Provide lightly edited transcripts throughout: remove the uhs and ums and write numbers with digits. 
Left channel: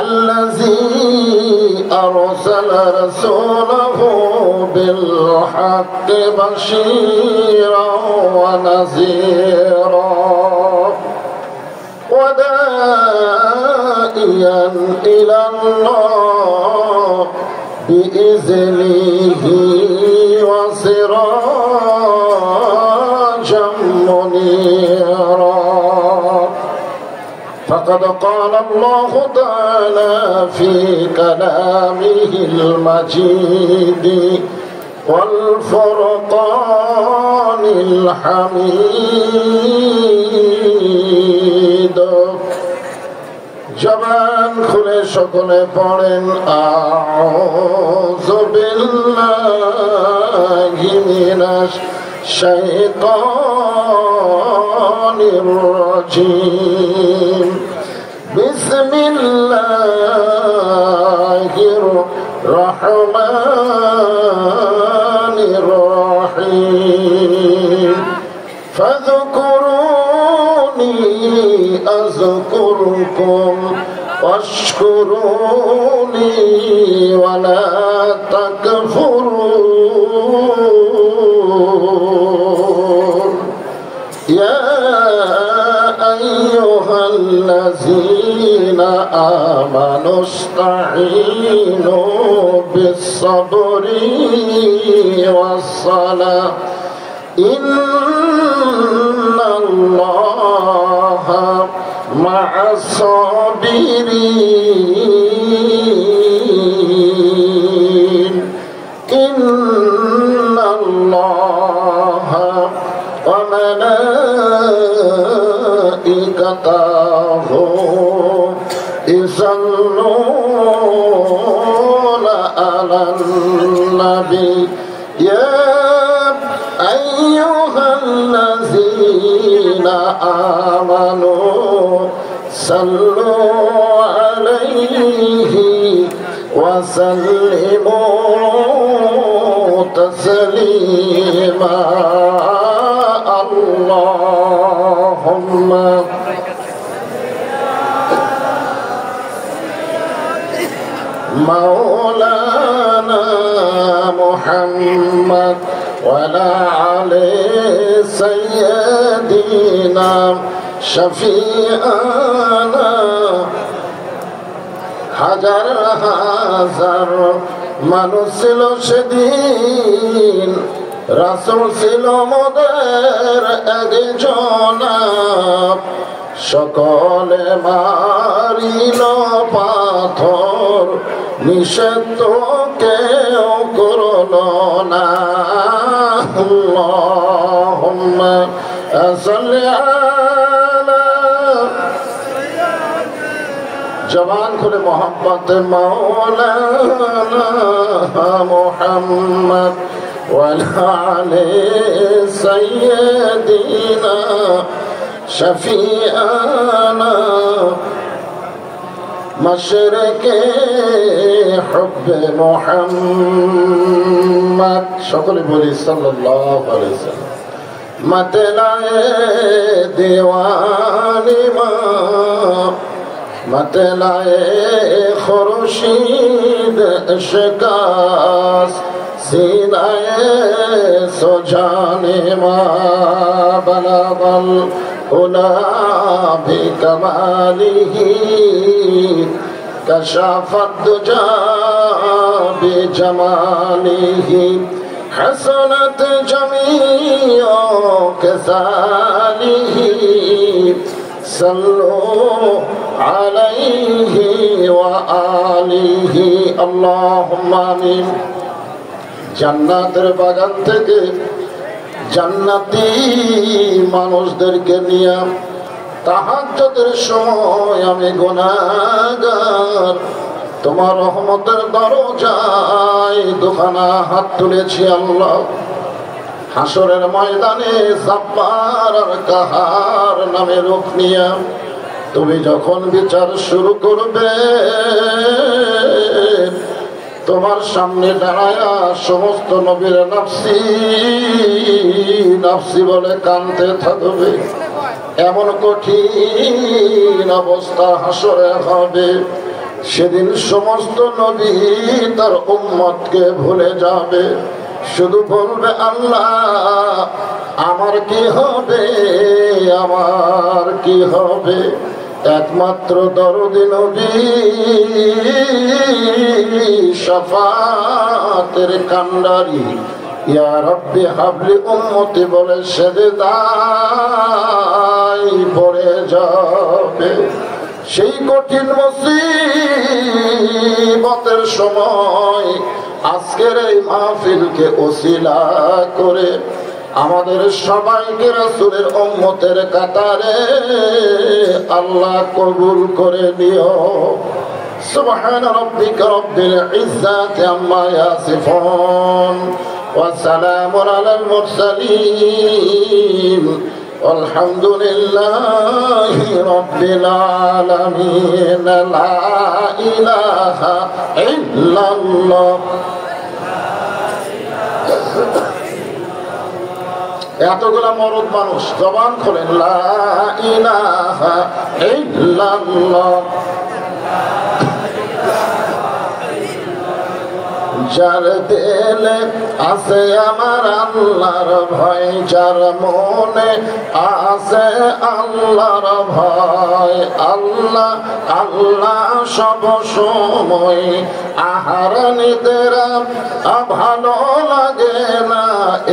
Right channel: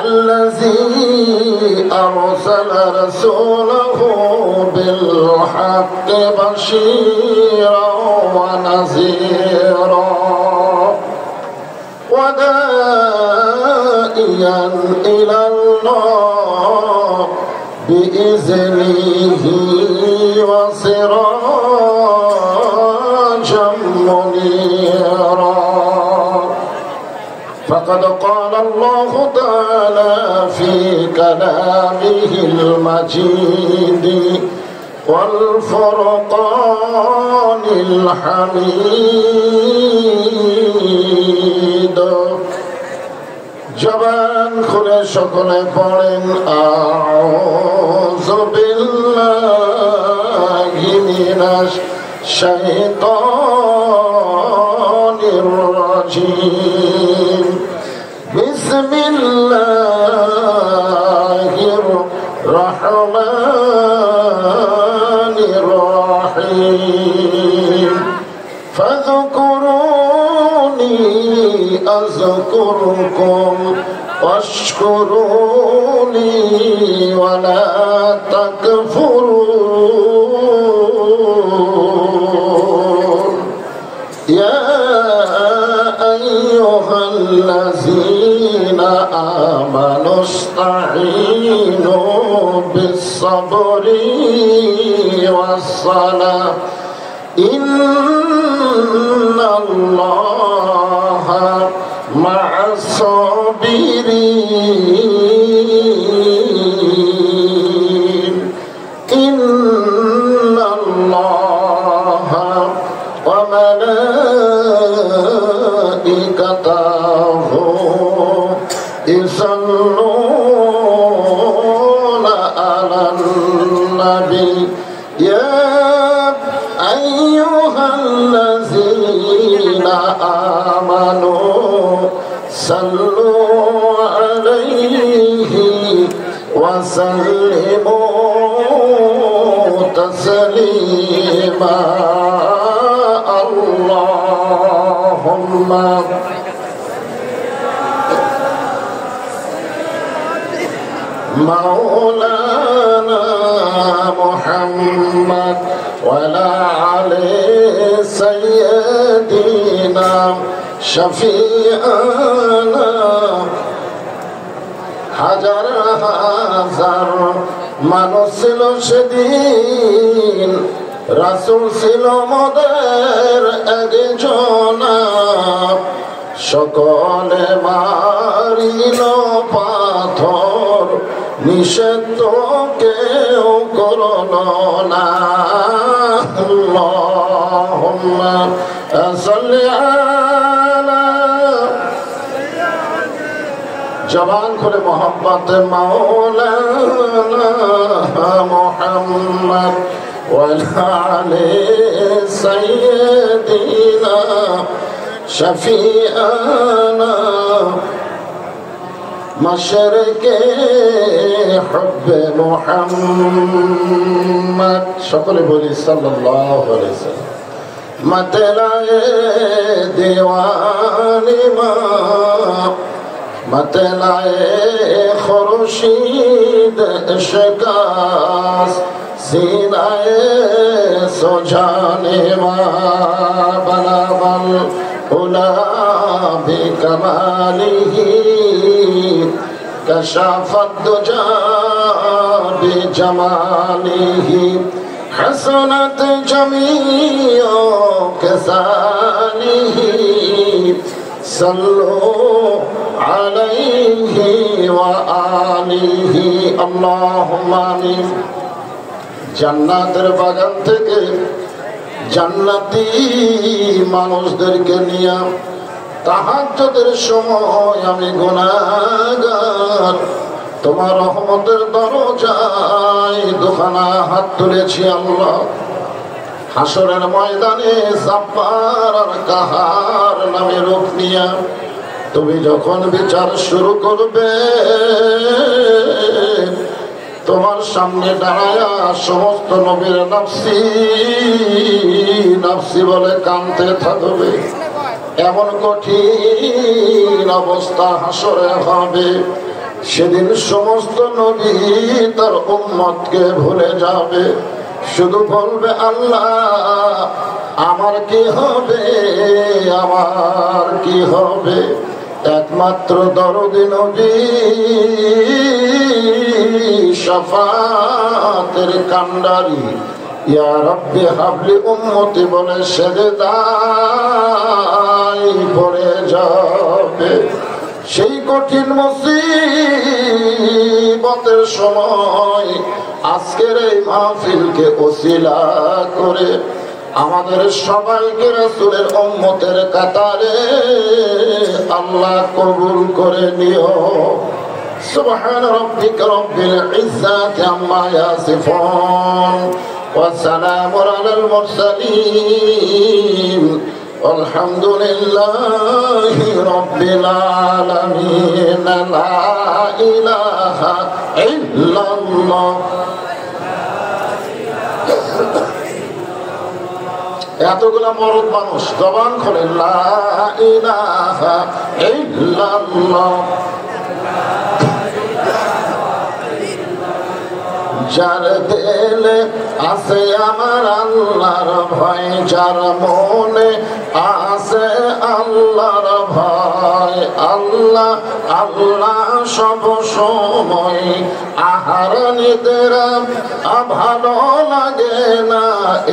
الذي أرسل رسوله بالحق بشيرا ونذيرا وداعيا إلى الله بإذنه وسراجا منيرا فقد قال الله تعالى في كلامه المجيد والفرقان الحميد জবান খুলে সকলে পড়েন আউযু বিল্লাহি মিনাশ শাইতানির রাজীম বিসমিল্লাহির রহমানির রহিম ফাযকুরুনি আযকুরকুম ওয়াশকুরুনি ওয়ালা তাকফুরুন ইয়া আইয়ুহাল্লাযীনা আমানুস্তাঈনু বিস-সাবরি ওয়াস-সালাহ ইন্নাল্লাহা মা'আস-সাবিরিন ইন্নাল্লাহা ওয়া মালাইকাতাহু ইউসাল্লুনা আলান নাবী ইয়া আইয়ুহাল্লাযীনা আমানু সাল্লু আলাইহি ওয়া সাল্লিমু তাসলিমা আল্লাহুম্মা মাওলানা মুহাম্মদ ওয়া আলা আলি সাইয়্যিদিনা শফিআনা হাজার হাজার মানুষ ছিল সেদিন রাসূল ছিল মোদের একজন সকলে মারিল পাথর নিষেধ কেউ করল না আল্লাহুম্মা সাল্লি আলা জবান খুলে মোহাম্মদ মাওলানা মুহাম্মদ ওয়া আলা আলি সাইয়্যিদিনা শফিআনা মশরকে হুব্বে মুহাম্মদ সকলে বলি সাল্লাল্লাহু আলাইহি ওয়াসাল্লাম मतलाए दीवानी माँ मतलाए खुर्शीद इश्कास सीनाए सुजाने माँ बलागल उला भी कमालिही कशाफत दुजा भी जमालिही हसनत जमीओ कसालिही सल्लु अलैहि व आलिहि अल्लाहुम्मा आमीन। জান্নাতের বাগান থেকে জান্নাতি মানুষদেরকে নিয়ে তাহাজ্জুদের সময় আমি গুনাহগার তোমার রহমতের দরজায় দুখানা হাত তুলেছি আল্লাহ। হাসরের ময়দানে জাব্বার আর কাহার নামে রূপ নিয়ে তুমি যখন বিচার শুরু করবে তোমার সামনে দাঁড়ায়া সমস্ত নবীর নাফসি নাফসি বলে কাঁদতে থাকবে। এমন কঠিন অবস্থা হাসরে হবে সেদিন সমস্ত নবী তার উম্মতকে ভুলে যাবে, শুধু বলবে আল্লাহ আমার কি হবে, আমার কি হবে। একমাত্র দরদি নবী শাফাতের কান্ডারি ইয়া রব্বি হাবলি উম্মতি বলে সেজদায় পড়ে যাবে। সেই কঠিন মুসিবতের সময় আজকের এই মাহফিলকে ওসিলা করে আমাদের সবাইকে রাসূলের উম্মতের কাতারে আল্লাহ কবুল করে নিও। সুবহান রাব্বিকা রাব্বিল ইজ্জাতি আম্মা ইয়াসিফুন ওয়া সালামুন আলাল মুরসালিন আলহামদুলিল্লাহি রাব্বিল আলামিন। লা ইলাহা ইল্লাল্লাহ। এতগুলা মরদ মানুষ জবান খোলেন লা ইলাহা ইল্লাল্লাহ। যার দিলে আছে আমার আল্লাহর ভয়, যার মনে আছে আল্লাহর ভয়, আল্লাহ আল্লাহ সব সময় আহার নিতেরা ভালো লাগে না,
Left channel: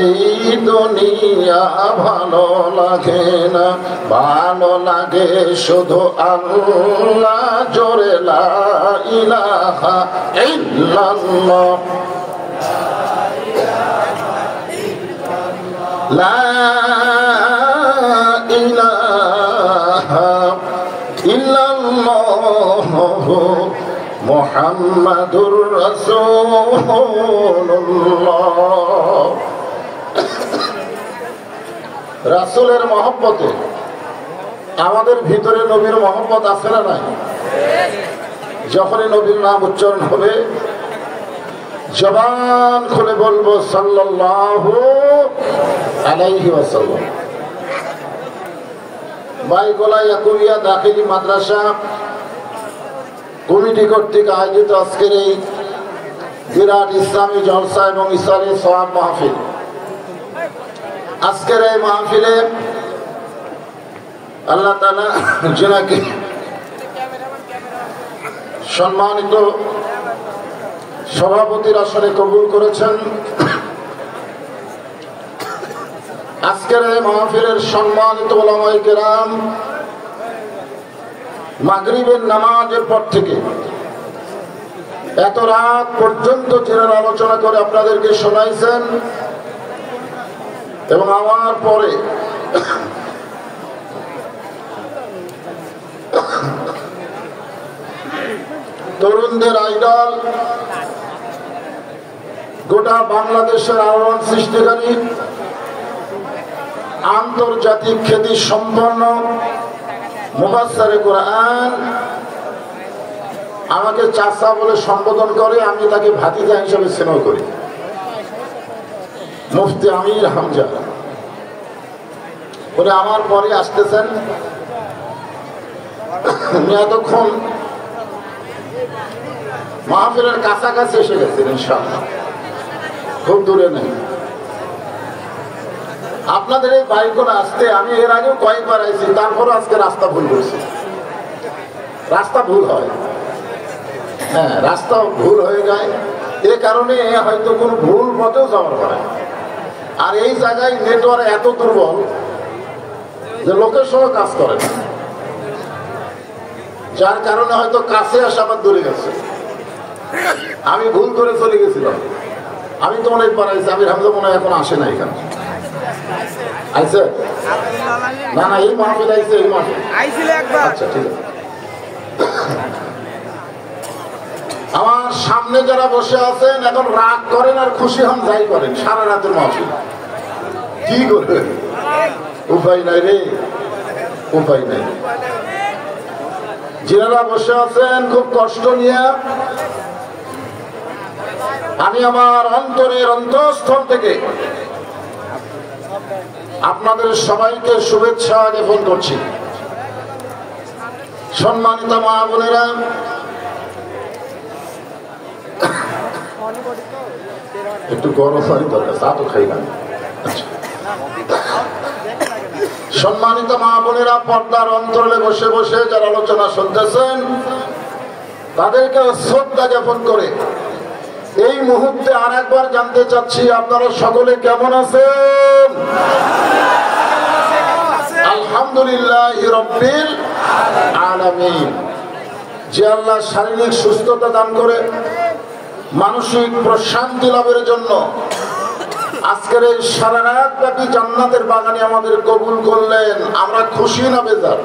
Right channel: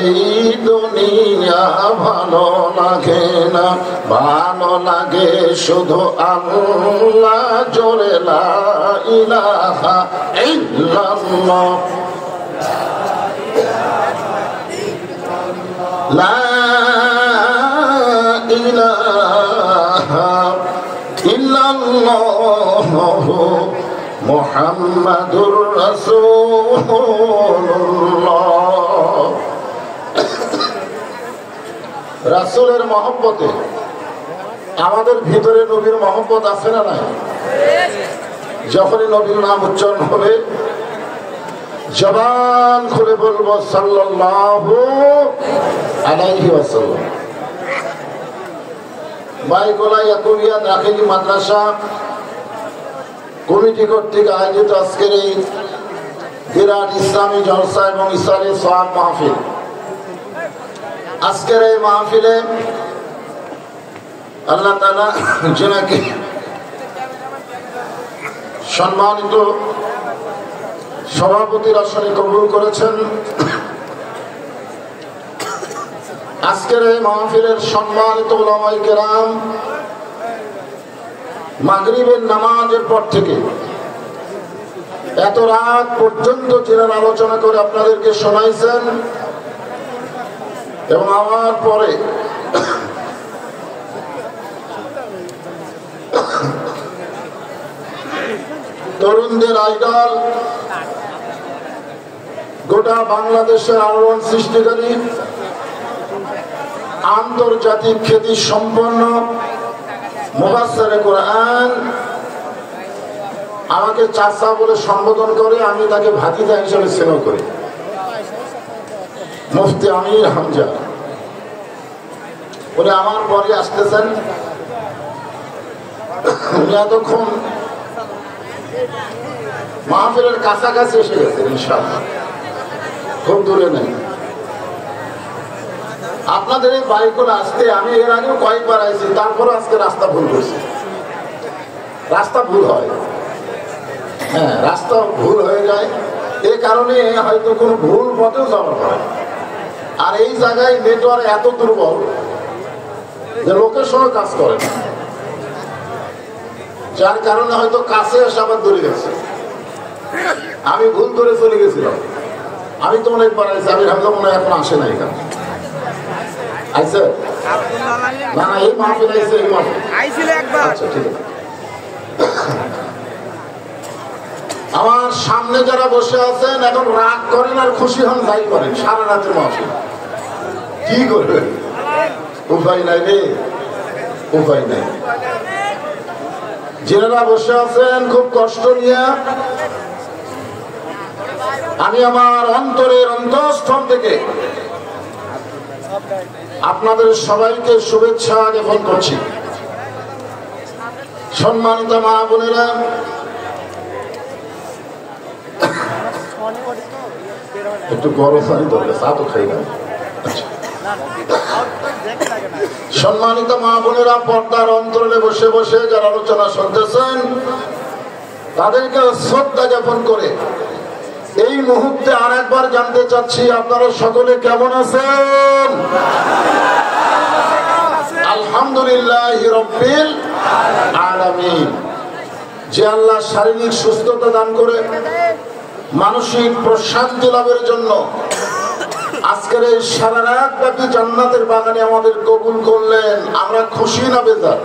এই দুনিয়া ভালো লাগে না, ভালো লাগে শুধু আল্লাহ জোরে লা ইলাহা ইল্লাল্লাহ। লা ইলাহা ইল্লাল্লাহ মুহাম্মাদুর রাসূলুল্লাহ। রাসূলের মহব্বতে আমাদের ভিতরে নবীর মহব্বত আছে না নাই? যখনই নবীর নাম উচ্চারণ হবে জবান খুলে বলবো সাল্লাল্লাহু আলাইহি ওয়াসাল্লাম। বাইকলা ইয়াকুবিয়া দাখিলি মাদ্রাসা কমিটি কর্তৃক আয়োজিত আজকের এই বিরাট ইসলামী জলসা এবং ইসলামী সওয়াব মাহফিল, আজকের এই মাহফিলে আল্লাহ তাআলা যিনাকে সম্মানিত সভাপতির আসনে কবুল করেছেন, আজকের এই মাহফিলের সম্মানিত উলামায়ে কেরাম মাগরিবের নামাজের পর থেকে এত রাত পর্যন্ত চিরান আলোচনা করে আপনাদেরকে শোনাইছেন এবং আমার পরে তরুণদের আইডল, গোটা বাংলাদেশের আলোড়ন সৃষ্টিকারী, আন্তর্জাতিক খ্যাতি সম্পন্ন মুফাসসিরে কোরআন আমাকে চাচা বলে সম্বোধন করে, আমি তাকে ভাতিজা হিসেবে স্নেহ করি, মুফতি আমির হামজা। উনি আমার পরে আসতেছেন। উনি এতক্ষণ মাহফিলের কাছাকাছি এসে গেছেন, ইনশাআল্লাহ খুব দূরে নেই। আপনাদের এই বাইক করে আসতে আমি এর আগেও কয়েকবার আইছি, তারপরে আজকে রাস্তা ভুল করছি। রাস্তা ভুল হয়, হ্যাঁ রাস্তা ভুল হয়ে যায়, এ কারণে হয়তো কোনো ভুল পথেও যাওয়ার পরে। আর এই জায়গায় নেটওয়ার্ক এত দুর্বল যে লোকের সঙ্গে কাজ করে না, যার কারণে হয়তো কাছে আসে আবার দূরে গেছে। আমি ভুল করে চলে গেছিলাম, আমি তো অনেক পারাইছি, আমি ভাবলাম মনে হয় এখন আসে না এখানে। আইছে না না এই মাহফিল আইছে, এই মাহফিল আইছিল একবার। আচ্ছা ঠিক আছে। আমার সামনে যারা বসে আছেন এখন রাগ করেন আর খুশি হন যাই করেন, সারা রাতের মাহফিল কি করবেন, উপায় নাই রে, উপায় নাই। যারা বসে আছেন খুব কষ্ট নিয়ে, আমি আমার অন্তরের অন্তঃস্থল থেকে আপনাদের সবাইকে শুভেচ্ছা জ্ঞাপন করছি। সম্মানিত মা বোনেরা, একটু গরম পানি বলে চা তো খাই না। সম্মানিত মা বোনেরা, পর্দার অন্তরালে বসে বসে যারা আলোচনা শুনতেছেন তাদেরকে শ্রদ্ধা জ্ঞাপন করে এই মুহূর্তে আর একবার জানতে চাচ্ছি, আপনারা সকলে কেমন আছেন? আলহামদুলিল্লাহ রাব্বিল আলামিন। যে আল্লাহ শারীরিক সুস্থতা দান করে মানসিক প্রশান্তি লাভের জন্য আজকের এই সারা রাত ব্যাপী জান্নাতের বাগানে আমাদের কবুল করলেন, আমরা খুশি না বেজার?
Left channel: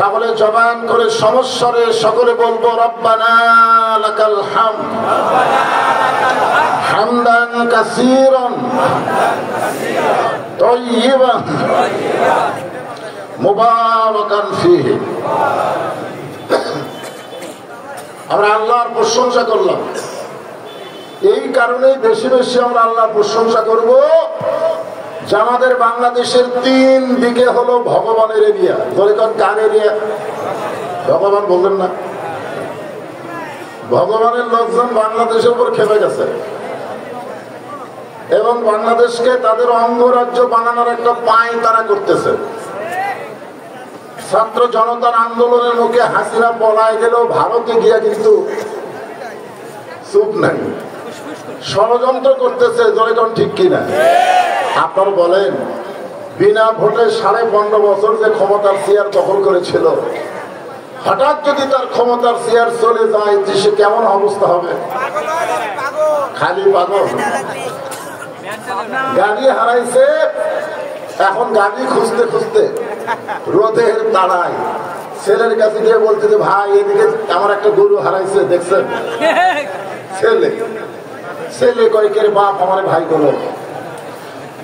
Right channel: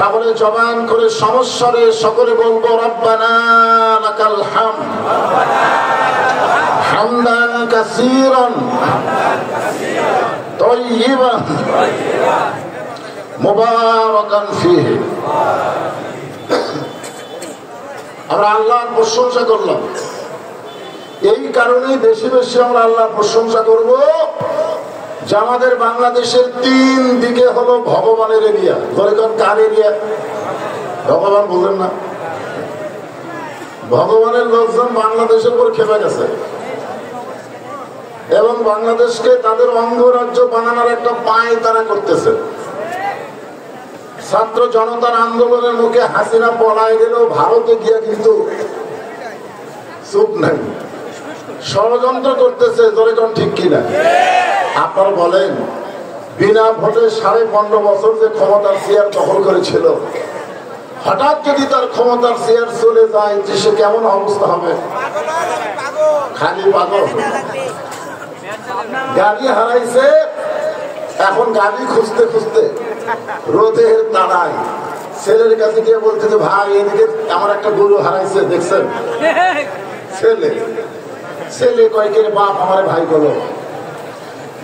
তাহলে জবান করে সমস্বরে সকলে বলবো রব্বানা লাকাল হামদ হামদান কাসীরান তাইয়িবান মুবারাকান ফীহি। আমরা আল্লাহর প্রশংসা করলাম, এই কারণেই বেশি বেশি আমরা আল্লাহর প্রশংসা করব যে আমাদের বাংলাদেশের 3 দিকে হলো ভগবানের এরিয়া। ধরেন কার এরিয়া? ভগবান বললেন না? ভগবানের লোকজন বাংলাদেশের উপর খেপে গেছে এবং বাংলাদেশকে তাদের অঙ্গরাজ্য বানানোর একটা পায় তারা করতেছে। ছাত্র জনতার আন্দোলনের মুখে হাসিনা পলায় গেলেও ভারতে গিয়া কিন্তু চুপ নাই, ষড়যন্ত্র করতেছে। ধরেন ঠিক কিনা? আপনারা বলেন, বিনা ভোটে 15.5 বছর যে ক্ষমতার চেয়ার দখল করেছিল, হঠাৎ যদি তার ক্ষমতার চেয়ার চলে যায় সে কেমন অবস্থা হবে? খালি পাগল। গাড়ি হারাইছে, এখন গাড়ি খুঁজতে খুঁজতে রোদের দাঁড়ায় ছেলের কাছে গিয়ে বলছিল, ভাই এদিকে আমার একটা গরু হারাইছে দেখছেন? ছেলে কয়েকের বাপ আমার ভাই বলো,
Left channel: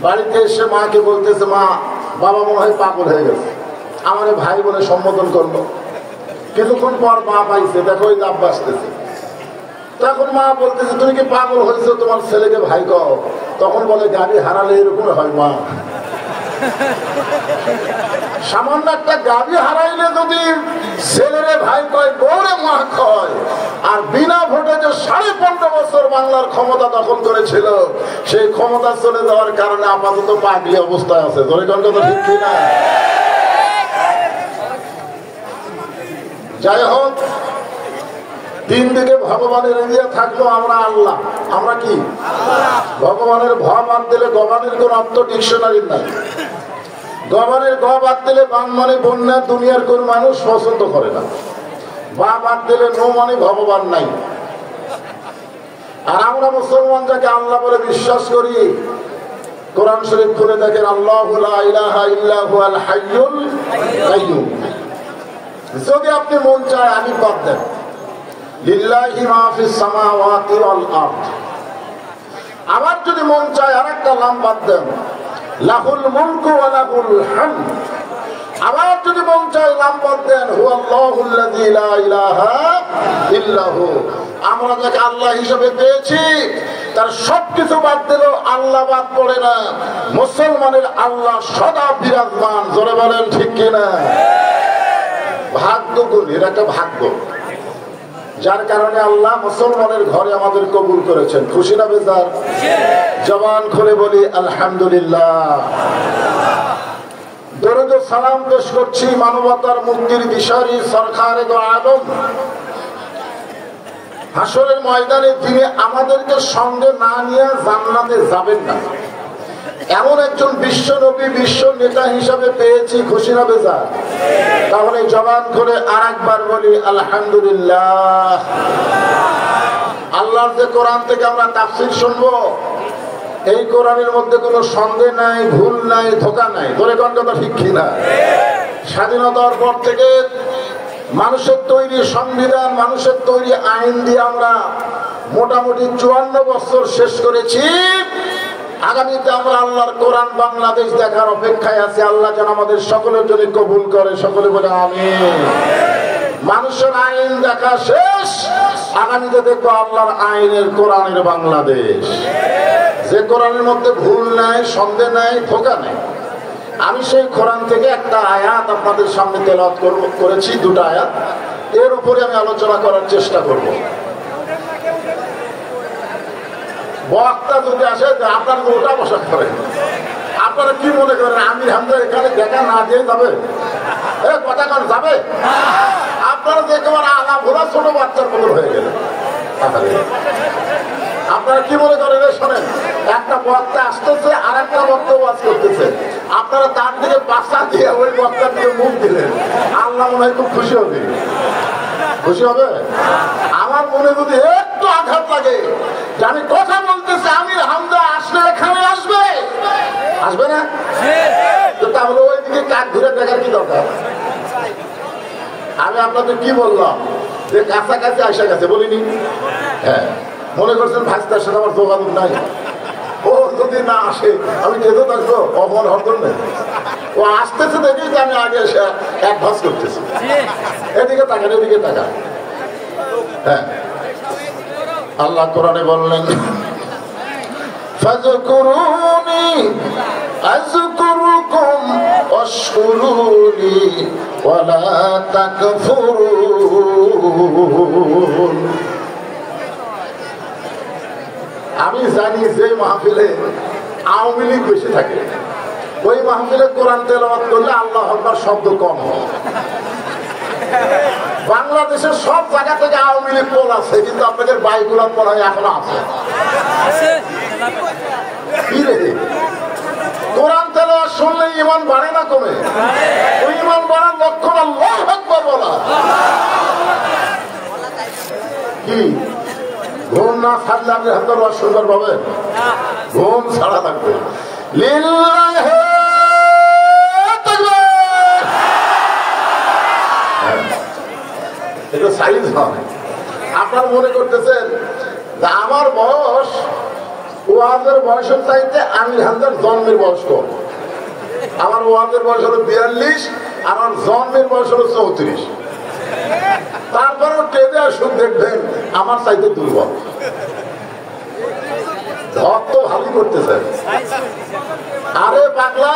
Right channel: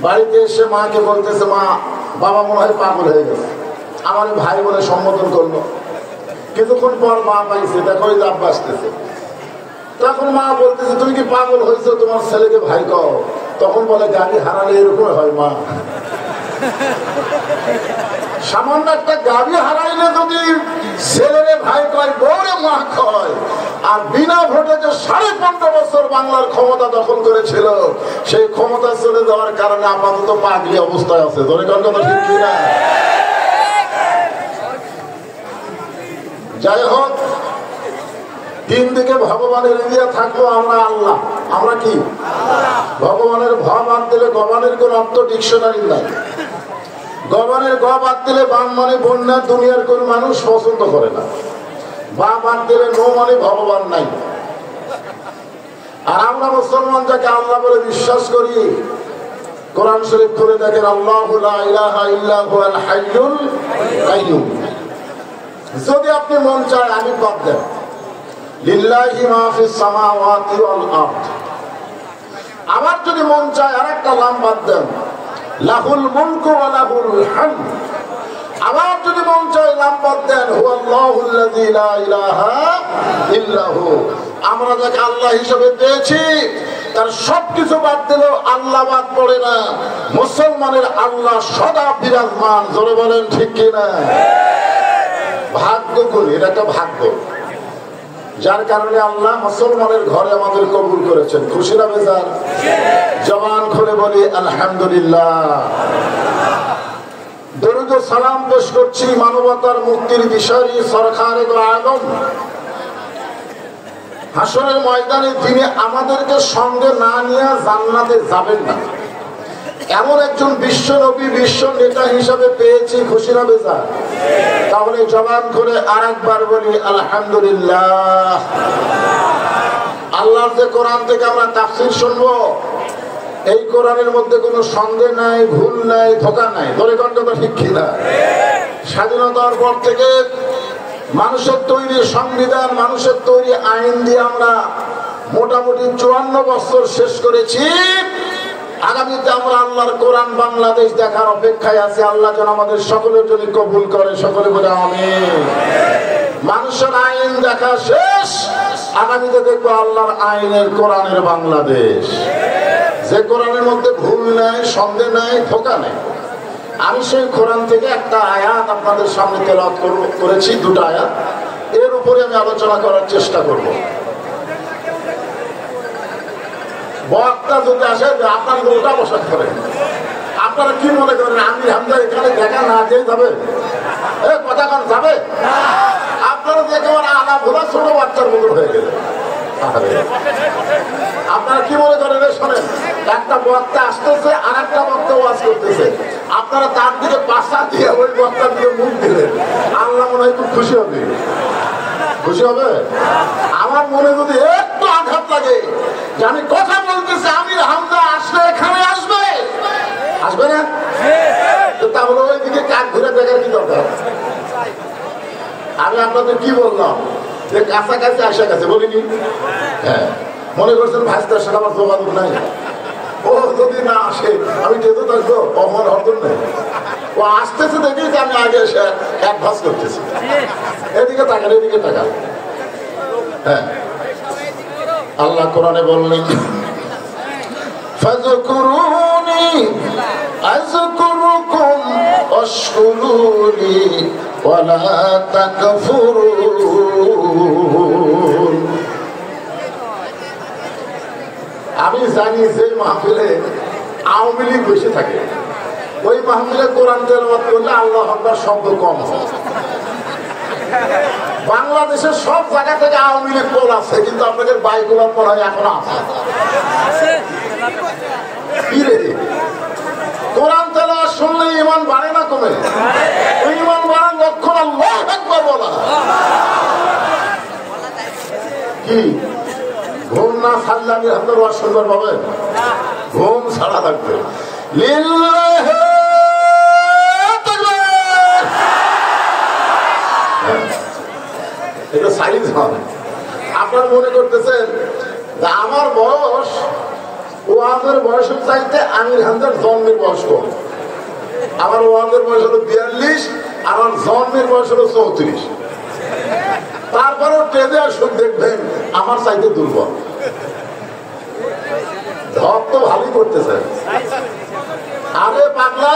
বাড়িতে এসে মাকে বলতেছে, মা বাবা মনে হয় পাগল হয়ে গেছে। আমার ভাই বলে সম্বোধন করলো, কিছুক্ষণ পর মা পাইছে, দেখো ওই লাভ বাসতেছে। তখন মা বলতেছে, তুমি কি পাগল হয়েছো? তোমার ছেলেকে ভাই কও। তখন বলে, গাড়ি হারালে এরকম হয় মা। সামান্য একটা গাড়ি হারাইলে যদি ছেলেরে ভাই কয়, বউরে মা কয়, আর বিনা ভোটে যে 15.5 বছর বাংলার ক্ষমতা দখল করেছিল, সেই ক্ষমতা চলে যাওয়ার কারণে আপাতত পাগলি অবস্থায় আছে। ঠিক কিনা? যাই হোক, 3 দিকে ভগবানের এরিয়া থাকলো, আমরা আল্লাহ। আমরা কি? ভগবানের ভ বাদ দিলে গবানের কোন অর্থ ডিকশনারি নাই। গবানের গ বাদ দিলে বান মানে বন্যা, দুনিয়ার কোন মানুষ পছন্দ করে না। বা বাদ দিলে নো মানে ভগবান নাই। আর আমরা মুসলমান যাকে আল্লাহ বলে বিশ্বাস করি, কোরআন শরীফ খুলে দেখেন, আল্লাহু লা ইলাহা ইল্লা হুয়াল হাইয়ুল কাইয়্যুম। যদি আপনি মন চায় আমি বাদ দেন, লিল্লাহি মা ফিস সামাওয়াতি ওয়াল আরদ। আমার যদি মন চায় আরেকটা নাম বাদ দেন, লাহুল মুলকু ওয়া লাহুল হামদ। আমার যদি মন চায় নাম বাদ দেন, হুয়াল্লাহুল্লাযী লা ইলাহা ইল্লাহু। আমরা যাকে আল্লাহ হিসেবে পেয়েছি তার সবকিছু বাদ দিল, আল্লাহ বাদ পড়ে না। মুসলমানের আল্লাহ সদা বিরাজমান। জোরে বলেন ঠিক কিনা? ভাগ্য করি, এটা একটা ভাগ্য, যার কারণে আল্লাহ মুসলমানের ঘরে আমাদের কবুল করেছেন। খুশি না বেজার? জবান খুলে বলি আলহামদুলিল্লাহ। দরুদ ও সালাম পেশ করছি মানবতার মুক্তির বিষয়ী সরকারে দো আলম। হাসরের ময়দানে তিনি আমাদেরকে সঙ্গে না নিয়ে জান্নাতে যাবেন না, এমন একজন বিশ্ব নবী, বিশ্ব নেতা হিসাবে পেয়েছি। খুশি না বেজার? তাহলে জবান করে আরেকবার বলি আলহামদুলিল্লাহ। আল্লাহর যে কোরআন থেকে আমরা তাফসীর শুনবো, এই কোরআনের মধ্যে কোনো সন্দেহ নাই, ভুল নাই, ধোঁকা নাই। ধরে কোন কথা ঠিক কিনা? স্বাধীনতার পর থেকে মানুষের তৈরি সংবিধান, মানুষের তৈরি আইন দিয়ে আমরা মোটামুটি 54 বছর শেষ করেছি। আগামীতে আমরা আল্লাহর কোরআন বাংলাদেশ দেখার অপেক্ষায় আছে। আল্লাহ যেন আমাদের সকলের জন্য কবুল করে। সকলে বলে আমিন। মানুষের আইন দেখা শেষ, আগামীতে দেখবো আল্লাহর আইনের কোরআনের বাংলাদেশ, যে কোরআনের মধ্যে ভুল নাই, সন্দেহ নাই, ধোঁকা নাই। আমি সেই কোরআন থেকে একটা আয়াত আপনাদের সামনে তেলাওয়াত করেছি, 2টা আয়াত। এর উপরে আমি আলোচনা করার চেষ্টা করব। বক্তা যদি আসে আপনার ওটা বসা করেন, আপনারা কি মনে করেন আমির হামজা এখানে দেখা না দিয়ে যাবে? কথা কান যাবে? আপনারা দেখে আমার আনা ভোলা ছোট বাচ্চার মতো হয়ে গেলে আপনারা কি মনে করেন? শোনেন, একটা বক্তা আসতেছে আর একটা বক্তা ওয়াজ করতেছে, আপনারা তার দিকে পাশা দিয়ে ওই বক্তার দিকে মুখ দিলেন, আল্লাহ মনে হয় খুব খুশি হবে। খুশি হবে? আমার মনে যদি একটু আঘাত লাগে যে আমি কথা বলতেছি আমির হামজা আসলে এখানে আসবে, আসবে না? তাহলে ওই দিকে কাক ঘুরে দেখার কি দরকার? আমি আপনাদের কি বললাম যে কাছাকাছি আসা গেছে বলিনি? হ্যাঁ, মনে করছেন ভাইস্তার সাথে আমার যোগাযোগ নাই, ও যদি না আসে আমি যেতে থাকবো অমর হরদন নেই, ও আসতেছে দেখি যে আমি আগে এসে এক ভাস করতেছি, এদিকে টাকা এদিকে টাকা। হ্যাঁ, আল্লাহ কোরআনে বললেন ফাযকুরুনি আযকুরুকুম ওয়াশকুরুলি ওয়ালা তাকফুরুন। আমি জানি যে মাহফিলে আওয়ামী লীগ বেশি থাকে ওই মাহফিলে কোরআন তেলাওয়াত করলে আল্লাহু আকবার শব্দ কম হয়। বাংলাদেশের সব জায়গা থেকে আওয়ামী লীগ পোল আছে, কিন্তু আপনাদের বাইকুলার পোল এখনো আছে। কোরআন তেলাওয়াত শুনলে ঈমান বাড়ে না কমে? ঈমান বাড়ার লক্ষণ আল্লাহু আকবার বলা। কি ঘুম না ছাড়লে আমি হাজার ওয়াজ শুনবার পাবেন? ঘুম ছাড়া থাকবে। এটা সাইজ হয়। আপনার মনে করতেছেন যে আমার বয়স ওয়াজের বয়সের চাইতে আমির হামজার জন্মের বয়স কম। আমার ওয়াজের বয়স হলো 42, আমার জন্মের বয়স হলো 34। তারপরেও ট্রেনে আসুন দেখবেন আমার চাইতে দুর্বল। ধর তো ভালো করতেছে। আরে পাগলা,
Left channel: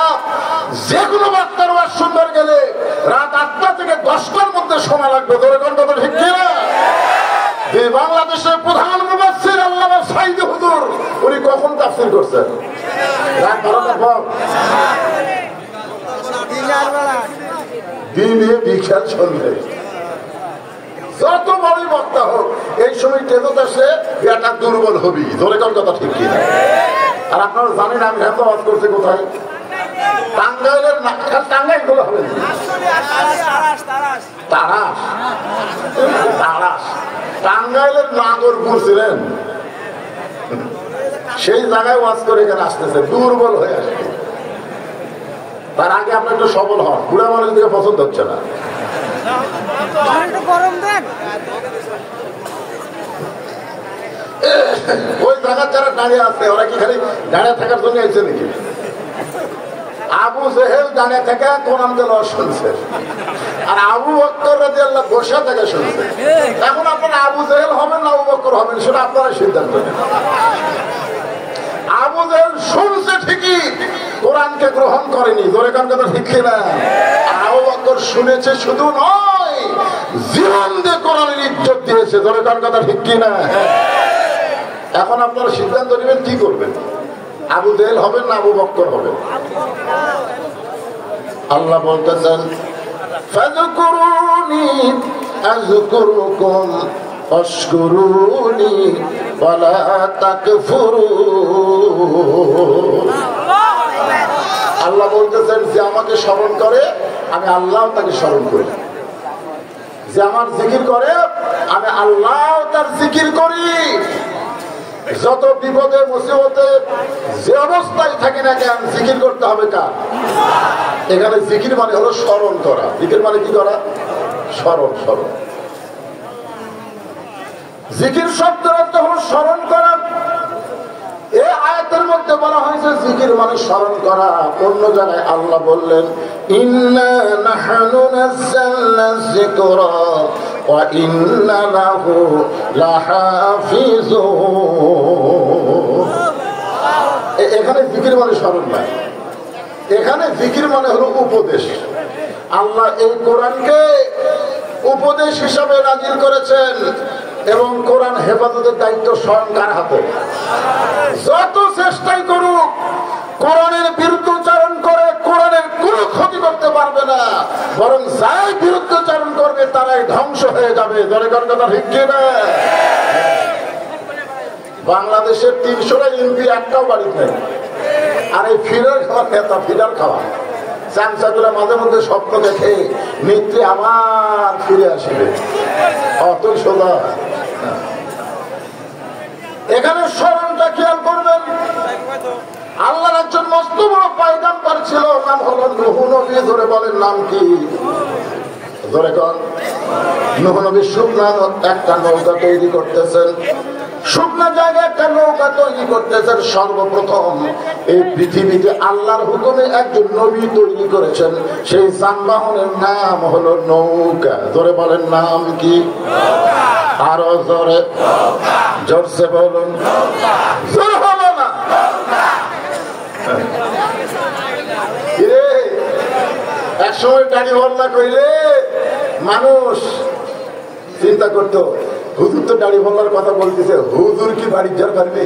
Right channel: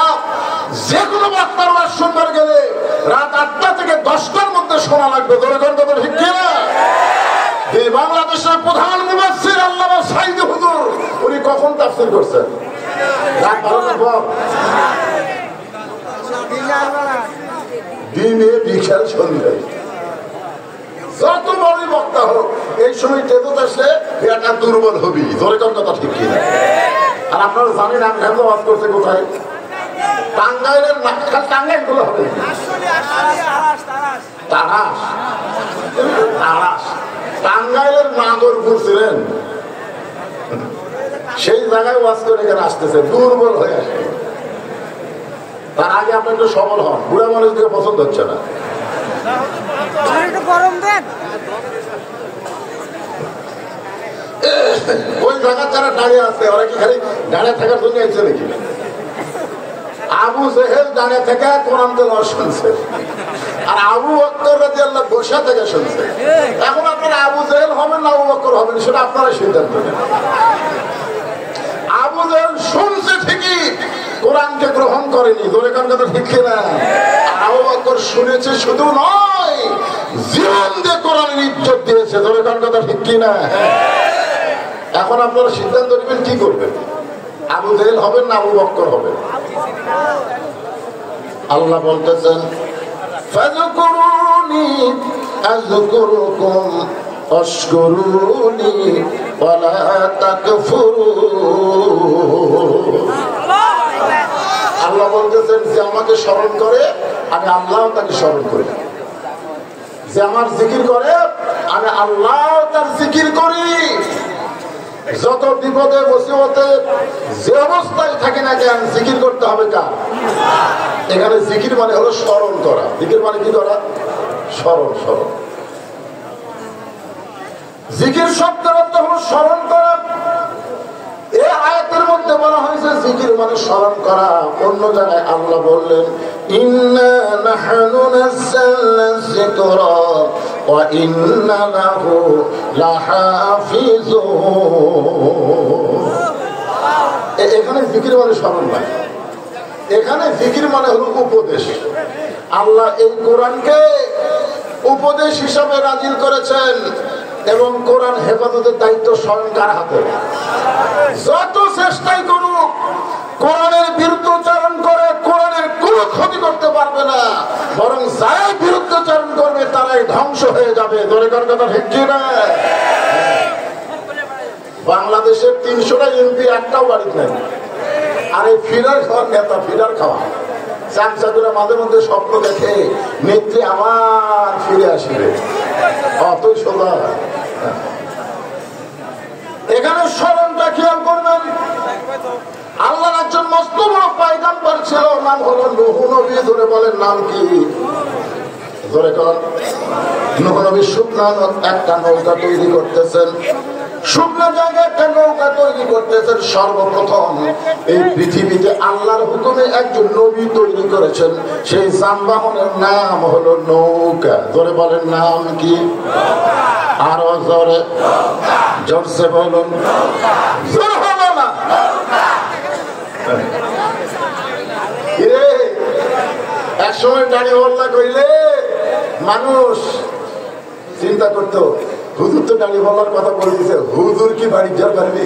যেগুলো বার্তার ওয়াজ শুনবার গেলে রাত 8টা থেকে 10টার মধ্যে শোনা লাগবে। ঠিক কিনা? বাংলাদেশের প্রধান মুফাসসির আল্লামা সাইদ হুজুর উনি কখন তাফসীর করছেন? রাত 12টার পর। দিনে বিশাল সন্ধ্যে যত বড় বক্তা হোক এই সময় টেবত আসে একটা দুর্বল হবি। ধরে কোন কথা ঠিক কিনা? আর আপনারা জানেন আমি হামজা ওয়াজ করতে কোথায়? টাঙ্গাইলের টাঙ্গাইল গুলো হবে তারাস তারাস টাঙ্গাইলের নাগরপুর ছিলেন, সেই জায়গায় ওয়াজ করে এখানে আসতেছে, দুর্বল হয়ে আসবে। তার আগে আপনি একটু সবল হন, বুড়া মানুষ দিকে পছন্দ হচ্ছে না। ওই জায়গায় যারা দাঁড়িয়ে আছে ওরা কি খালি দাঁড়িয়ে থাকার জন্য এসে নাকি? আবু জেহেল দাঁড়িয়ে থেকে কোরআন তেলাওয়াত শুনছে, আর আবু বকর রাদিয়াল্লাহু আনহু বসে থেকে শুনছে। এখন আপনারা আবু জেহেল হবেন না আবু বকর হবেন সেটা আপনারা সিদ্ধান্ত নেন। আবু জেহেল শুনছে ঠিকই, কোরআনকে গ্রহণ করেনি। ধরে কান কথা ঠিক কিনা? আবু বকর শুনেছে শুধু নয়, জীবন দিয়ে কোরআনের ইজ্জত দিয়েছে। ধরে কান কথা ঠিক কিনা? এখন আপনারা সিদ্ধান্ত নেবেন কি করবেন, আবু জেহেল হবেন না আবু বকর হবেন। আল্লাহ বলতেছেন ফাযকুরুনি আযকুরুকুম ওয়াশকুরুনি ওয়ালা তাকফুরুন। আল্লাহ বলতেছেন যে আমাকে স্মরণ করে আমি আল্লাহ তাকে স্মরণ করি, যে আমার জিকির করে আমি আল্লাহ তার জিকির করি। যত বিপদে মুসিবতে যে অবস্থায় থাকি না কেন জিকির করতে হবে কার? এখানে জিকির মানে হলো স্মরণ করা। জিকির মানে কি করা? স্মরণ। স্মরণ জিকির শব্দের অর্থ হলো স্মরণ করা। এই আয়াতের মধ্যে বলা হয়েছে জিকির মানে স্মরণ করা। অন্য জায়গায় আল্লাহ বললেন ইন্না নাহনু নাযালনা যিকরা ওয়া ইন্না লাহু লাহাফিজুন। এখানে জিকির মানে স্মরণ না, এখানে জিকির মানে হলো উপদেশ। আল্লাহ এই কোরআনকে উপদেশ হিসাবে নাজিল করেছেন। এবং কোরআন হেফাজতের দায়িত্ব স্বয়ং কার হাতে। যত চেষ্টাই করুক কোরআনের বিরুদ্ধচারণ করে কোরআনের কোনো ক্ষতি করতে পারবে না, বরং যারাই বিরুদ্ধচারণ করবে তারাই ধ্বংস হয়ে যাবে। ধরে কোন কথা ঠিক না? বাংলাদেশের ৩০০টা এমপি একটাও বাড়িতে নেই। আর এই ফিরার খাওয়া নেতা ফিরার খাওয়া চামচাদুরা মাঝে মধ্যে স্বপ্ন দেখে নেত্রী আমার ফিরে আসবে, অত সোজা। এখানে স্মরণটা খেয়াল করবেন, আল্লাহর একজন মস্ত বড় পয়গম্বর ছিল, নাম হলো নূহ নবী। ধরে বলেন নাম কি? ধরে কর। নূহ নবী শুকনা একটা নৌকা তৈরি করতেছেন, শুকনো জায়গায় একটা নৌকা তৈরি করতেছেন। সর্বপ্রথম এই পৃথিবীতে আল্লাহর হুকুমে একজন নবী তৈরি করেছেন, সেই যানবাহনের নাম হলো নৌকা। ধরে বলেন নাম কি? আরো জোরে জোরসে বলুন। জোর হলো না? এক সময় গাড়ি হল্লা করলে মানুষ চিন্তা করতো হুজুর তো গাড়ি বলার কথা বলতেছে, হুজুর কি বাড়ি যাওয়ার পারবে?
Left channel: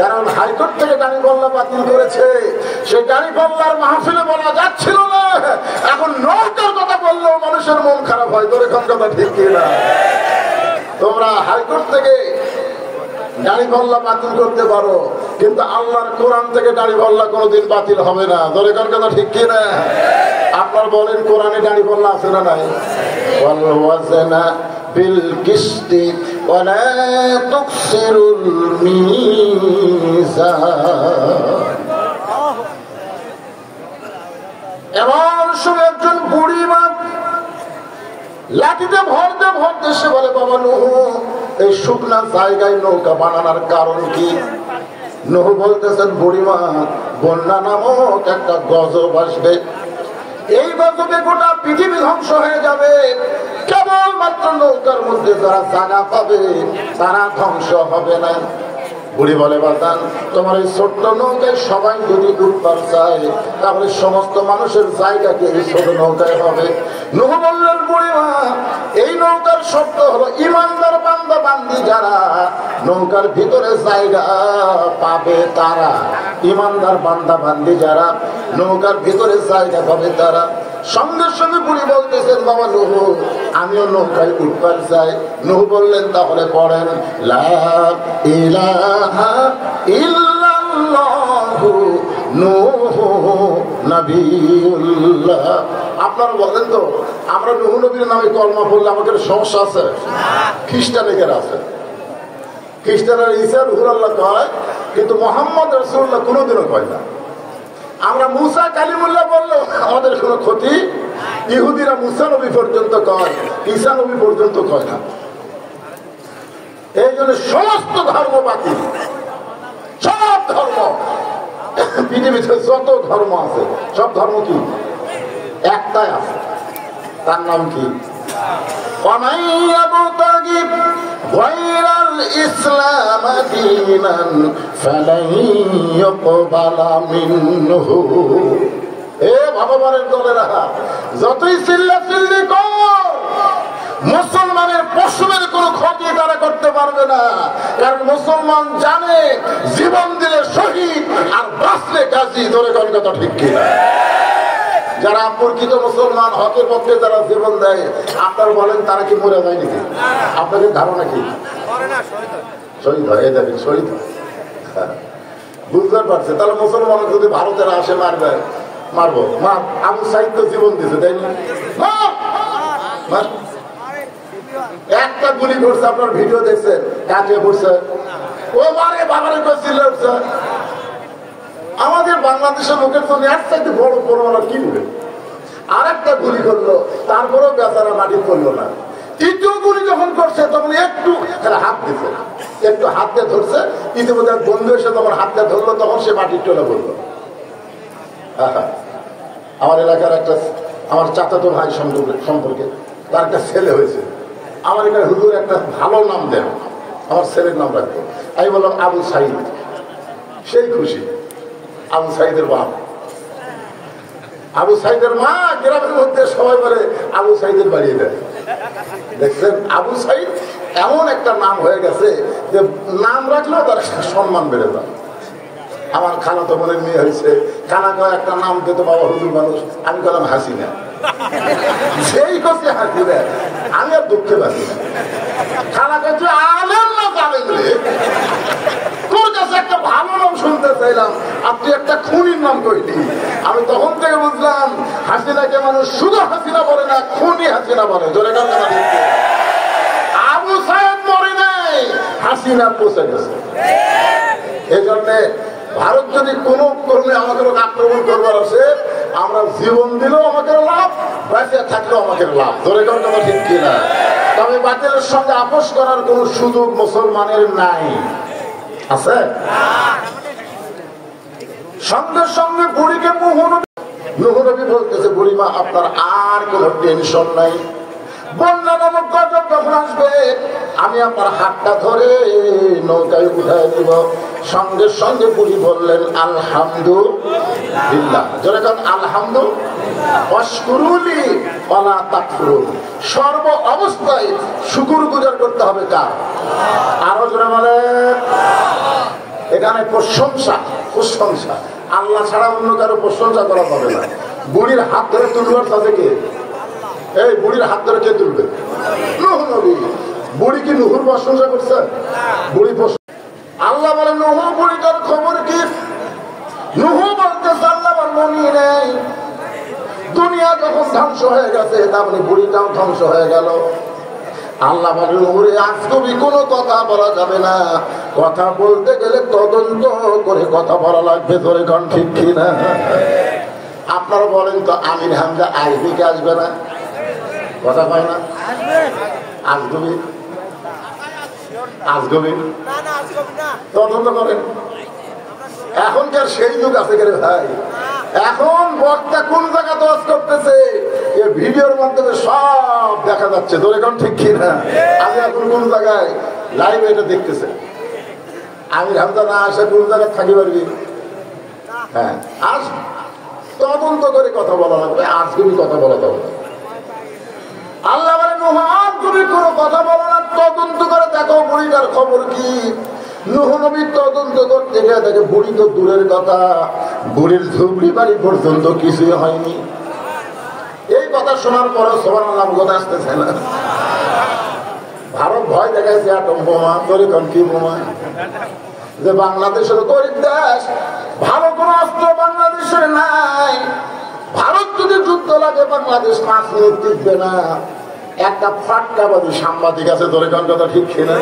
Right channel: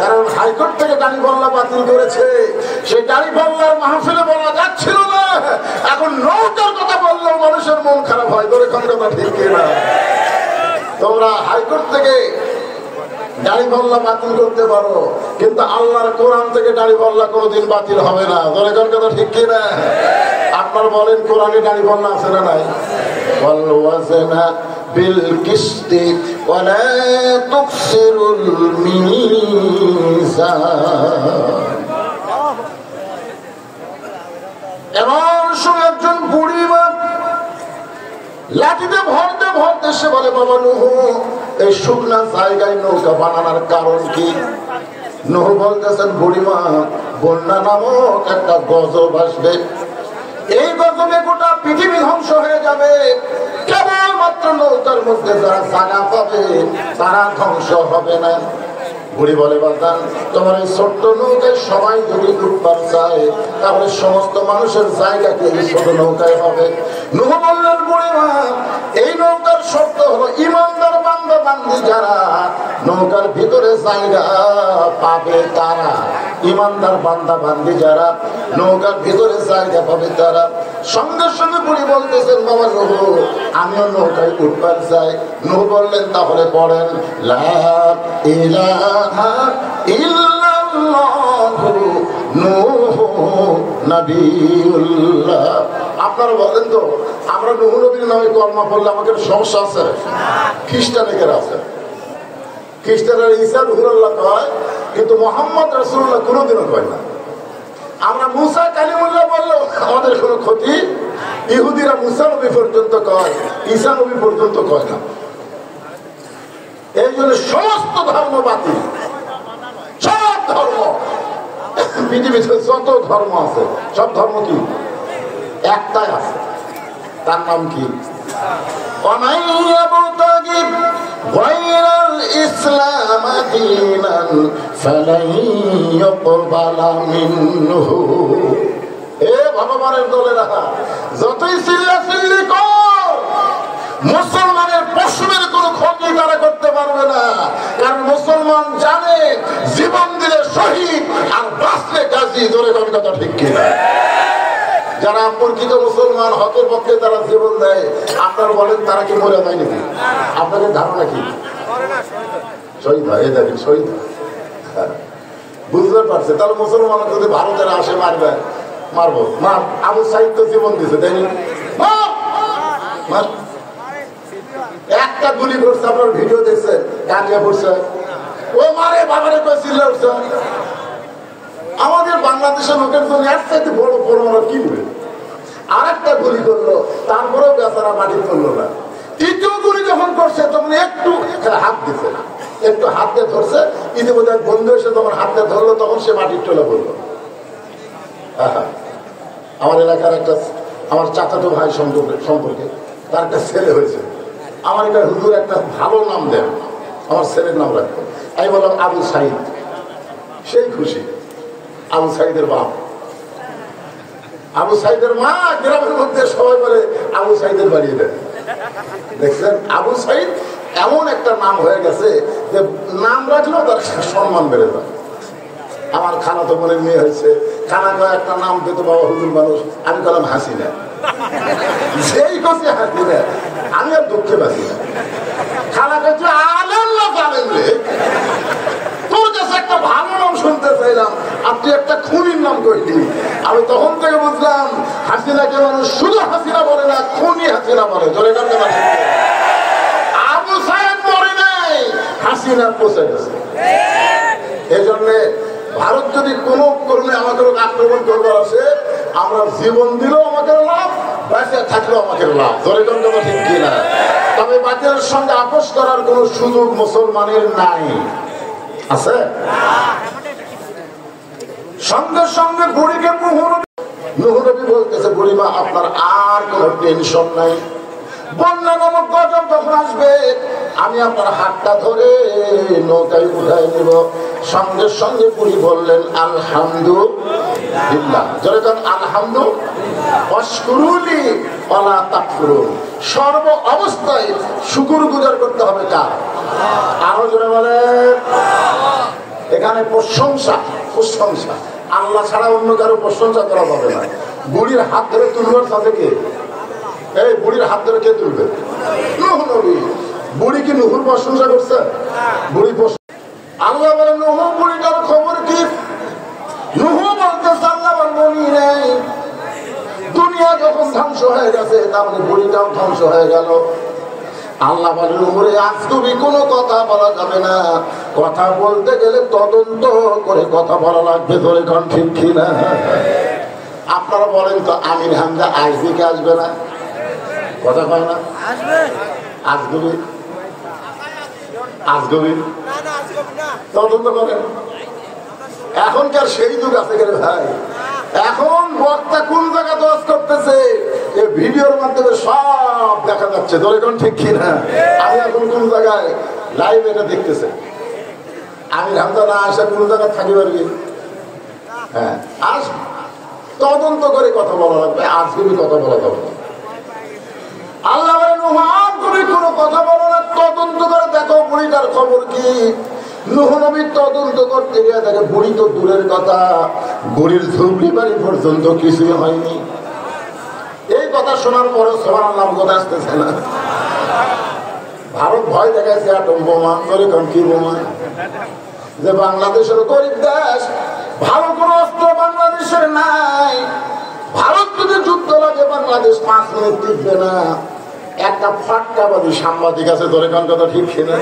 কারণ হাইকোর্ট থেকে গাড়ি বল্লা বাতিল করেছে, সেই গাড়ি বল্লার মাহফিলে বলা যাচ্ছিল না। এখন নৌকার কথা বললেও মানুষের মন খারাপ হয়। ধরে কোন কথা ঠিক না? তোমরা হাইকোর্ট থেকে গাড়ি বল্লা বাতিল করতে পারো, কিন্তু আল্লাহর কোরআন থেকে গাড়ি বল্লা কোনোদিন বাতিল হবে না। ধরে কোন কথা ঠিক কিনা? আপনার বলেন কোরআনে গাড়ি বল্লা আছে না নাই? بالقسط ولا تخسروا الميزان। এমন সময় একজন বুড়ি মা লাঠিতে ভরতে ভরতে সে বলে, বাবা নূহ, এই শুকনা জায়গায় নৌকা বানানোর কারণ কি? নূহ বলতেছেন, বুড়িমা, বন্যা নামক একটা গজব আসবে, এই গজবে গোটা পৃথিবী ধ্বংস হয়ে যাবে, কেবলমাত্র নৌকার মধ্যে যারা জায়গা পাবে তারা ধ্বংস হবে না। বুড়ি বলে, বাদান, তোমার এই ছোট্ট নৌকায় সবাই যদি উঠবার চায় তাহলে সমস্ত মানুষের জায়গাকে এই ছোট নৌকায় হবে। নূহ বললেন, বুড়িমা, এই নৌকার শর্ত হলো ইমানদার বান্দা বান্দি যারা নৌকার ভিতরে জায়গা পাবে তারা, ইমানদার বান্দা বান্দি যারা নৌকার ভিতরে জায়গা পাবে তারা। সঙ্গে সঙ্গে বুড়ি বলতেছেন, বাবা নূহ, আমিও নৌকায় উঠবার চাই। নূহ বললেন, তাহলে পড়েন, লা ইলাহা ইল্লাল্লাহু নূহ নবিয়ুল্লাহ। আপনারা বলেন তো, আমরা নূহ নবীর নামে কলমা পড়লে আমাদের সমস্যা আছে? খ্রিস্টানিদের আছে। খ্রিস্টানরা ঈসা রুহুল্লাহ কয়, কিন্তু মোহাম্মদ রাসূলুল্লাহ কোনোদিনও কয় না। আমরা মুসা কালিমুল্লাহ বললো আমাদের কোনো ক্ষতি, ইহুদিরা মুসা নবী পর্যন্ত কয়, ঈসা নবী পর্যন্ত কয় না। এই জন্য সমস্ত ধর্ম বাতিল, সব ধর্ম, পৃথিবীতে যত ধর্ম আছে সব ধর্ম কি একটাই আছে, তার নাম কি? ইসলাম দীনান ফালান ইউকবালা মিনহু। এ ভগবানের দলেরা, যতই চিল্লাচিল্লি কর, মুসলমানের পশুদের কোন ক্ষতি তারা করতে পারবে না। কারণ মুসলমান জানে জীবন দিলে শহীদ আর বাঁচলে গাজী। ধরে কোন কথা ঠিক কিনা? যারা প্রকৃত মুসলমান, হকের পক্ষে যারা জীবন দেয়, আপনারা বলেন তারা কি মরে যায়নি? আপনাদের ধারণা কি? শহীদ হয়। এই দেখেন শহীদ বুঝতে পারছে। তাহলে মুসলমান যদি ভারতের আসে মারবে, মারবো। মা আবু সাইদ তো জীবন দিছে, তাই না? একটা গুলি করছে, আপনার ভিডিও দেখছে, কাটিয়ে পড়ছে, ও মারে বাবারে চিল্লা উঠছে। আমাদের বাংলাদেশের লোকের জন্য একসাথে বড় পরিমাণ কি দেবে? আর একটা গুলি করলো, তারপরেও বেচারা মাটি পড়লো না। তৃতীয় গুলি যখন করছে তখন একটু হাত দিছে, একটু হাত দিয়ে ধরছে, ইতিমধ্যে বন্ধু এসে তখন হাত দিয়ে ধরলো, তখন সে মাটি চলে পড়লো। আমার এলাকার একটা, আমার চাচাতো ভাই সম্পর্কে তার একটা ছেলে হয়েছে। আমার এলাকার হুজুর একটা ভালো নাম দেন, আমার ছেলের নাম রাখবো। আমি বললাম আবু সাইদ। সেই খুশি। আবু সাইদের বাপ, আবু সাইদের মা গ্রামের মধ্যে সবাই বলে আবু সাইদের বাড়ি দেয়। দেখছেন, আবু সাইদ এমন একটা নাম হয়ে গেছে যে নাম রাখলেও তার সম্মান বেড়ে যায়। আমার খালা তো মনে মেয়ে হয়েছে, খানা কয় একটা নাম পেত বাবা হুজুর মানুষ, আমি বললাম হাসিনা। সেই করছে হাসিনা, আমি আর দুঃখে বাঁচি না। খালা কচ্ছে আলেন না জানেন রে, তোর কাছে একটা ভালো নাম শুনতে চাইলাম, আপনি একটা খুনির নাম করলি। আমি তখন থেকে বুঝলাম হাসিনাকে মানুষ শুধু হাসিনা বলে না, খুনি হাসিনা বলে। আবু সাহেব মরে নাই, হাসিনা পৌঁছে গেছে। এই জন্যে ভারত যদি কোনো করলে আমাদের আক্রমণ করবার আছে, আমরা জীবন দিলেও আমাদের লাভ, বেঁচে থাকলেও আমাদের লাভ। ধরে কথা ঠিক কিনা? তবে বাতিলের সঙ্গে আপোষ করার কোন সুযোগ মুসলমানের নাই, আছে? সঙ্গে সঙ্গে বুড়িকে নুহনবী বলতেছে, বুড়িমা আপনার আর কোন টেনশন নাই, বন্যা নামক গজব যখন আসবে আমি আপনার হাতটা ধরে নৌকায় উঠায় দেব। সঙ্গে সঙ্গে বুড়ি বললেন আলহামদুলিল্লাহ। যেরকম আলহামদুলিল্লাহ, সর্ব অবস্থায় শুকর গুজার করতে হবে কার? আরো জোরে বলে। এখানে প্রশংসা, প্রশংসা আল্লাহ ছাড়া অন্য কারো প্রশংসা করা যাবে না। বুড়ির হাত ধরে তুলবার তাদেরকে, এই বুড়ির হাত ধরে কে তুলবে? বুড়ি কি নুহুর প্রশংসা করছে? বুড়ি আল্লাহ বলেন নুহু বুড়িটার খবর কি? নুহু বলতেছে আল্লাহ নেই, দুনিয়া যখন ধ্বংস হয়ে গেছে তারপরে বুড়িটাও ধ্বংস হয়ে গেল। আল্লাহ বলেন নুহুরে আজ তুমি কোনো কথা বলা যাবে না, কথা বলতে গেলে তদন্ত করে কথা বলা লাগবে। ধরে কন ঠিক কিনা? আপনারা বলেন তো আমির হামজা আইজিকে আসবে না? কথা হয় না? আসবে, আসগবি তদন্ত করেন। এখনকার সেই যুগ আছে ভাই, এখন বক্তা কোন জায়গা দোষ করতেছে এই ভিডিওর মাধ্যমে সব দেখা যাচ্ছে। ধরে কোন ঠিক কিনা? আমি এখন কোন জায়গায় লাইভ এটা দেখতেছে, আমির হামজা না আসে কোন জায়গায় থাকি পারবি? হ্যাঁ, আস তদন্ত করে কথা বলা লাগবে, আসগবি কথা বলা যাবে। আল্লাহ বলেন তুমি কোনো কথা বলো না, তদন্ত করে দেখো বুড়িটার খবর কি। নুহু নবী তদন্ত করতে গিয়ে দেখে বুড়ি তো দূরের কথা, বুড়ির ঝুপড়ি বাড়ি পর্যন্ত কিছু হয়নি। এই কথা শোনার পরে সবার আল্লাহ বোধ আসতেছে না। ভারত ভয় দেখাইছে আটম বোমা, ধরে কম কি বোমা, যে বাংলাদেশের গরিব দেশ, ভালো কোন অস্ত্র বাংলাদেশের নাই। ভারত যদি যুদ্ধ লাগে বাংলাদেশ 5 মিনিট টিকবে না। একটা ফাটকাবাদী সাংবাদিক আছে, ধরে কান কথা ঠিক কিনা?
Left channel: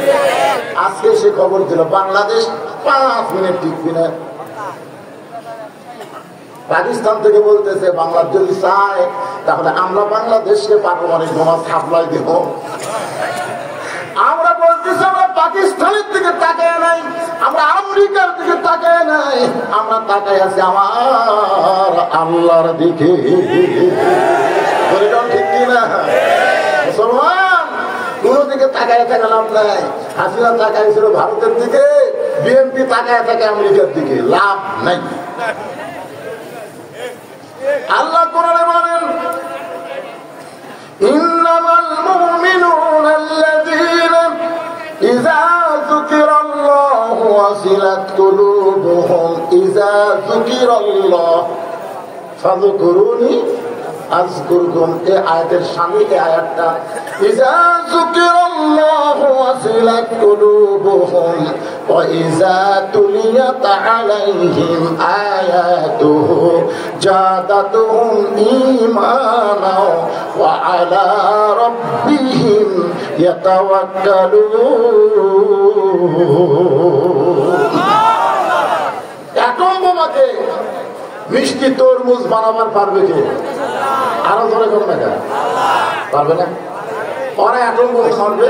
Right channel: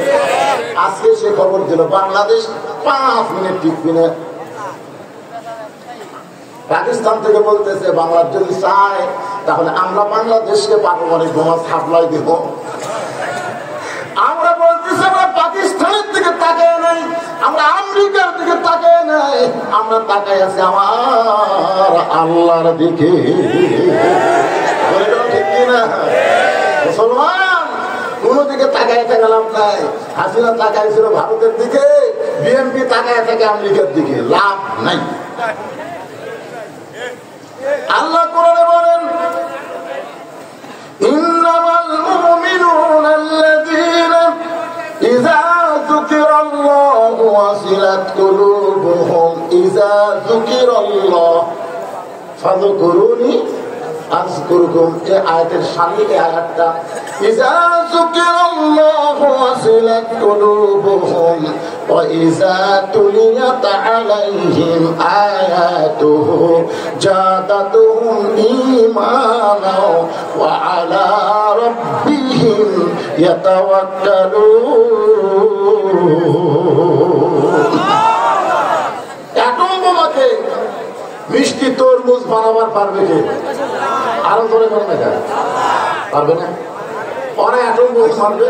আজকে সে খবর দিল বাংলাদেশ 5 মিনিট টিকবে না। পাকিস্তান থেকে বলতেছে বাংলার যদি চায় তাহলে আমরা বাংলাদেশকে পারমাণবিক বোমা সাপ্লাই দেব। আমরা বলতেছি আমরা পাকিস্তানের দিকে তাকায় নাই, আমরা আমেরিকার দিকে তাকায় নাই, আমরা তাকায় আছি আমার আল্লাহর দিকে। ঠিক কিনা? মুসলমান কোন দিকে তাকায় থাকা লাভ নাই। হাসিনা তাকাইছিল ভারতের দিকে, বিএনপি তাকায় থাকে আমেরিকার দিকে, লাভ নাই। আল্লাহ কোরআনে বলেন ইন্নামাল মুমিনুনা আল্লাযীনা ইযা যুকিরাল্লাহু ওয়াজিলাত কুলুবুহুম ইযা যুকিরাল্লাহ ফাযকুরুনি আযকুরকুম। এই আয়াতের সামনে এই আয়াতটা ইযা যুকিরাল্লাহু ওয়াজিলাত কুলুবুহুম ওয়া ইযা তুলিয়াত আলাইহিম আয়াতুহু জাদাতুহুম ঈমানা ওয়া আলা রাব্বিহিম ইয়াতাওয়াক্কালুন। এতমাকে মিষ্টি তরমুজ বানাবার পারবে কে? আরো ধরে করবে না, পারবে না। অনেক এখন বই মারবে,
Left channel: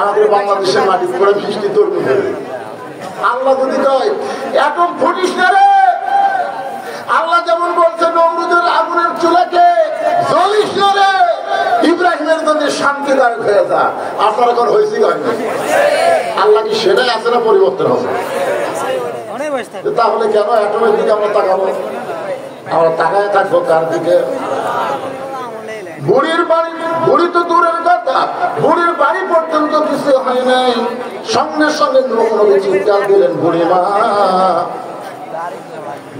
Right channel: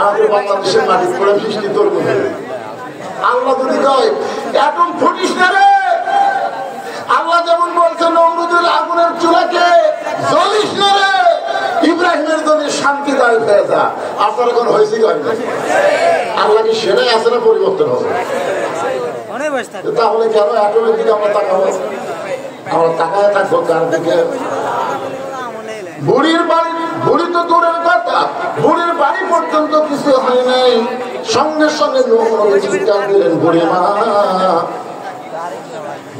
আমাদের বাংলাদেশের মাটি করে মিষ্টি তরমুজ। আল্লাহ যদি কয় এখন ফুটিস না রে, আল্লাহ যেমন বলছে নমরুদের আগুনের চুলাকে জ্বলিস না রে, ইব্রাহিমের জন্য শান্তিদায়ক হয়ে যা। আপনার এখন হয়েছে আল্লাহ কি সেটাই আছে না পরিবর্তন হবে? তাহলে কেন অ্যাটমের দিকে আমরা তাকাবো? আমরা তাকায় থাকবো তার দিকে। বুড়ির বাড়ি বুড়ি তো দূরের কথা, বুড়ির বাড়ি পর্যন্ত কিছু হয় নাই, সঙ্গে সঙ্গে নবী চিৎকার দিলেন, বুড়ি মা।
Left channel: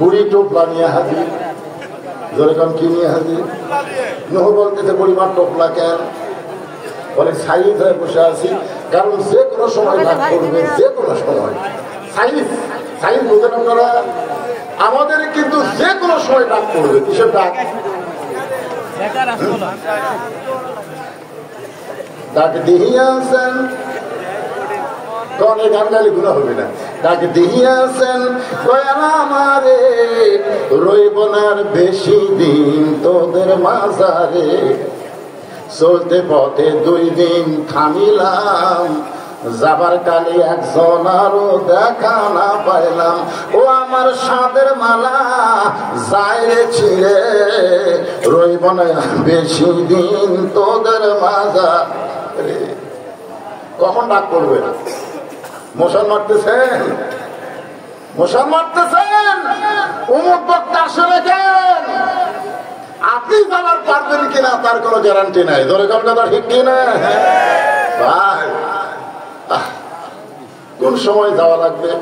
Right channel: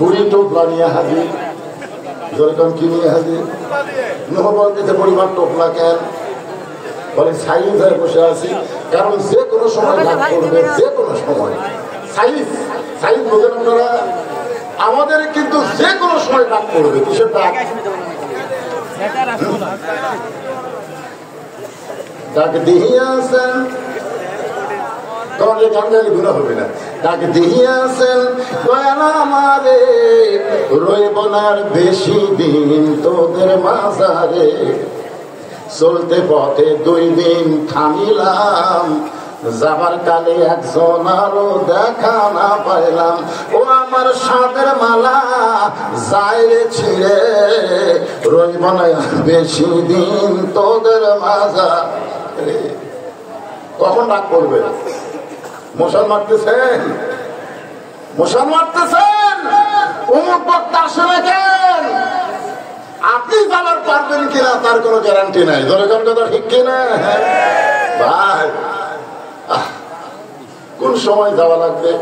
বুড়ি টোপলা নিয়ে হাজির। যেরকম কি নিয়ে হাজির? নহ বলতেছে, বুড়িমার টোপলা কেন? বলে সাইজ হয়ে বসে আছি, কারণ যে কোনো সময় লাভ করবে, যে কোনো সময়। সাইজ সাইজ বোঝেন আপনারা? আমাদের কিন্তু যে কোনো সময় লাভ করবে। কিসের ডাক? ডাক দিয়েছেন, গান গুণা হবে না। ডাক দিয়েছেন দয়াল আমারে, রইব না আর বেশি দিন তোদের মাঝারে। চলতে পথে 2 দিন থামিলাম, যাবার কালে একজন আরো দেখা না পাইলাম। ও আমার সাদের মালা যায় রে ছিঁড়ে, রইব না বেশি দিন তোদের মাঝারে। কখন ডাক করবে? মশাল মারতেছেন, মশাল মারতেছেন, অমুক বক্তা আসলে কেন? আপনি যাওয়ার পারবেন কিনা তার কোনো গ্যারান্টি নাই। ধরে কোন কথা ঠিক কিনা? ভাই কোন সময় যাওয়া লাগবে,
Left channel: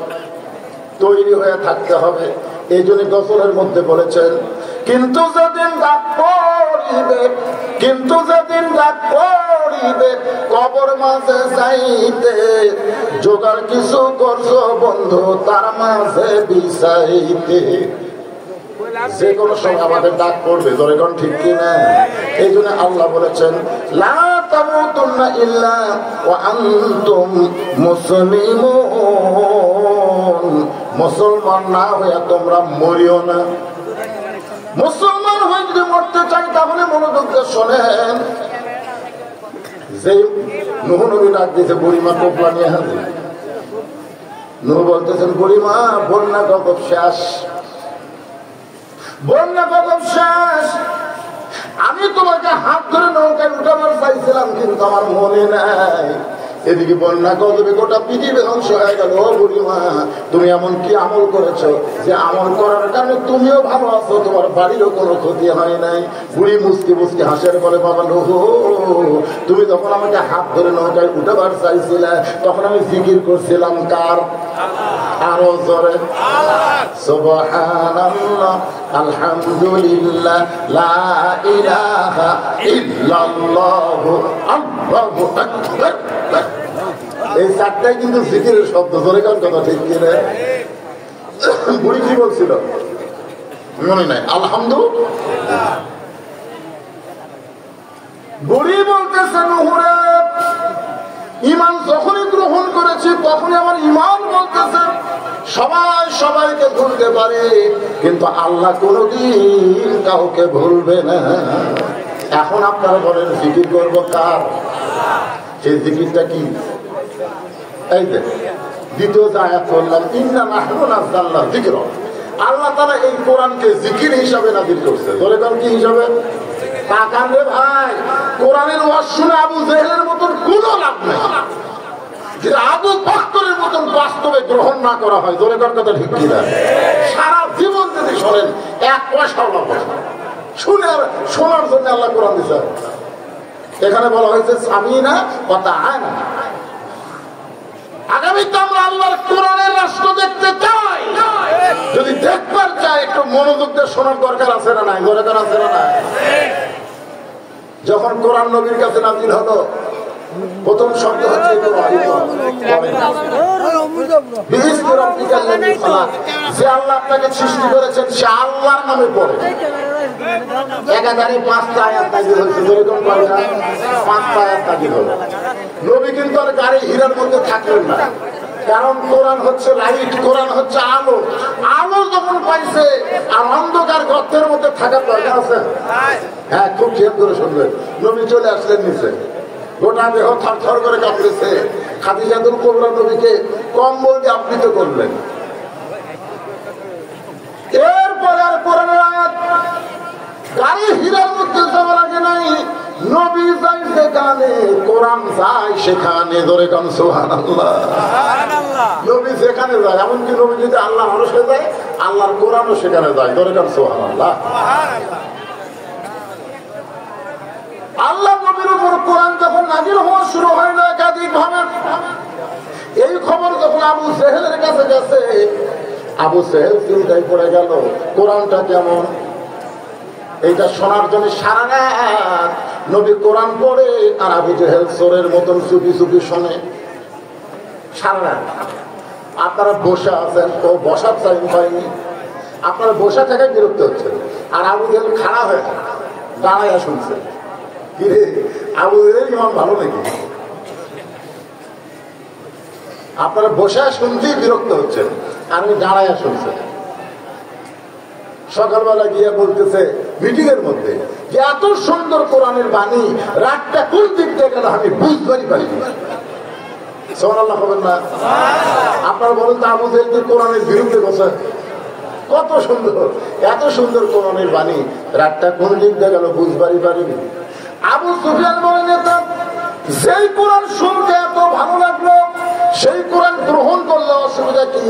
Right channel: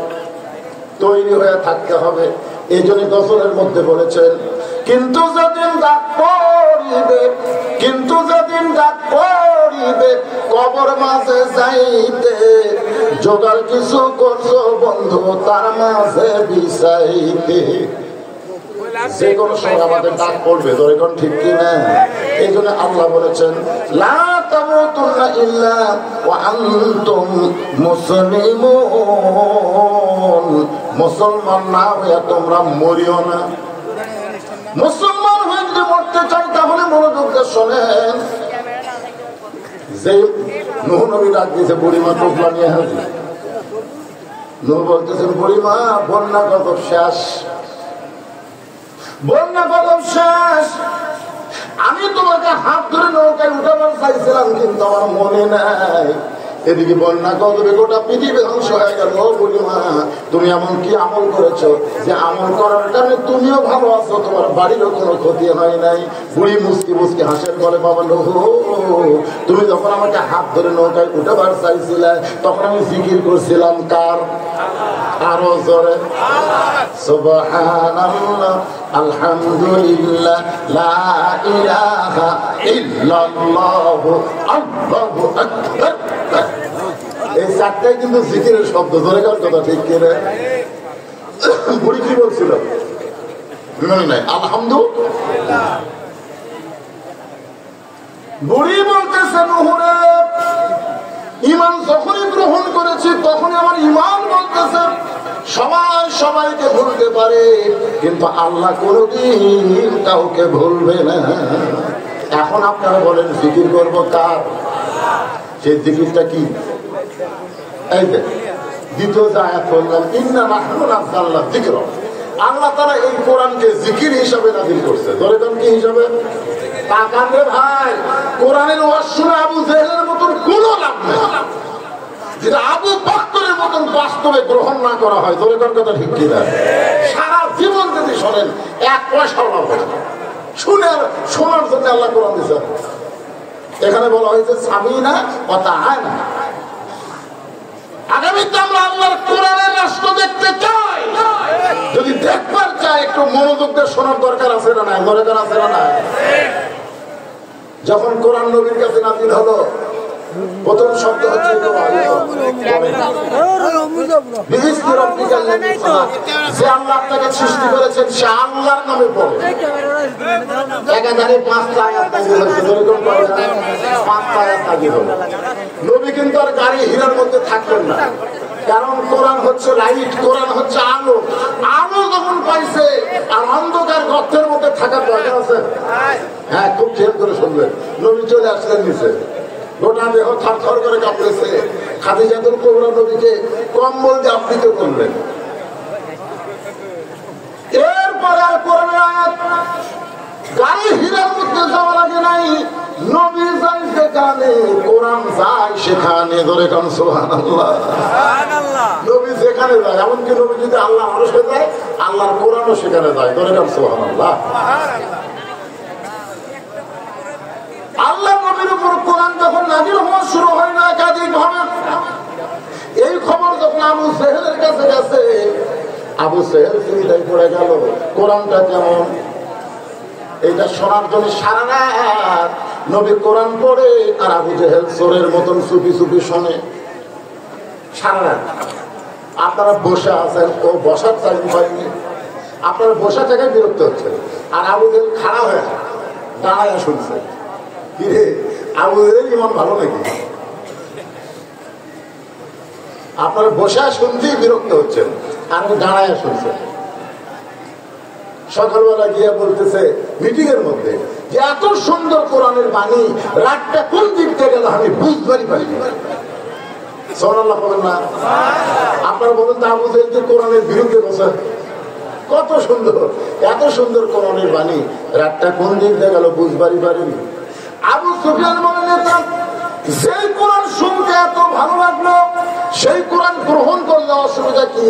তৈরি হয়ে থাকতে হবে। এই জন্য দশরের মধ্যে বলেছেন, কিন্তু যেদিন ডাক পড়িবে, কিন্তু যেদিন ডাক পড়িবে, কবর মাঝে যাইতে জোগাড় কিছু করছো বন্ধু, তার মাঝে বিছাইতে। যে কোনো সময় আমাদের ডাক পড়বে, ধরে কোন ঠিক কিনা? এই জন্য আল্লাহ বলেছেন, লা তামুতুন্না ইল্লা ওয়া আনতুম মুসলিমুন। মুসলমান না হয়ে তোমরা মরিও না। মুসলমান হয়ে যদি মরতে চাই তাহলে মনোযোগ দিয়ে শোনেন। যে নূহ নবী ডাক দিয়েছে, বুড়িমা টোপলা নিয়ে হাজির। নূহ বলতেছেন, বুড়িমা বন্যা কত শেষ, বন্যা কত শেষ। আমি তোমাকে হাত ধরে নৌকায় উঠাবার চাইছিলাম, কিন্তু আমার মনে নাই। এদিকে বন্যা গজবে গোটা পৃথিবী ধ্বংস হয়ে গেল। বুড়িমা তুমি এমন কি আমল করেছো যে আমল করার কারণে তুমিও ভালো আছো, তোমার বাড়িরও কোনো ক্ষতি হয় নাই। বুড়ি মুসকি মুসকি হাসের বলে, বাবা লোহ, তুমি যখন আমাকে হাত ধরে নৌকায় উঠাবার চাইছিলে তখন আমি জিকির করছিলাম কার? আরো জোরে সুবহানাল্লাহ, আলহামদুলিল্লাহ, লা ইলাহা ইল্লাল্লাহ, আল্লাহু আকবার। এই চারটাই কিন্তু জিকিরের শব্দ। ধরে কার কথা ঠিক কিনা? বুড়ি কি বলছিল মনে নাই? আলহামদুলিল্লাহ। বুড়ি বলতেছে, নুহুরে ইমান যখনই গ্রহণ করেছি তখনই আমার ইমান বলতেছে সবাই সবাইকে ভুলতে পারে, কিন্তু আল্লাহ কোনদিন কাউকে ভুলবে না। এখন আপনারা বলেন জিকির করবো কার? সেই জিকিরটা কি? এই যে দ্বিতীয় আয়াত বললাম, ইন্না নাহনু নাযালনা যিকর। আল্লাহ তাআলা এই কোরআনকে জিকির হিসাবে নাযিল করছে। ধরে কারণ কি হিসাবে? তাকান রে ভাই, কোরআনের ওয়াজ শুনে আবু জেহেলের মতন কোনো লাভ নেই। যেটা আবু বকরের মতন বাস্তবে গ্রহণ না করা হয়, ধরে কার কথা ঠিক কিনা? সারা জীবন যদি শোনেন এক পয়সাও লাভ হয় না। শুনে আর শোনার জন্য আল্লাহ কোরআন দিয়েছে। এখানে বলা হয়েছে সামিনা ওয়া তাআনা। আগামীতে আমরা আল্লাহর কোরআনের রাষ্ট্র দেখতে চাই। যদি দেখবার চাই একটু মনোযোগ দিয়ে শোনার দরকার আছে না নাই? দরকার আছে না নাই? যখন কোরআন নবীর কাছে নাযিল হলো, প্রথম শব্দ হচ্ছে যে আল্লাহ আপনাকে সৃষ্টি করেছেন সে আল্লাহর নামে পড়ে। একাধারে 5টা আয়াত নাযিল হয়েছিল। এরকম 5টা আয়াত নাযিল হলো। নবী কিন্তু আর গাড়ি হীরার মধ্যে থাকলেন না, কারণ কোরআন হচ্ছে লাইট, কোরআন হচ্ছে আলো। আলো যখন পাইছে আর অন্ধকার গর্তের মধ্যে থাকার দরকার আছে? হ্যাঁ, খুব খেয়াল করে শুনলেন। নবী চলে আসলেন নিচে, গোটা দেহ থরথর করে কাঁপতেছে। খাদিজাতুল কুবরা নবীকে কম্বল দিয়ে আবৃত করলেন। এরপরে আর কোরআনের আয়াত গাড়ি হীরার মধ্যে যাওয়ার আগে নাই, নবী যায় সেখানে, কোরআন যায় সেখানে। ধরে কারণ সুবহানাল্লাহ, নবী যেখানে যায়, এমনকি নবী যদি আল্লাহ মানুষে যায়, আল্লাহর কোরআনও সেখানে যায়। ধরে কারণ সুবহানাল্লাহ। আল্লাহ নবী নবীর উপর কোরআন যখন নাযিল হওয়া শুরু হয় না একাধিক ভাবে, এই খবর যখন আবু জেহেলের কাছে গেছে, আবু জেহেল চিন্তায় পড়ে গেল কোরআনটা কেমন। এইটা শোনার জন্য সারা রাত নবী কোরআন পড়ে, আর আবু জেহেল চোরের মতন চুপি চুপি শোনে সারা রাত। আপনারা বসে আছেন, কেউ বসার টাইম পায়নি, আপনারা বসা থেকে বিরক্ত হচ্ছে, আর আবু জেহেল খারাপ হয়ে দাঁড়ায় শুনছে। কি রে, আবু জেহেল ইমান ভালো নাকি? আপনারা বসে শুনতেই বিরক্ত হচ্ছেন, আর ও দাঁড়ায় শুনছে। সকালবেলা গিয়ে বলতেছে মিটিং এর মধ্যে যে এত সুন্দর কোরআনের বাণী, রাতটা কোন দিক থেকে গেল আমি বুঝতেই পারিনি। সুবহানাল্লাহ বলেন না? আপনারা বলুন তো, আবু জেহেল কোরআনের বিরুদ্ধে বসে, কত সুন্দর, এত সুন্দর কোরআনের বাণী, রাতটা কোন দিক দিয়ে গেল বুঝবারই পারিনি। আবু সুফিয়ান বলেন, যেই কোরআন শুনতে এত ভালো লাগলো সেই কোরআন গ্রহণ করলে অসুবিধা কি?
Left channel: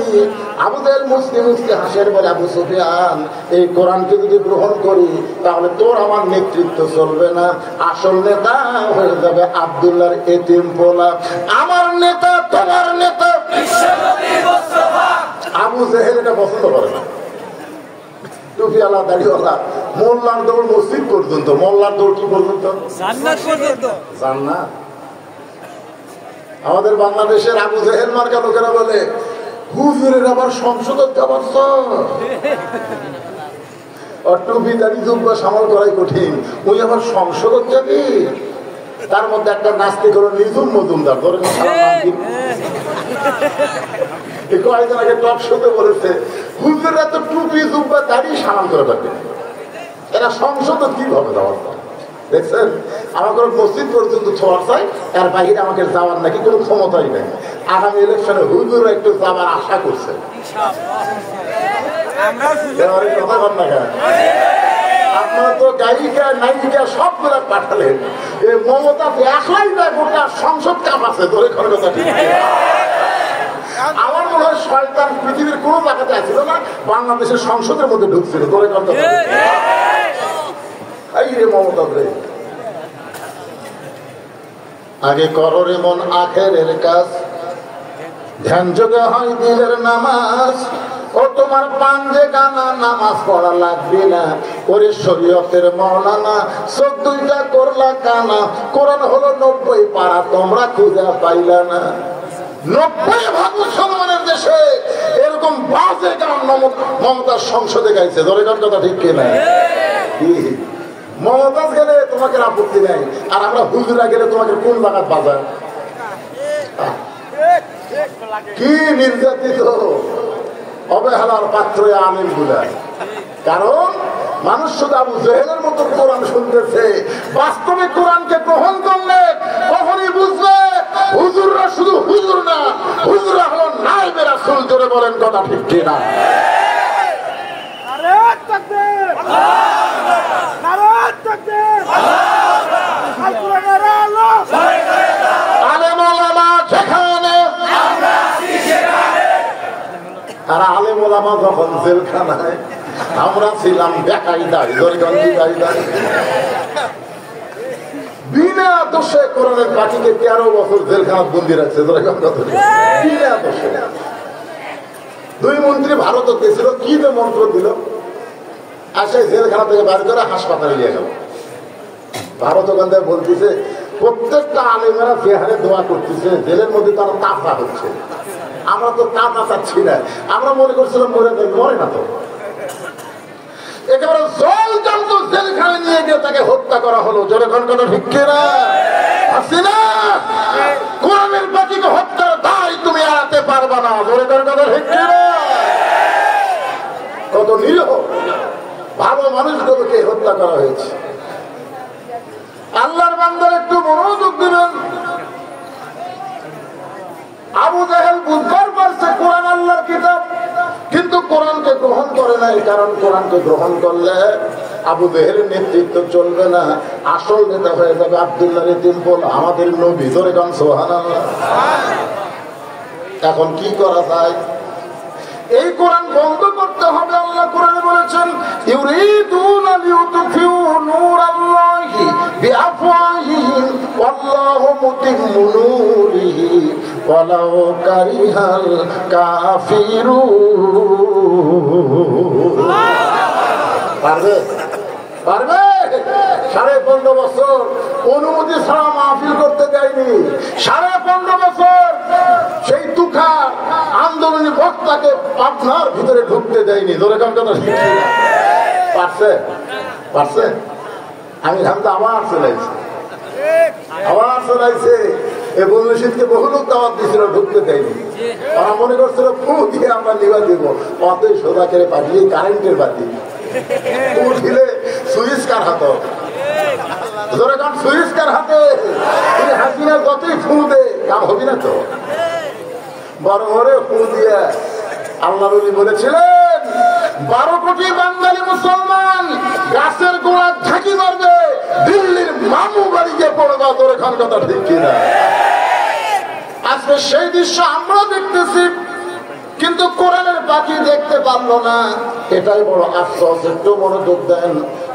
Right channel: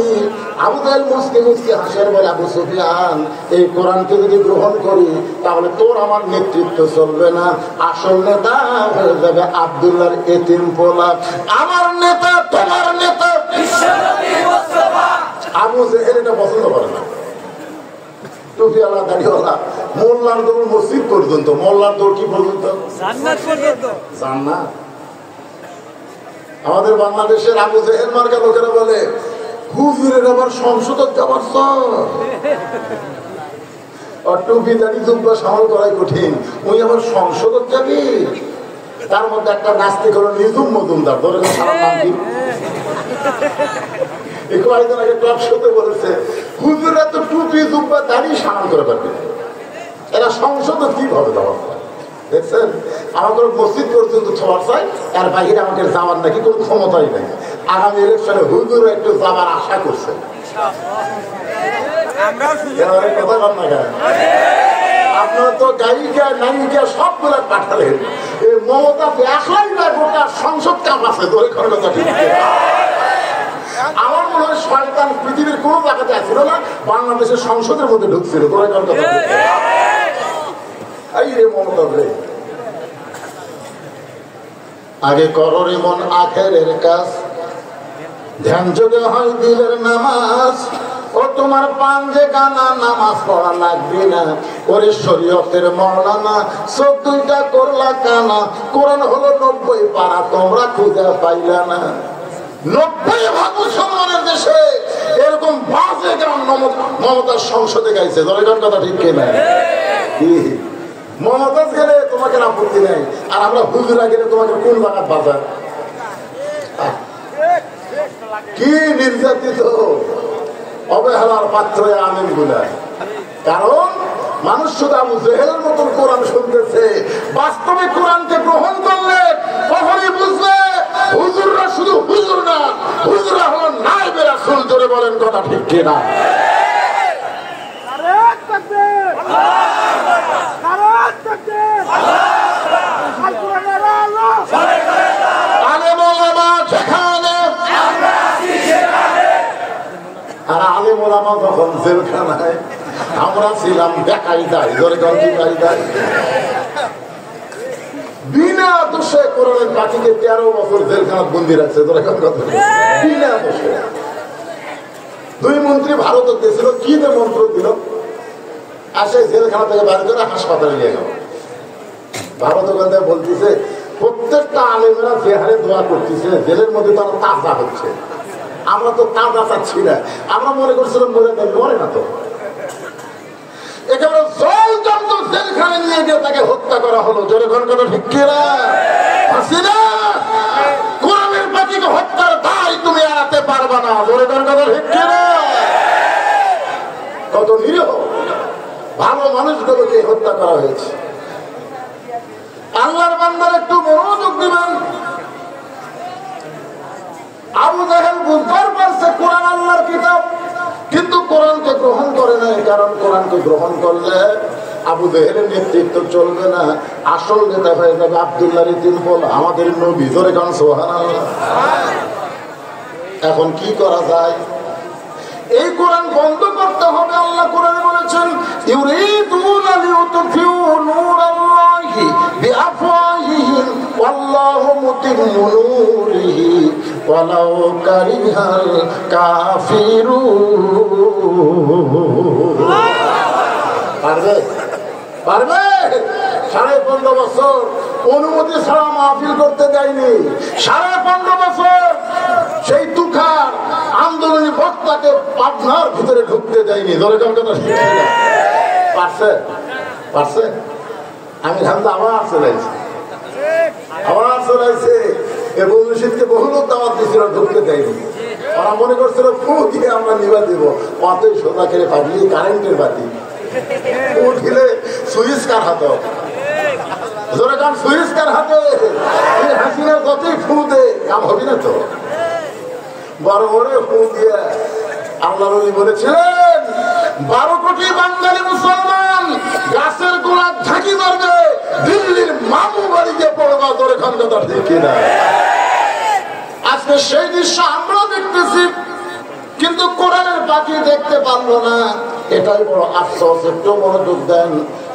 আবু জেহেল মুসকে মুসকে হাসেন, বলে আবু সুফিয়ান এই কোরআনকে যদি গ্রহণ করি তাহলে তোর আমার নেতৃত্ব চলবে না, আসল নেতা হয়ে যাবে আব্দুল্লাহর এতিম পোলা, আমার নেতা তোমার নেতা। আবু জেহেল এটা পছন্দ করে না। টুপিওয়ালা দাড়িওয়ালা মোল্লার দৌড় মসজিদ পর্যন্ত, মোল্লার দৌড় কি পর্যন্ত? জান্নাত। আমাদের বাংলাদেশের আবু জেহেল মার্কা লোকেরা বলে হুজুরের আবার সংসদত যাবার টুপি দাড়ি জুব্বা সামাল করাই কঠিন, উনি আবার সংসদত যাবি। তার মধ্যে একটা নাস্তিক হলো নিজুম মজুমদার, ধরেন কয়েকদিন আগে টক শোতে বলেছে হুজুরের তো টুপি জুব্বা দাড়ি সামাল করে পারবে, এরা সংসদ কি হবে যাওয়ার। দেখছেন, আমার কোনো মসজিদ পর্যন্ত ছোঁয়ার চাই, এর বাইরে আমাকে যাওয়ার নাকি কোনো ক্ষমতাই নেই। আগামী ইলেকশনে হুজুর একটু যাওয়ার আশা করছে। আপনারা তো গায়িকা নায়িকা সবগুলো পাঠালেন, মমতা একলাই না গোটা সংসদ কাম আছে ধরে কথা ঠিক। আমার মনে হয় শয়তান পৃথিবীর কোন জায়গাতে আসছিল না, বাংলাদেশের সংসদের মধ্যে ঢুকছিল ধরে কথা। আগে করো রে মন আখেরের কাজ, ধ্যান যোগে হয় দিলের নামাজ, ও তোমার পাঞ্জে গানা নামাজ পড়া লাগবে না, ওরে শরীয়তের মওলানা 14টা করলা কানা, কোরআন হলো 90 পারা তোমরা খুঁজে পাইলা না। 90% মুসলমানের দেশে এরকম বাজে গান মমতার সংসদে গাইছে, ধরে গান কথা ঠিক কিনা? মমতাজ গেলে তোমাকে আপত্তি নেই, আর আমরা হুজুরা গেলে তোমাকে কোন লাগাত বাজার? কি নির্যাতিত অবহেলার পাত্র আমিন গুলা। কারণ মানুষ শুধু আবু জেহেলের মতন কোরআন শুনতেছে, বাস্তবে কোরআনকে গ্রহণ করলে কখনই বুঝলে হুজুররা শুধু হুজুর না, হুজুররা হলো নায়েবে রাসূল। জোরে বলেন কথা ঠিক কিনা? আর আলেম ওলামা যখন জেলখানায়, আমরা ছিলাম বেকারি দাঁড়ি ধরে বিনা দোষে কোরআনের পাখিকে 13 বছর জেলখানার বন্দি রাখছে, বিনা দোষে। 2 মন্ত্রী ভারত দিয়েছিল, কি যে মন্ত্র দিল, আসে জেলখানা থেকে বাড়ি করে হাসপাতালে নিয়ে গেল। ভারত ওখান থেকে বলতেছে প্রত্যেকটা আলেমেরা যে হারে দোয়া করতেছে, জেলের মধ্যে তারা তাজা হচ্ছে। আমরা তো তাজা চাচ্ছি না, আমরা মনে করছিলাম মরে মরে না তো। একেবারে জলজন্ত জেলখানে নিয়ে গিয়ে তাকে হত্যা করা হলো। জোরে ঘটনা ঢুকিয়ে হাসিনা কোরআনের পাখিকে হত্যার দায় তুমি এড়াতে পারবা না। জোরে ঘটনা ঢুকিয়ে কত নিরীহ ভালো মানুষগুলোকে হত্যা করা হয়েছে। আল্লাহর বান্দার একটু মনোযোগ দিবেন। আবু জেহেল বুঝবার পারছে কোরআন আল্লাহর কিতাব, কিন্তু কোরআনকে গ্রহণ করে নাই। কারণ কোরআনকে গ্রহণ করলে আবু জেহেলের নেতৃত্ব চলবে না, আসল নেতা হয়ে যাবে আব্দুল্লাহর এতিম পোলা, আমাদের নবী। জোরে গান সুবহানাল্লাহ। এখন কি করা যায়? এই কোরআন বন্ধ করতে হবে। আল্লাহ কোরআনে বলেছেন ইউরিদুনা লিউতফিউ নূরাল্লাহি বিআফওয়াহিহিম ওয়াল্লাহু মুতিম্মু নূরিহি ওয়ালাউ কারিহাল কাফিরুন। পারবে পারবে? 15.5 বছর অনুমতি ছাড়া মাহফিল করতে দেয়নি। 15.5 বছর সেই তুখার আন্দোলনী বক্তাকে পাবনার ভিতরে ঢুকতে দেয়নি। ধরে কথা পারছে পারছে? আমি ভাবতে আবার চলাইছে এই বন্ধুশীলকে বহু লোক দাওয়াত দিয়েছিল, ঢুকতে দেয়নি। তারা মনে করছিল ফু দিয়ে আমরা নিবা দিব, অতই সোজা খেলে পাঠিয়ে কারেন্টের বাতি উঠিলে সুইচ কার হাতে ধরে কারণ সুইচ কার হাতে হাসিনা কতই ফু দে কাম হবি না তো। বড় বড় ফু দিয়ে আল্লাহ নবী বলেছিলেন 12 কোটি বাঙালি মুসলমান গাছের গোড়া ঝাঁকি মারবে, দিল্লির মামু বাড়িতে পড়বা। তোর এখান কথা ঠিক না? আজকে সেই দৃশ্য আমরা দেখতেছি, কিন্তু কোরআনের পাখি দেখতে পারলো না। এটাই বড় আফসোস। একটু মনোযোগ দেন।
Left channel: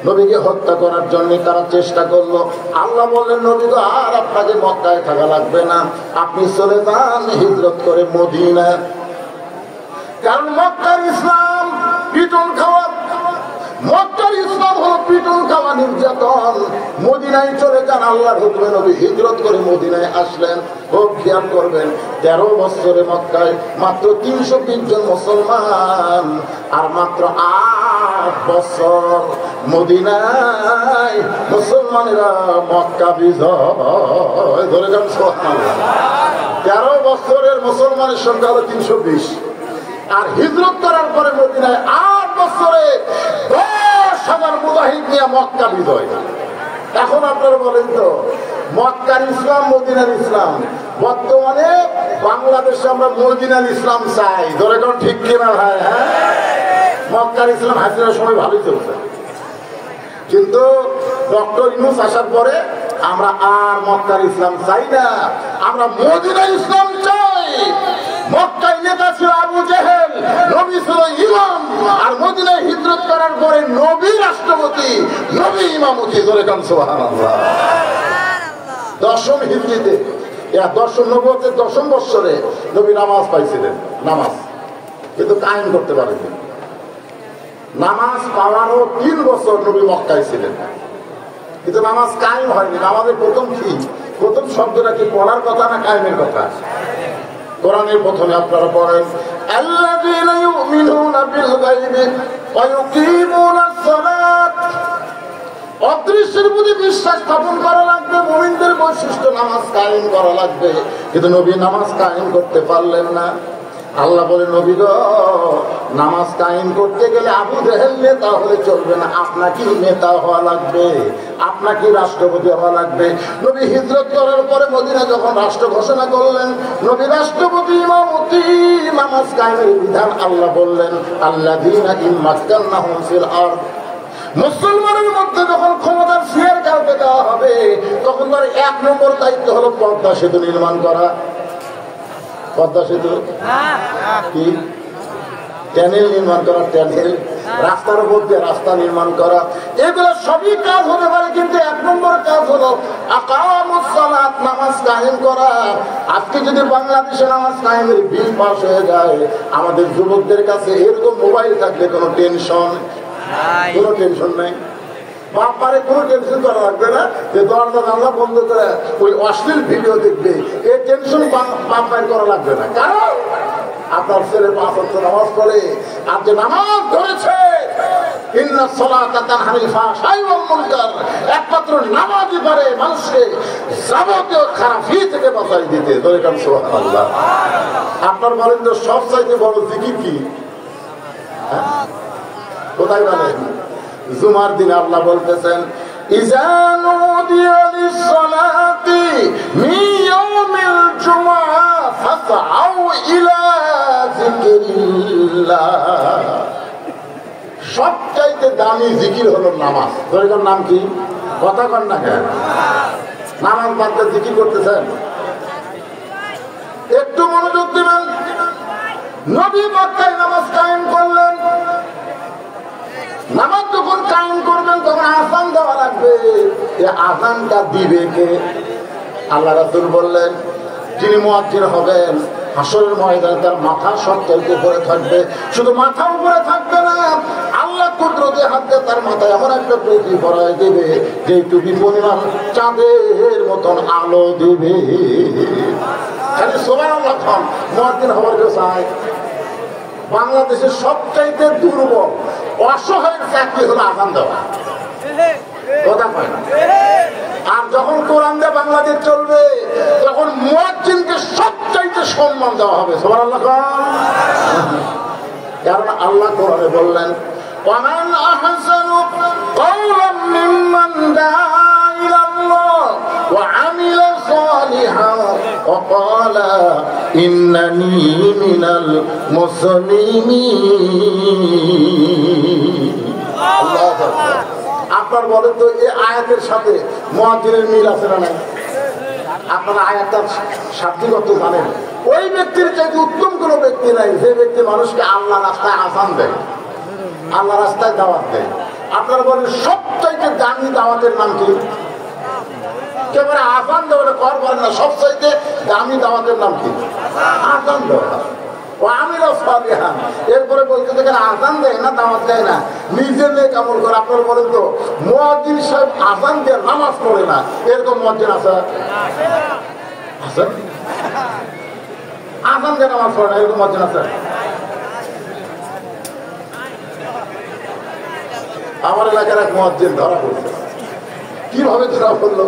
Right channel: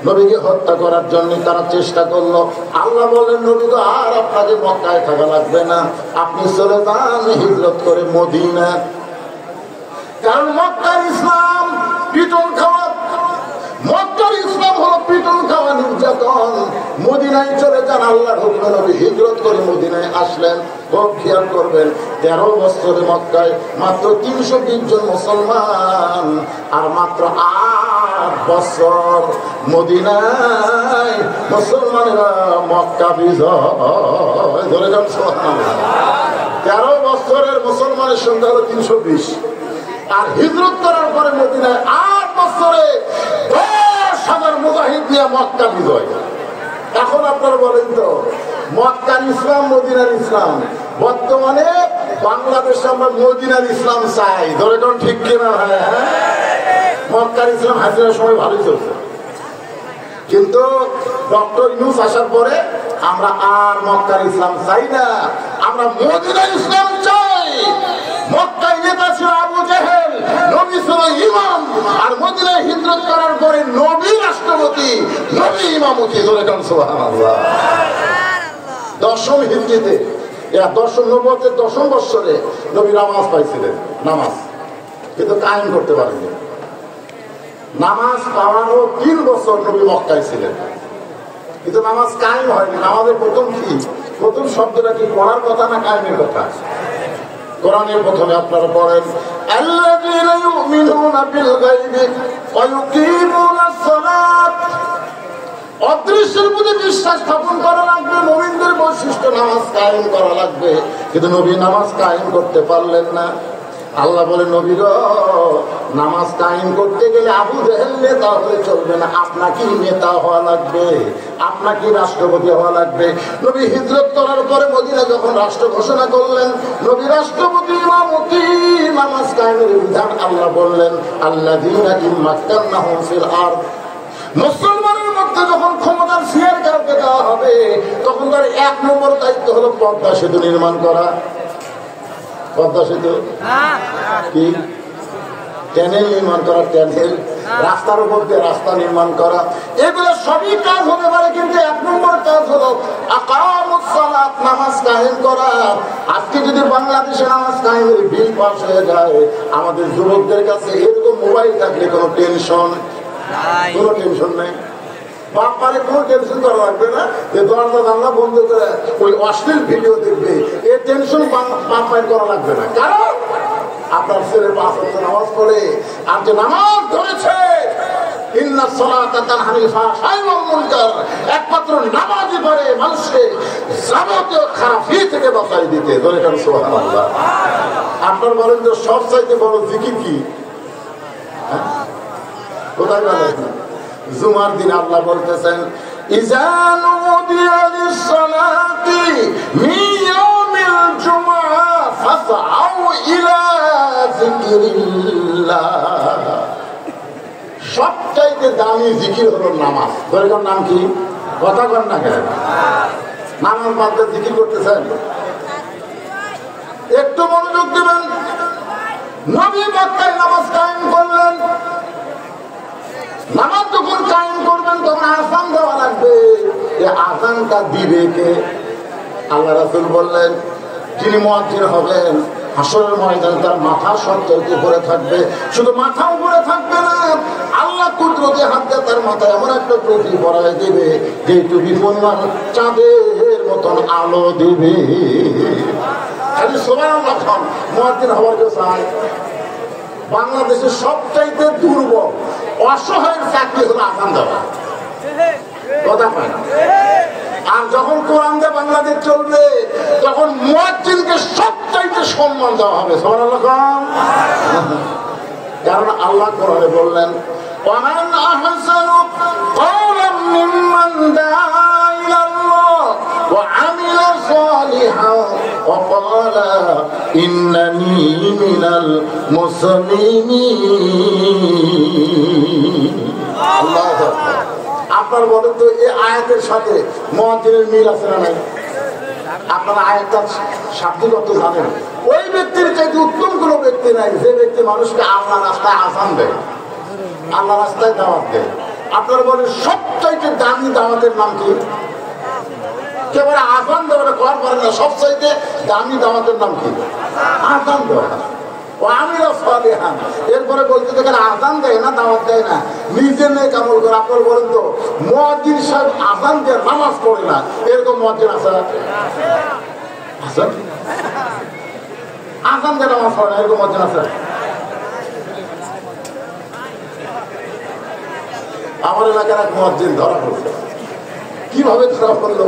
নবীকে হত্যা করার জন্য তারা চেষ্টা করলো। আল্লাহ বললেন, নবী তো আর আপনাকে মক্কায় থাকা লাগবে না, আপনি চলে যান হিজরত করে মদিনা। কারণ মক্কার ইসলাম পিটন খাওয়া, মক্কার ইসলাম হলো পিটন খাওয়া, নির্যাতন। মদিনায় চলে যান, আল্লাহর হুকুমে নবী হিজরত করে মদিনায় আসলেন। খুব খেয়াল করবেন, 13 বছরে মক্কায় মাত্র 320 জন মুসলমান, আর মাত্র 8 বছর মদিনায় মুসলমানেরা মক্কা বিজয়। ধরে যান সুবহানাল্লাহ। 13 বছরের মুসলমানের সংখ্যা হলো 320, আর হিজরত করার পরে মদিনায় 8 বছরে 10,000 মুজাহিদ নিয়ে মক্কা বিজয়। এখন আপনারা বলেন তো, মক্কার ইসলাম মদিনার ইসলাম, বর্তমানে বাংলাদেশে আমরা মদিনার ইসলাম চাই। ধরে কোন ঠিক কিনা ভাই? হ্যাঁ, মক্কার ইসলাম হাজিরার সময় ভালো চলছে, কিন্তু ডক্টর ইউনূস আসার পরে আমরা আর মক্কার ইসলাম চাই না, আমরা মদিনার ইসলাম চাই। মক্কায় নেতা ছিল আবু জেহেল, নবী ছিল ইমাম, আর মদিনায় হিজরত করার পরে নবী রাষ্ট্রপতি, নবী ইমামতি। ধরে কাম সুবহানাল্লাহ। 10ম হিজরিতে, 10ম নবুয়তের 10ম বৎসরে নবী নামাজ পাইছিলেন, নামাজ কিন্তু কায়েম করতে পারেননি। নামাজ পাওয়ানো 3 বছর নবী মক্কায় ছিলেন, কিন্তু নামাজ কায়েম হয়নি। নামাজের প্রথম কি, প্রথম শব্দটা কি পড়ার কথা না কায়েমের কথা? কোরআনের প্রথমে আপনারা পড়েন, আল্লাযীনা ইউমিনুনা বিল গায়বি ওয়া ইউকিমুনাস সালাত। অদৃশ্যের প্রতি বিশ্বাস স্থাপন করা লাগবে, মুমিনদের বৈশিষ্ট্য নামাজ কায়েম করা লাগবে। কিন্তু নবী নামাজ কায়েম করতে পারলেন না। আল্লাহ বলে, নবী গো, নামাজ কায়েম করতে গেলে আবু জেহেল নেতা হলে চলবে না, আপনাকে নেতা হওয়া লাগবে, আপনাকে রাষ্ট্রপতি হওয়া লাগবে। নবী হিজরত করার পরে মদিনা যখন রাষ্ট্র ঘোষণা করলেন, নবী রাষ্ট্রপতি ইমামতি, নামাজ কায়েমের বিধান আল্লাহ বললেন, আল্লাযীনা ইম্মাক্কান্নাহুম ফিল আরদ। মুসলমানের মধ্যে যখন ক্ষমতার শেয়ার কাউকে দেওয়া হবে, তখন তার 1 নম্বর দায়িত্ব হলো পদ্মা সেতু নির্মাণ করা। পদ্মা সেতু কি? ট্যানেল নির্মাণ করা, ট্যানেল, রাস্তার উপর দিয়ে রাস্তা নির্মাণ করা। এগুলো সবই কাজ হতে পারে, কিন্তু 1 নম্বর কাজ হলো আকামুস সালাত, নামাজ কায়েম করা। আজকে যদি বাংলাদেশে নামাজ কায়েমের বিল পাস হয়ে যায়, আমাদের যুবকদের কাছে এরকম মোবাইল থাকলে কোনো টেনশন নাই, কোনো টেনশন নেই। বাপারে কোনো টেনশন করা লাগবে না, যে দরজা জানলা বন্ধ করে ওই অশ্লীল ভিডিও দেখবে, এই টেনশন বাপায় করা লাগবে না। কারণ আপনার ছেলে 5 ওয়াক্ত নামাজ পড়ে, আর যে নামাজ ধরেছে, ইন্নাস সালাতা তানহা আনিল ফাহশাই ওয়াল মুনকার, একমাত্র নামাজই পারে মানুষকে যাবতীয় খারাপি থেকে বাঁচাই দিতে। সুবহানাল্লাহ। আপনার বলেন যে সবচাইতে বড় জিকির কি? কোথায় বলেন? জুমার দিন আল্লাহ বলতেছেন, ইযা নুদিয়া লিস-সালাতি মিন ইয়াউমিল জুমআহ ফাসআউ ইলা যিকরিল্লাহ। সবচাইতে দামি জিকির হলো নামাজ। দৈনিক নাম কি? কথা কন না কেন? নামাজ বাদে জিকির করতেছেন? একটু মনোযোগ দিবেন। নবী মক্কায় নামাজ কায়েম করলেন। নামাজ যখন কায়েম করবেন তখন আযান দেওয়া লাগবে। এই আযানটা দিবে কে? আল্লাহ রাসূল বললেন, যিনি মুয়াজ্জিন হবেন হাসরের ময়দানে তার মাথা সত্তরকে উপরে থাকবে, শুধু মাথা উপরে থাকবে না, আল্লাহ কুদরতে হাত দিয়ে তার মাথায় এমন একটা টুপি পরাই দেবে যে টুপি পরিমাণ চাঁদের মতন আলো দেবে। খালি সুবহানাল্লাহ খান মুয়াজ্জিন হওয়ার কেউ চায়? বাংলাদেশের সবচাইতে দুর্বল অসহায়ের চাকরি হলো আযান দেওয়া, কথা হয় না। আর যখন কোরআন দিয়ে বাংলাদেশ চলবে তখন মুয়াজ্জিনকে সবচাইতে সম্মান দেওয়া হবে। সুবহানাল্লাহ খান। কারণ আল্লাহ কোরআনে বললেন, ওয়ামান আহসানু কাওলাম মিম্মান দাআ ইলাল্লাহ ওয়া আমিলা সালিহান ওয়া ক্বালা ইন্নানী মিনাল মুসলিমিন। আল্লাহু আকবার। আপনার বলেন তো এই আয়াতের সাথে মুয়াজ্জিনের মিল আছে না নাই? আপনারা আয়াতটার শাব্দিক অর্থ জানেন? ওই ব্যক্তির চাইতে উত্তম কোন ব্যক্তি নাই যে ব্যক্তি মানুষকে আল্লাহ রাস্তায় আযান দেয়, আল্লাহ রাস্তায় দাওয়াত দেয়। আপনারা বলেন সবচাইতে দামি দাওয়াতের নাম কি? কেবল আযান দেওয়াটা কর পারে না, সবচাইতে দামি দাওয়াতের নাম কি? আযান দেওয়া। এরপরে বলতে দেখেন আযান দেয় না, দাওয়াত দেয় না, নিজের নেক আমল করে। আপনারা বলেন তো মুয়াজ্জিন সাহেব আযান দিয়ে নামাজ পড়ে না, এরকম মুয়াজ্জিন আছে? আযান দিয়ে নামাজ পড়ে না এরকম মুয়াজ্জিন আছে? আমার এলাকার এক মুয়াজ্জিন ধরা পড়ছে। কিভাবে ধরা পড়লো?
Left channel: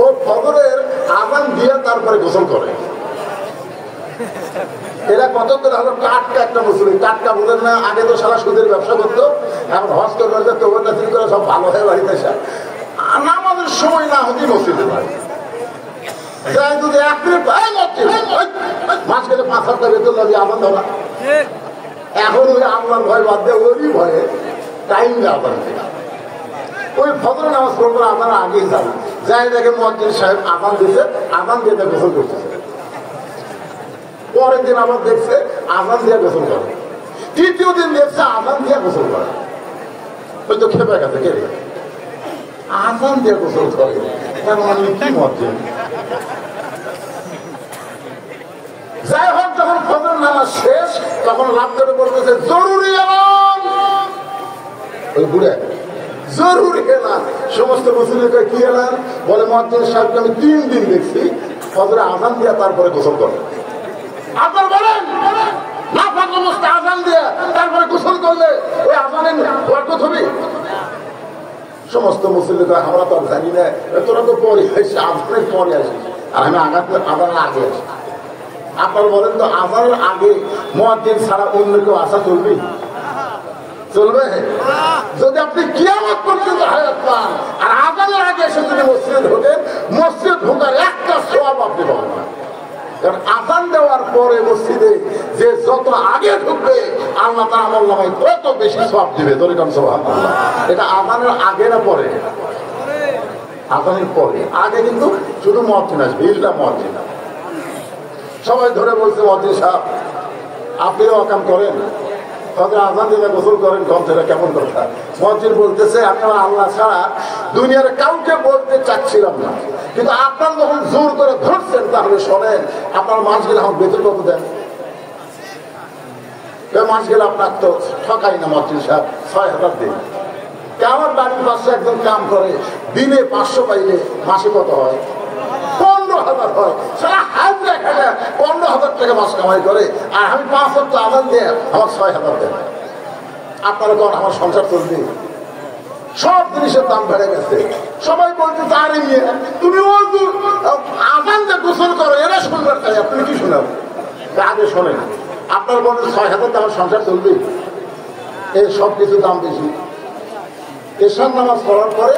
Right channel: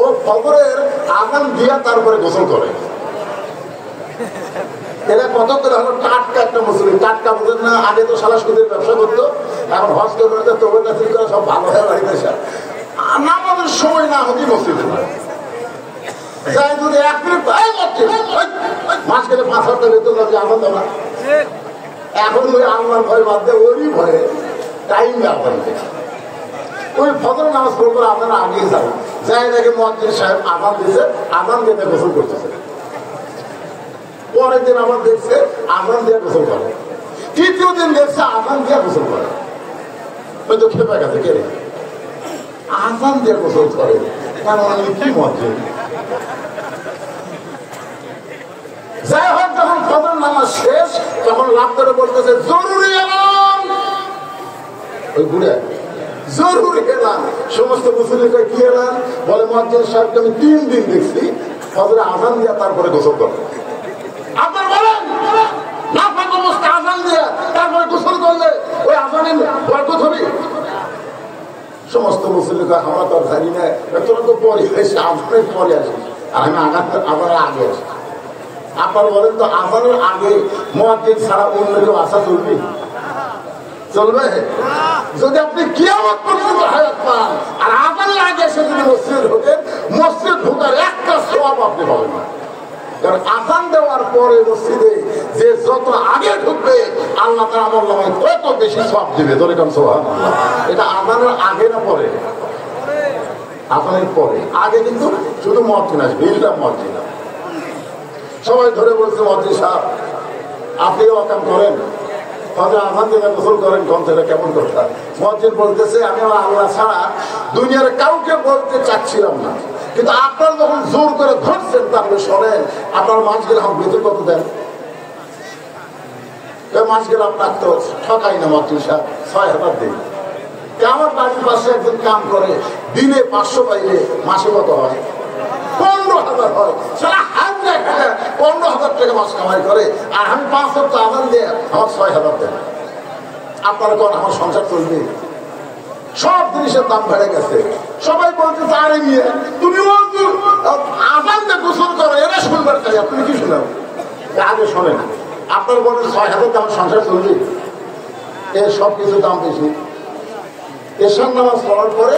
ও ফজরের আযান দিয়া তারপরে গোসল করে। এরা কত করে হলো টাটকা একটা মুসলিম, টাটকা বলেন না, আগে তো সারা সুদের ব্যবসা করতো, এখন হজ করতে তোবরটা ঠিক করে সব ভালো হয়ে বাড়িতে আসা। নামাজের সময় না হতেই মসজিদে যাই, যদি 1 মিনিট মাস গেলে 5,000 বেতন লাগে আনন্দ না। এখন ওই আল্লাহর ভয় বাদ দিয়ে ওরই ভয়ে টাইম না আদালতে ওই ফজর নামাজ পড়বো না, আপনারা আগেই যাবেন। যাই দেখে মুয়াজ্জিন সাহেব আযান দিচ্ছে, আযান দিয়ে গোসল করতেছে। পরের দিন আবার দেখছে আযান দিয়ে গোসল করে, তৃতীয় দিন দেখছে আযান দিয়ে গোসল করে। ওই তো খেপে গেছে, কে আযান দিয়ে গোসল করে, কি মুয়াজ্জিন। যাই হোক, যখন ফজর নামাজ শেষ তখন লাভ করে বলতেছে জরুরি এলান। এই বুড়ে জরুরি এলান। সমস্ত মুসলিমকে কি এলান বলে? মুয়াজ্জিন সাহেবকে আমি 3 দিন দেখছি ফজরে আযান দিয়ে তারপরে গোসল করে। আপনার বলেন না ফাঁকা আযান দিয়ে তারপরে গোসল করলে ওই আযানের বরকত হবে? সমস্ত মুসলিমকে আমরা তো জানি না, তোরা তো পরে এসে আজকে পরে আসিস, আর আমি আযানের আগে আসি। আপনার বলেন তো আযানের আগে মুয়াজ্জিন ছাড়া অন্য কেউ আসা চলবে? চলবে? যদি আপনি কিয়ামত পর্যন্ত হায়াত পান আর আযানের আগে এসে যদি মসজিদে ঢোকেন, মসজিদ ঢোকার একটা সওয়াব আপনি পাবেন না। কারণ আযান দেওয়ার পরে মসজিদে যে যত আগে ঢুকবে আল্লাহ তাআলা আমলনামায় তত বেশি সওয়াব দিবে। ধরে কাম সুবহানাল্লাহ। এটা আযানের আগে না পরে? আযানের পরে। আগে কিন্তু শুধু মুয়াজ্জিন আসবে, এটা মুয়াজ্জিন। সবাই ধরে বলছে মুয়াজ্জিন সাহেব আপনি তো কাম করেন, ফজর আযান দিয়ে গোসল করেন, কমছেটা কেমন কথা? মুয়াজ্জিন বলতেছে আপনারা আল্লাহ ছাড়া দুনিয়ার কাউকে বলতে চাচ্ছিলাম না, কিন্তু আপনার যখন জোর করে ধরছেন তাহলে শোনেন, আপনার মাস গেলে আমার বেতন কত দেন? মাস গেলে আপনার তো ঠকাই না মুয়াজ্জিন সাহেব, 6,000 দিন। আমার বাড়ির পাশে একজন কাম করে, দিনে 500 পাইলে মাসে কত হয়? 15,000 হয়। সারা হাত দেখা 15,000 টাকা মাস কামাই করে, আর আমি 5 সপ্তাহ আযান দিয়ে আমার 6,000 দেয়। আপনারা কোন আমার সংসার চলবে? সব জিনিসের দাম বেড়ে গেছে। সবাই বলতে আরে নিয়ে তুমি আযান দিয়ে গোসল করো, এরা শুনবার কাছে আপনি কি শুনাব? আগে শোনেন, আপনার বলতে 6,000 আমার সংসার চলবে? এর সব কিছু দাম বেশি। এশার নামাজ পড়ার পরে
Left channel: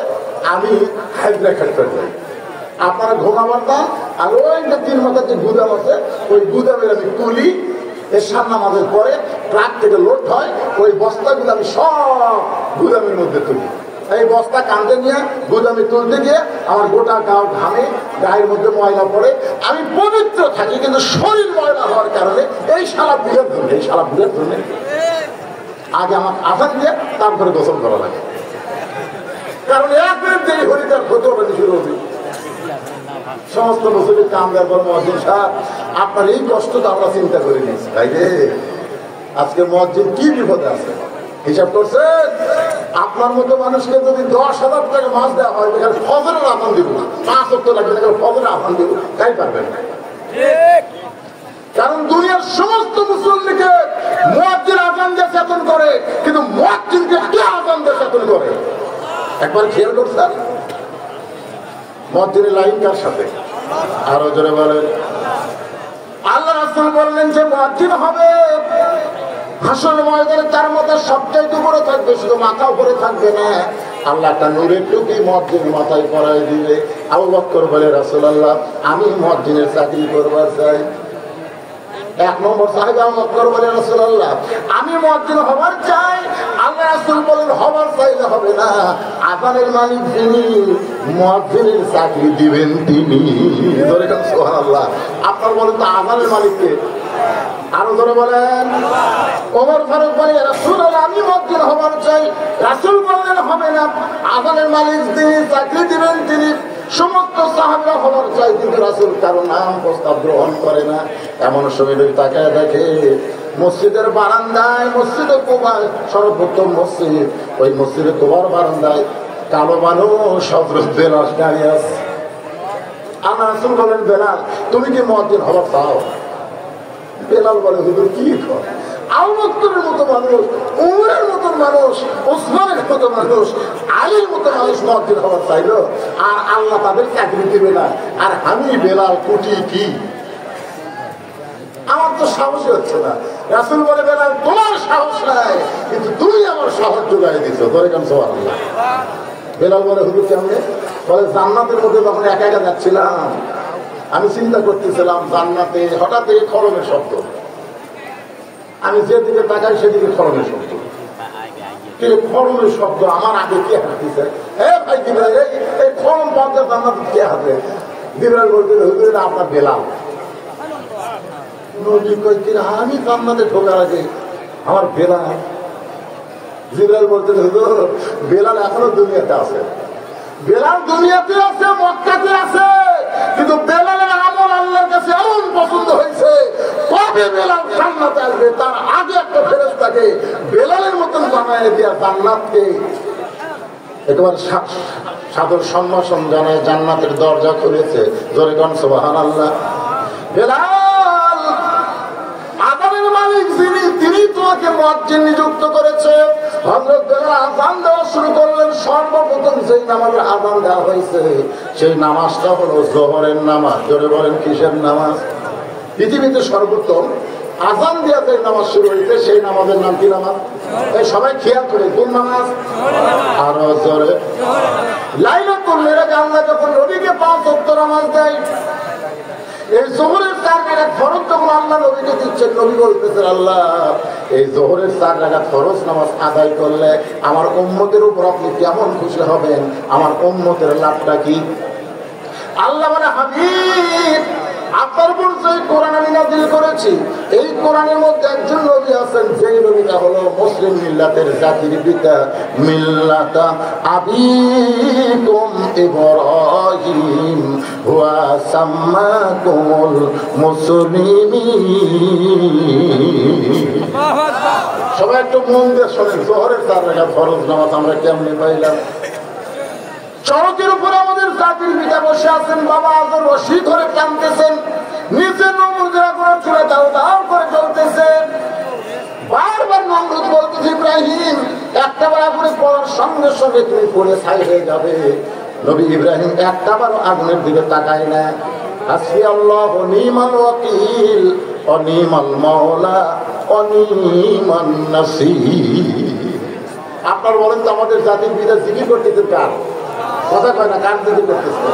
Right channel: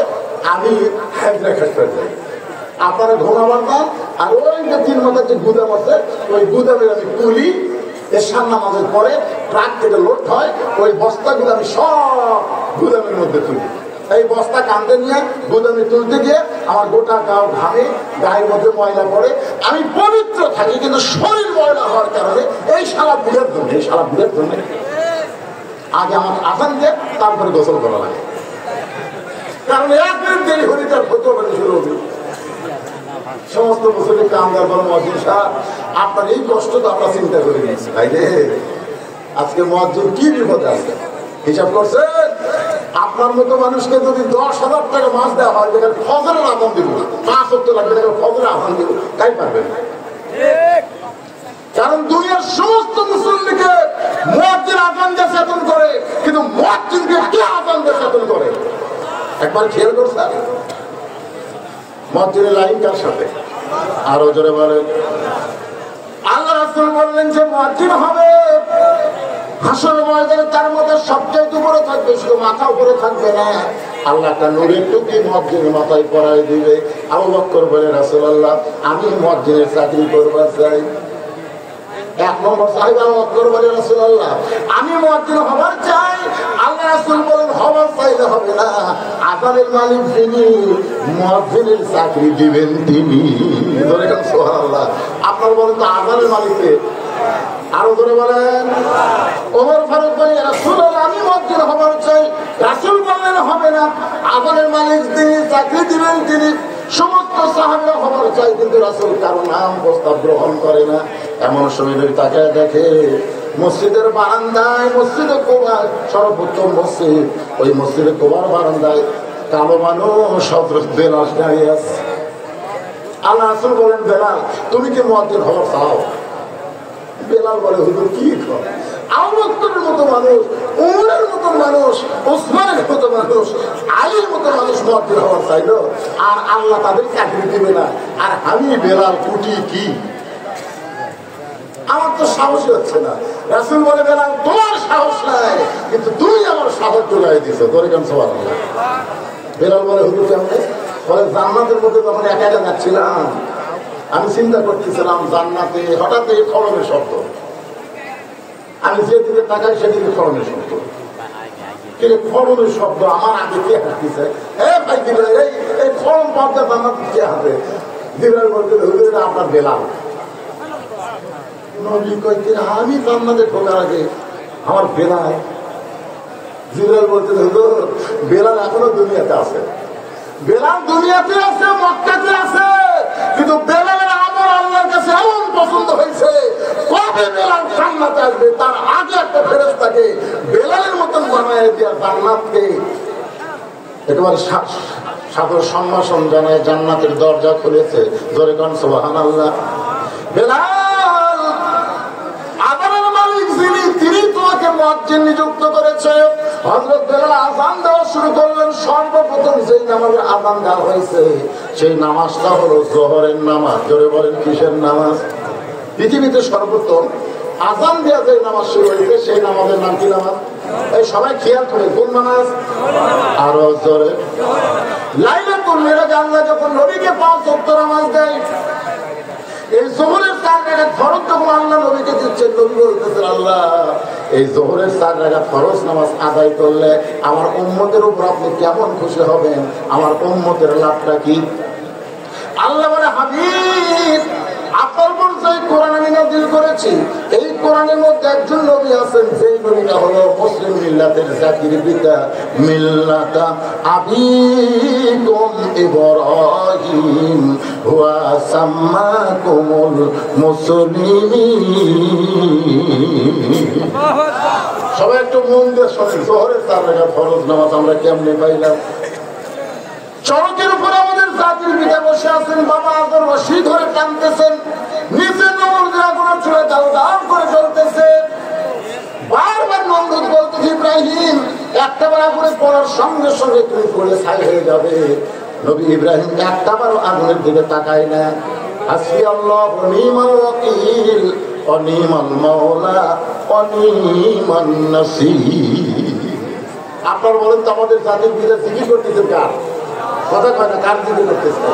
আমি হাইব্রা খেট করে যাই, আপনারা ঘুমাবার না, আর ওই যে 3 মাথার যে গুদাম আছে ওই গুদামের আমি তুলি। এশার নামাজের পরে ট্রাক থেকে লোড হয়, ওই বস্তাগুলো আমি সব গুদামের মধ্যে তুলি। এই বস্তা কাঁধে নিয়ে গুদামে তুলতে গিয়ে আমার গোটা গাও ঘামে, গায়ের মধ্যে ময়লা পড়ে, আমি পবিত্র থাকি, কিন্তু শরীর ময়লা হওয়ার কারণে এই সারা বুড়ের জন্য আগে আমার আযান দিয়ে তারপরে গোসল করা লাগে। কারণ একের দেরি হলে তার ক্ষতি হবে শুরু হবে। সমস্ত মুসলিম কামদার মসজিদ সাহেব, আপনার এই কষ্টটা আমরা চিন্তা করে নিয়েছি ভাই রে। আজকে মসজিদ কি বিপদ আছে হিসাব করছেন? আপনার মতো মানুষকে যদি 10,000 টাকা মাছ দেওয়া হয়, যেখানে ফজরের আদান দিব না, 5 ওয়াক্ত লাগে, যেখানে ফজরের আদান দিব, তাই পারবেন না। কারণ দুনিয়ার সমস্ত মুসল্লিকে মুয়াজ্জিন আযান দিয়ে চেতন করে, কিন্তু মুয়াজ্জিনকে কে আযান দিয়ে চেতন করে? একবার খেয়াল করছেন? মুয়াজ্জিনের লাইন কার সাথে? আরো জোরে বলেন। আল্লাহ রাসূল বললেন যে মুয়াজ্জিন হবে হাসর ময়দানে তার মধ্যে সবচাইতে উপরে থাকবে, শুধু মাথা উপরে থাকবে না, আল্লাহ তার নূরের টুপি মুয়াজ্জিন মাথায় পরায় দিবে। আবু বকর বলে, রাসূলুল্লাহ আমি মুয়াজ্জিনের চাকরি করবার চাই। 1 নম্বর সাহাবা আবু বকর বলে, রাসূলুল্লাহ আমি মুয়াজ্জিন হবার চাই। আল্লাহ রাসূল বলেন, হবার চাইলে হবে না, আযানের মালিক যিনি, মুয়াজ্জিনের চাকরি দিবেন তিনি। বলেন সুবহানাল্লাহ। আপনার বলেন তো আযানের মালিককে? আরো ধরে বলেন। ওমর ফারুক বলে, রাসূলুল্লাহ আমি মুয়াজ্জিন হবার চাই। রাসূল বললেন হবে না, আযানের মালিক যিনি, চাকরি দিবেন তিনি। সমস্ত সাহাবা হবার চাই, কিন্তু রাসূল কারো নাম প্রস্তাব গ্রহণ করে না। এমন শরীরের তাকায় দেখে মসজিদের বারান্দায়, মসজিদে কুবার সর্বোত্তম মসজিদ, ওই মসজিদে কুবার বারান্দায় কালো মানুষ বেলাল দাঁড়িয়ে আছে। আল্লাহ রাসূল বলেন, বেলাল তুমি কি মুয়াজ্জিন হবার চাও? বেলাল বলে, হুজুর কি আবু বকরের মতো মানুষ, উমরের মতো মানুষ, ওসমানের মতো মানুষ, আলীর মতো মানুষ মুয়াজ্জিন হবার চাইল, আর আল্লাহ তাদের চাকরি দিবে না, আর আমি বেলাল কুটি কি? আমার তো সাহস হচ্ছে না। রাসূল বলে, বেলাল তোমার সাহস নাই, কিন্তু তুমি আমার সাহস জোগাই দিছো। ধরে কেন সুবহানাল্লাহ। বেলাল বলে, হুজুর কেমনে? বলে, জান্নাতের মধ্যে যখন একা একা যাচ্ছিলাম, আমি চিন্তা করতেছিলাম জান্নাতে, হঠাৎ এই খলমের শব্দ, আমি যেদিকে তাকাই সেদিকে খলমের শব্দ। খলমের শব্দ আমার আগে কে হাঁটতেছে? ভাই দিবেন এই খলম পথে জান্নাতে কে হাঁটে? দিবেন বলতে, হুজুর আপনার বেলাল। আমি জান্নাতে ঢোকার আগে আমার বেলাল। জিলাল বলতে, হুজুর বেলাল এখনো দুনিয়াতে আছে। বেলাল দুনিয়াতে আছে, মক্কাতে আছে, কিন্তু বেলালের আমল আল্লাহর কাছে এমন পছন্দ হয়েছে, কবে বেলাল জান্নাতে আসবে তার আগে একটা ফেরেশতাকে বেলালের মতন জানায় দিয়া জান্নাতকে একেবারে সাদর সম্ভাষণ জানায় জান্নাতের দরজা খুলেছে। ধরে কোন সুবহানাল্লাহ। বেলাল আযানের মালিক যিনি, তিনি তোমাকে মুয়াজ্জিন নিযুক্ত করেছে। হযরত বেলাল আযান দেওয়া শুরু করলেন। সর্বপ্রথম যেই নামাজে আযান দেওয়া হয়েছে সেই নামাজটা হলো যোহরের নামাজ। ধরে বলেন কিসের নামাজ? পৃথিবীতে সর্বপ্রথম আযান দেওয়া যে নামাজ শুরু হয়েছে সেই নামাজের নাম কি নামাজ? এই সবাই খেয়াল করে, কোন নামাজ? আরো জোরে। লাইলাতুল মিরাজ আল্লাহ যখন নবীকে 5 ওয়াক্ত নামাজ দেয়, এই যোহরের 4 রাকাত ফরজ যখন আল্লাহ নবীকে দিচ্ছেন, নবী বলতেছেন, আল্লাহ এই যোহরের 4 রাকাত ফরজ নামাজ আদায় করলে আমার উম্মতের উপর আপনি কেমন খুশি হবেন, আমার উম্মতের লাভটা কি? আল্লাহ বলে, হাবিব আপনার উপর যে কোরআন আমি নাযিল করেছি, এই কোরআনের মধ্যে একজন নবী আছেন, সেই নবীটা হলো মুসলিম মিল্লাতের জাতির পিতা, মিল্লাতা আবিকুম ইব্রাহিম ওয়া সাম্মাকুমুল মুসলিমিন। সবাই একটু মন দিয়ে শোনেন, যোহরের 4 রাকাত ফরজ নামাজ আমরা কেমনে পাইলাম? চরকের উপর আমাদের জাতির পিতা বসে আছেন, বাবা আদর রশি ধরে টানতেছেন, নিচে নমল দেওয়া করে চুলে দাও দাও করে চলতেছে। বারবার নমরুদ বলতেছে, ইব্রাহিম একটা বার আগুনে পড়ার সঙ্গে সঙ্গে তুমি পড়ে ছাই হয়ে যাবে। নবী ইব্রাহিম একটা বার আগুনের দিকে তাকায় না। হাসবি আল্লাহ ওয়া নি'মাল ওয়াকিল ওয়া নি'মাল মাওলা ওয়া নি'মান নাসীর। আপনার বলেন তো আমাদের জাতির পিতা জিকির করতেছেন কার? কথা কয় না, কার দিকে করতেছে?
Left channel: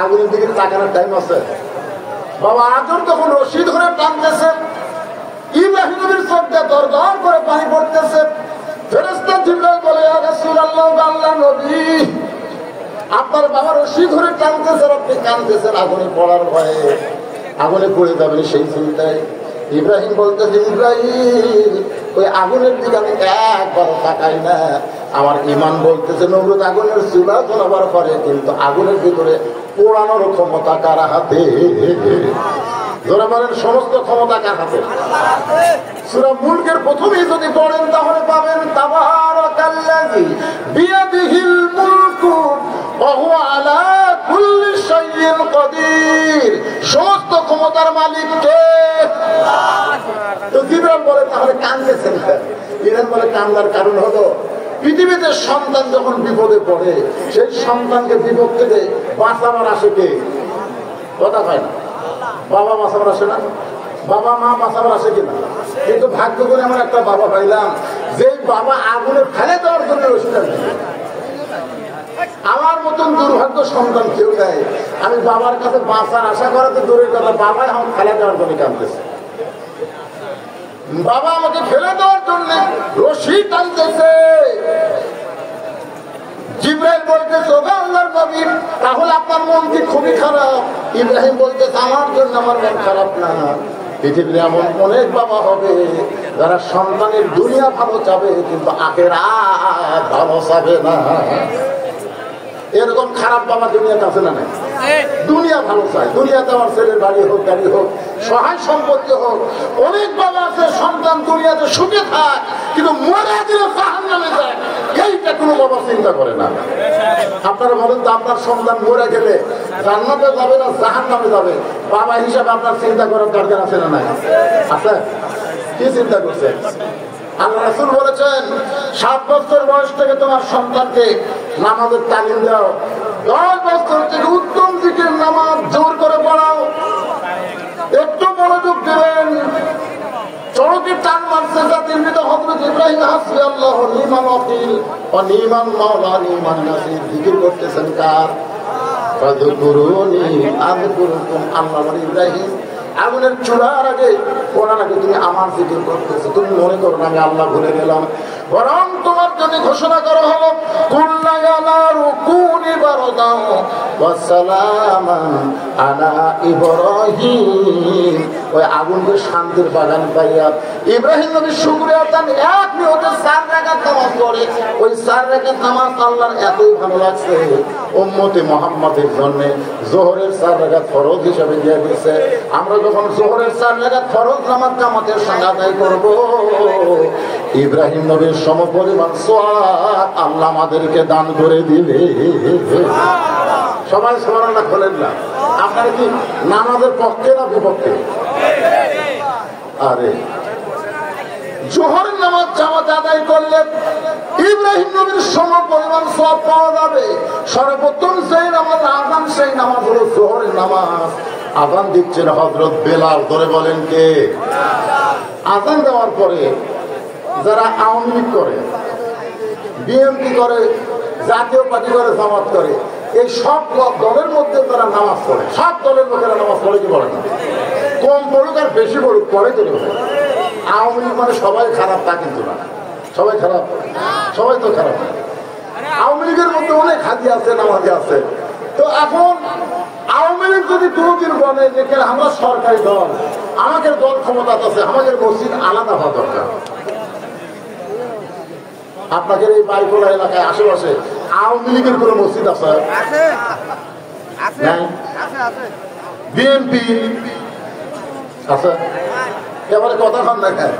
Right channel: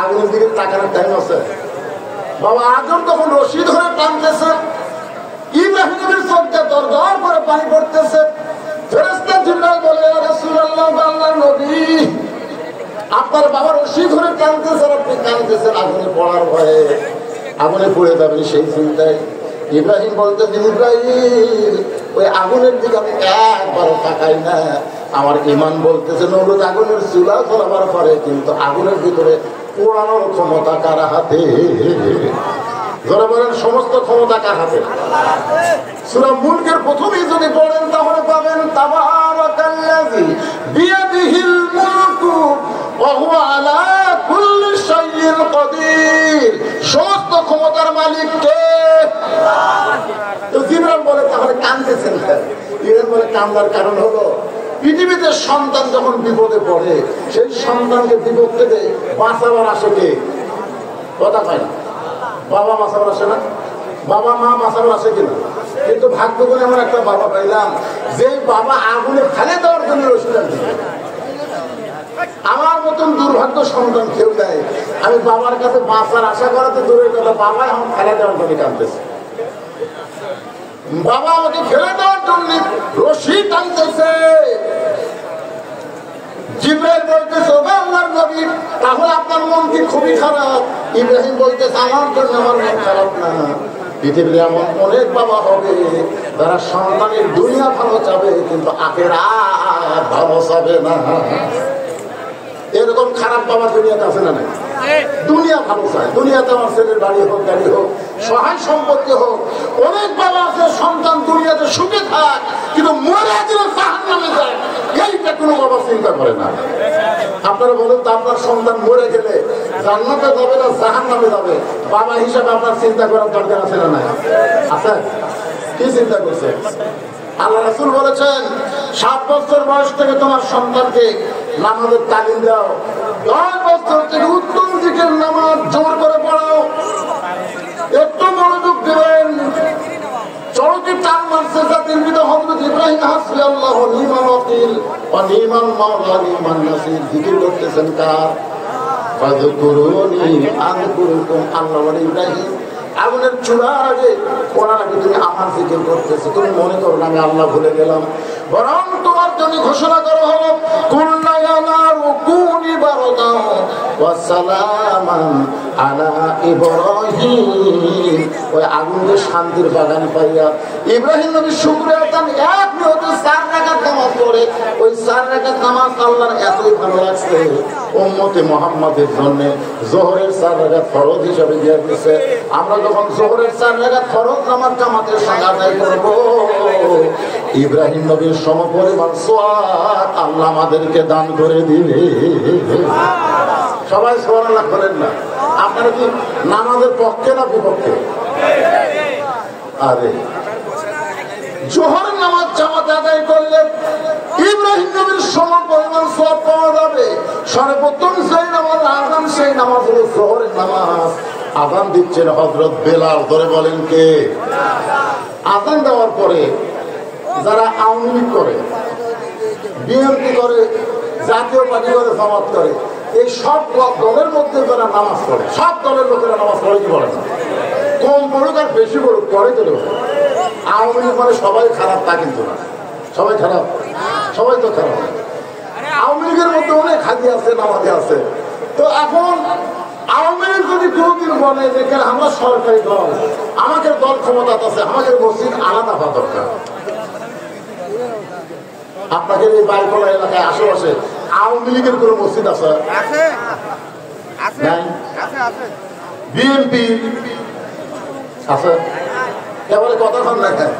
আগুনের দিকে তাকানোর টাইম আছে? বাবা আদর তখন রশি ধরে টানতেছে, ইব্রাহিমের চোখ দিয়ে দর দর করে পানি পড়তেছে। ফেরেশতা জিবরাইল বলে, ইয়া রাসূলুল্লাহ, আল্লাহর নবী আপনার বাবা রশি ধরে টানতেছে, আপনি কাঁদতেছেন আগুনে পড়ার ভয়ে, আগুনে পড়ে যাবেন সেই চিন্তায়। ইব্রাহিম বলতেছে, ইব্রাহিম ওই আগুনের দিকে আমি একবারও তাকাই না, আমার ইমান বলতেছে নরুদ আগুনের চুলা ধরাবার পারে, কিন্তু আগুনের ভিতরে পোড়ানোর ক্ষমতা কার হাতে? ধরে বলেন সমস্ত ক্ষমতা কার হাতে? সূরা মুলকের প্রথমেই যদি পড়েন তাহলে পাবেন তাবারাকাল্লাযী বিয়াদিহিল মুলকু ওয়া হুয়া আলা কুল্লি শাইইন কাদির। সমস্ত ক্ষমতার মালিক কে? তো জিবরাইল বলে তাহলে কাঁদতেছেন কেন? জিবরাইল বলে কান্দার কারণ হলো পৃথিবীতে সন্তান যখন বিপদে পড়ে সেই সন্তানকে বিপদ থেকে বাঁচাবার আসে কে? কথা পায় না। বাবা বাঁচাবার আসে না, বাবা মা বাঁচাবার আসে কিনা? কিন্তু ভাগ্য করে আমার একটা বাবা পাইলাম যে বাবা আগুনে ফেলে দেওয়ার জন্য রসিদার। আমার মতন দুর্ভাগ্য সন্তান কেউ দেয়। আমি বাবার কাছে বাঁচার আশা করাতে দূরের কথা, বাবা আমার ফেলে দেওয়ার জন্য কাঁদতেছে। বাবা আমাকে ফেলে দেওয়ার জন্য রশি টানতেছে। জিবরাইল বলতেছে ওগো আল্লাহর নবী, তাহলে আপনার মন কি খুবই খারাপ? ইব্রাহিম বলতেছে আমার জন্য আমার মন খারাপ না। পৃথিবীর এমন অনেক বাবা হবে যারা সন্তানের দুনিয়া ভালো চাবে কিন্তু আখিরাত ভালো চাবে না। এরকম খারাপ বাবা দুনিয়াতে আছে না? দুনিয়া ভালো চায়, দুনিয়াতে আমার ছেলে গাড়ি হোক, গাড়ি হোক, সহায় সম্পত্তি হোক। অনেক বাবা আছে সন্তান দুনিয়াতে সুখে থাক কিন্তু মরে দিলে জাহান্নামে যায়, এইটা কোনো বাবা চিন্তা করে না। আপনারা বলেন তো আপনার সন্তান মরে গেলে জান্নাতে যাবে না জাহান্নামে যাবে, বাবা হিসাবে আপনার চিন্তা করার দরকার আছে না? আছে? কি চিন্তা করছে? আল্লাহ রাসূল বলেছেন 7 বছর বয়স থেকে তোমার সন্তানকে নামাজের তালিম দাও, 10 বছর থেকে উত্তম দিকের নামাজ জোর করে পড়াও। একটু মনোযোগ দেবেন। চরকে টান মারছে জাতির পিতা হযরত ইব্রাহিম হাসবি আল্লাহ ওয়া নি'মাল ওয়াকিল ওয়া নি'মাল মাওলা নি'মান নাসির জিকির করতেছেন কার? ফাযকুরুনি আযকুরুকুম। আল্লাহ বলে ইব্রাহিম আগুনের চুলার আগে পড়ার আগে তুমি আমার জিকির করতেছো, তুমি মনে করো না আমি আল্লাহ ভুলে গেলাম। বরং তোমার জন্য ঘোষণা করা হলো কুল্লা ইয়া নারু কুনি বারদান ওয়া সালামান আলা ইব্রাহিম। ওই আগুনের শান্তির বাগান পাইয়া ইব্রাহিম নবী শুকরিয়া আদান এক মিনিটে 4 রাকাত নামাজ পড়ে। ওই 4 রাকাত নামাজ আল্লাহর এতই ভালো লাগছে উম্মতে মুহাম্মাদের জন্য যোহরের 4 রাকাত ফরজ হিসেবে দিয়ে দিয়েছে। আমরা যখন যোহরের 4 রাকাত ফরজ নামাজ জামাতের সঙ্গে আদায় করব, ইব্রাহিম নবীর সমপরিমাণ সওয়াব আল্লাহ আমাদেরকে দান করে দিবে। সবাই সুবহানাল্লাহ বলেন না? আপনারা কি নামাজের পক্ষে না বিপক্ষে? আরে জোহর নামাজ জামাত আদায় করলে ইব্রাহিম নবীর সমপরিমাণ সওয়াব পাওয়া যাবে। সর্বপ্রথম সেই নামাজ আযান, সেই নামাজ হলো জোহরের নামাজ। আযান দিচ্ছেন হযরত বেলাল। ধরে বলেন কে? আযান দেওয়ার পরে যারা আওয়ামী লীগ করে, বিএনপি করে, জাতীয় পার্টি করে, জামাত করে, এই সব দলের মধ্যে যারা নামাজ পড়ে, সব দলের লোকেরা নামাজ পড়ে কি পড়ে না? কম পড়ুক আর বেশি পড়ুক, পড়ে তো লোক। আওয়ামী লীগ মানে সবাই খারাপ তা কিন্তু না। সবাই খারাপ? সবাই তো খারাপ। আওয়ামী লীগের মধ্যে অনেক হাজি আছে, নামাজি আছে। তো এখন আওয়ামী লীগ যদি কোনোদিন বলে যে আমার সরকারি দল, আমাদের দল ক্ষমতা আছে, আমাদের মসজিদ আলাদা হওয়া দরকার। আপনাদের এই বাড়িখোলা এলাকায় আশেপাশে আওয়ামী লীগের কোন মসজিদ আছে? বিএনপি আছে? এবারে কথা কন দেখেন,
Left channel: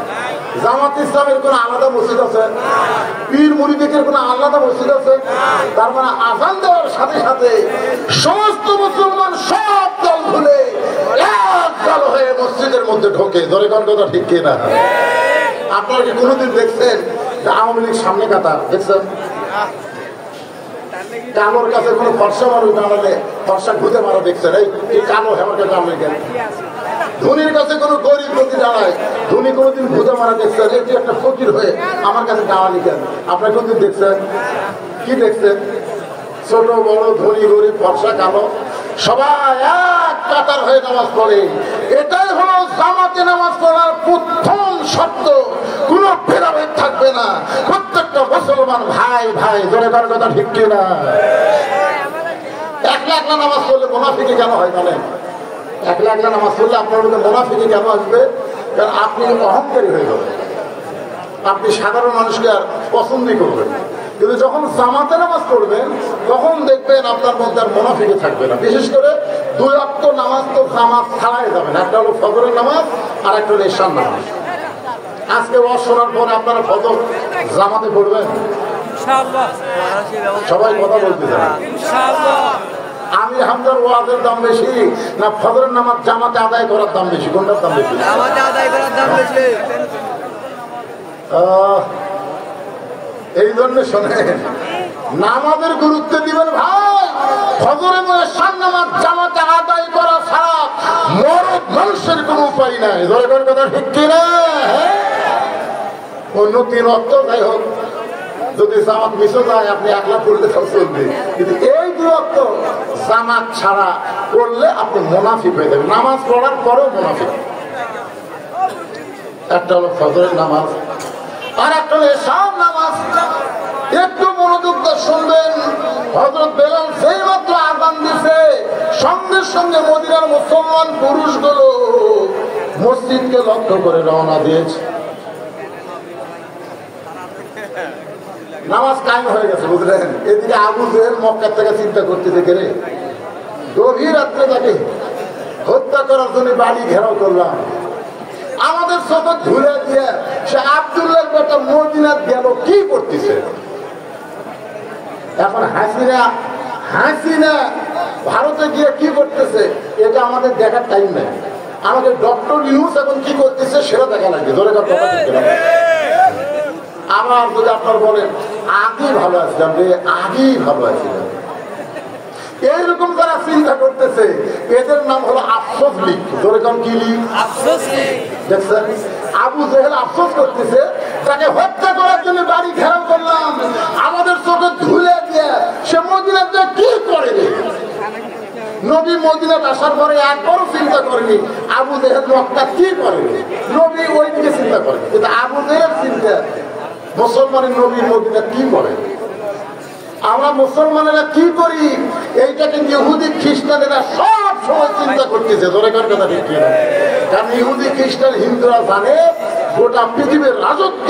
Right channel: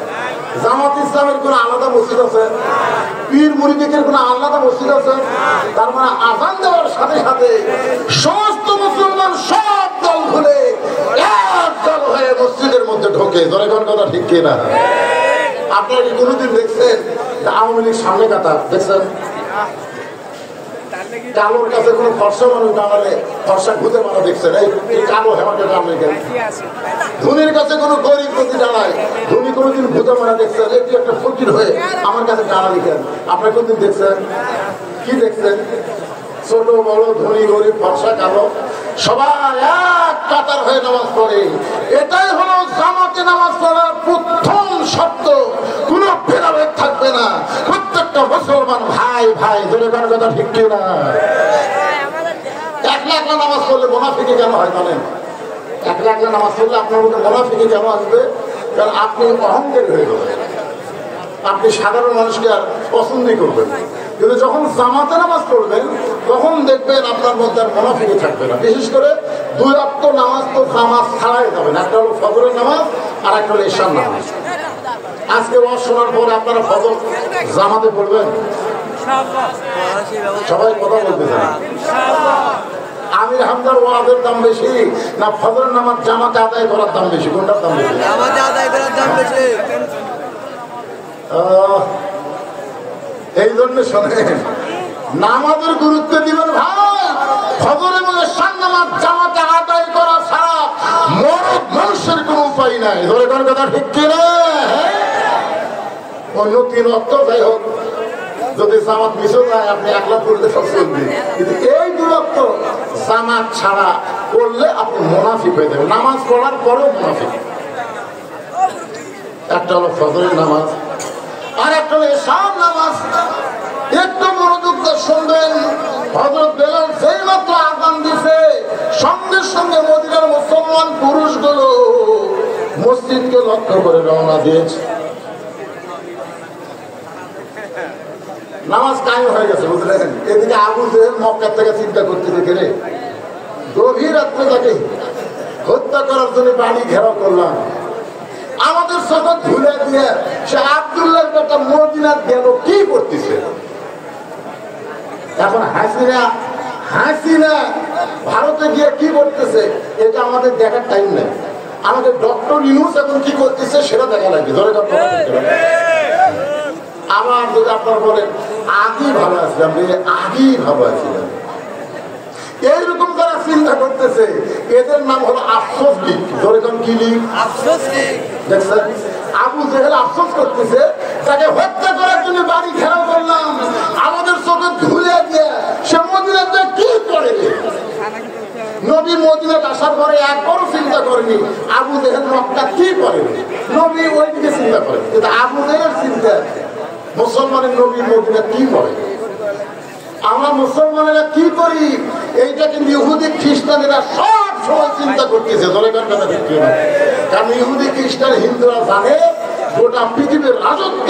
জামাত ইসলামের কোন আলাদা মসজিদ আছে? পীর মুরিদের কোন আলাদা মসজিদ আছে? তার মানে আযান দেওয়ার সাথে সাথে সমস্ত মুসলমান সব দল ভুলে এক দল হয়ে মসজিদের মধ্যে ঢোকে। ধরে কোন কথা ঠিক কিনা? আপনারা কি কোনোদিন দেখছেন আওয়ামী লীগ সামনে কাতার দেখছেন? কালোর কাছে কোন ফর্সা মানুষ দাঁড়ালে ফর্সা ঘুরে মারা দেখছেন? এই কালো হেমাকে দাঁড়ালে কেন? ধনির কাছে কোন গরিব প্রতি দাঁড়ায়, ধনী কোনোদিন ঘুরে মারা দেখছেন? এই একটা ফকির হয়ে আমার কাছে দাঁড়ালি কেন? আপনারা কোনদিন দেখছেন? কি দেখছেন? ছোট বড়, ধনী গরিব, ফর্সা কালো সবাই এক কাতার হয়ে নামাজ পড়ে। এটাই হলো জামাতে নামাজ পড়ার প্রথম শব্দ। কোন ভেদাভেদ থাকবে না, প্রত্যেকটা মুসলমান ভাই ভাই। ধরে কার কথা ঠিক কিনা? একলা একলা নামাজ পড়লে মুনাফিকি কেন হয় জানেন? একলা একলা নামাজ পড়লে আপনার মধ্যে মুনাফিকি কেন আসবে? কারণ আপনি অহংকারী হয়ে গেলেন, আপনি সাধারণ মানুষকে আর পছন্দই করবেন। কিন্তু যখন জামাতে নামাজ পড়বেন তখন দেখবেন আপনার মধ্যে আর মুনাফিকি থাকবে না। বিশেষ করে 2 ওয়াক্ত নামাজ তো জামাত ছাড়াই যাবেন, একটা হলো ফজরের নামাজ আর একটা হলো ইশার নামাজ। আজকে ওয়াজ শোনার পর আপনারা ফজর জামাতে পড়বেন? সবাই কথা বলতেছেন। আমি হামদার ওয়াজের দাম বেশি না ফজরের নামাজ জামাতে আদায় করার দাম বেশি? কোনটার দাম বেশি? জামাতে আদায় করার দাম বেশি। এই জন্য শোনেন, নামাজের গুরুত্ব দিবেন ভাই। ফজর এবং ইশার নামাজ জামাতে আদায় করা ছাড়া মরদ মানুষের কোন উপায় নাই। ধরে কোন কথা ঠিক কিনা? অন্য 3 ওয়াক্ত যাই হোক, যদি জামাত মিশে যায় আপনি একলা পড়লে সব চলবে, কিন্তু এই 2 ওয়াক্ত জামাত ছাড়া পড়লে আপনি মুনাফিক হয়ে যাবেন। নামাজ পড়ার পরেও মুনাফিক। একটা হলো ফজরের নামাজ আর একটা হলো ইশার নামাজ। একটু মনোযোগ দিয়ে শুনবেন। হযরত বেলাল যেই মাত্র আযান দিছে সঙ্গে সঙ্গে মদিনার মুসলমান পুরুষগুলো মসজিদকে লক্ষ্য করে রওনা দিয়েছে। নামাজ কায়েম হয়ে গেছে, বুঝলেন? এদিকে আবু জেহেল মক্কা থেকে চিন্তা করতে দেখে রে গভীর রাত্রে তাকে হত্যা করার জন্য বাড়ি ঘেরাও করলাম। আমাদের সাথে ঘুরে দিয়ে সে আব্দুল্লাহর বেটা মদিনা গেল কি করতেছে? এখন হাসিনা ভারতে গিয়ে কি করতেছে এটা আমাদের দেখার টাইম নেই। আমাদের ডক্টর ইউনূস এখন কি করতেছে সেটা দেখা লাগবে। ধরে আমার যদি আপনার বলেন আগেই ভালো আছি, আপনি আগেই ভালো আছি, এইরকম তারা চিন্তা করতেছে, এদের নাম হলো আফসোস লীগ। যেরকম কি লীগ? আফসোস লীগ। দেখছেন, আবু জেহেল আফসোস করতেছে তাকে হত্যা করার জন্য বাড়ি ঘেরাও করলাম, আমাদের চোখে ধুলে দিয়ে সে মদিনাতে কি করে? নবী মদিনাতে আসার পরে একবারও চিন্তা করেনি আবু জেহেল মক্কা কি করে। নবী ওই দিকে চিন্তা করে, কিন্তু আবু জেহেল চিন্তা মুসলমানের নবী মদিনা কি করে। আমরা মুসলমানেরা কি করি এইটা কিন্তু ইহুদি খ্রিস্টানেরা সব সময় চিন্তা করতেছে। কারণ ইহুদি খ্রিস্টান হিন্দুরা জানে গোটা পৃথিবীর রাজত্ব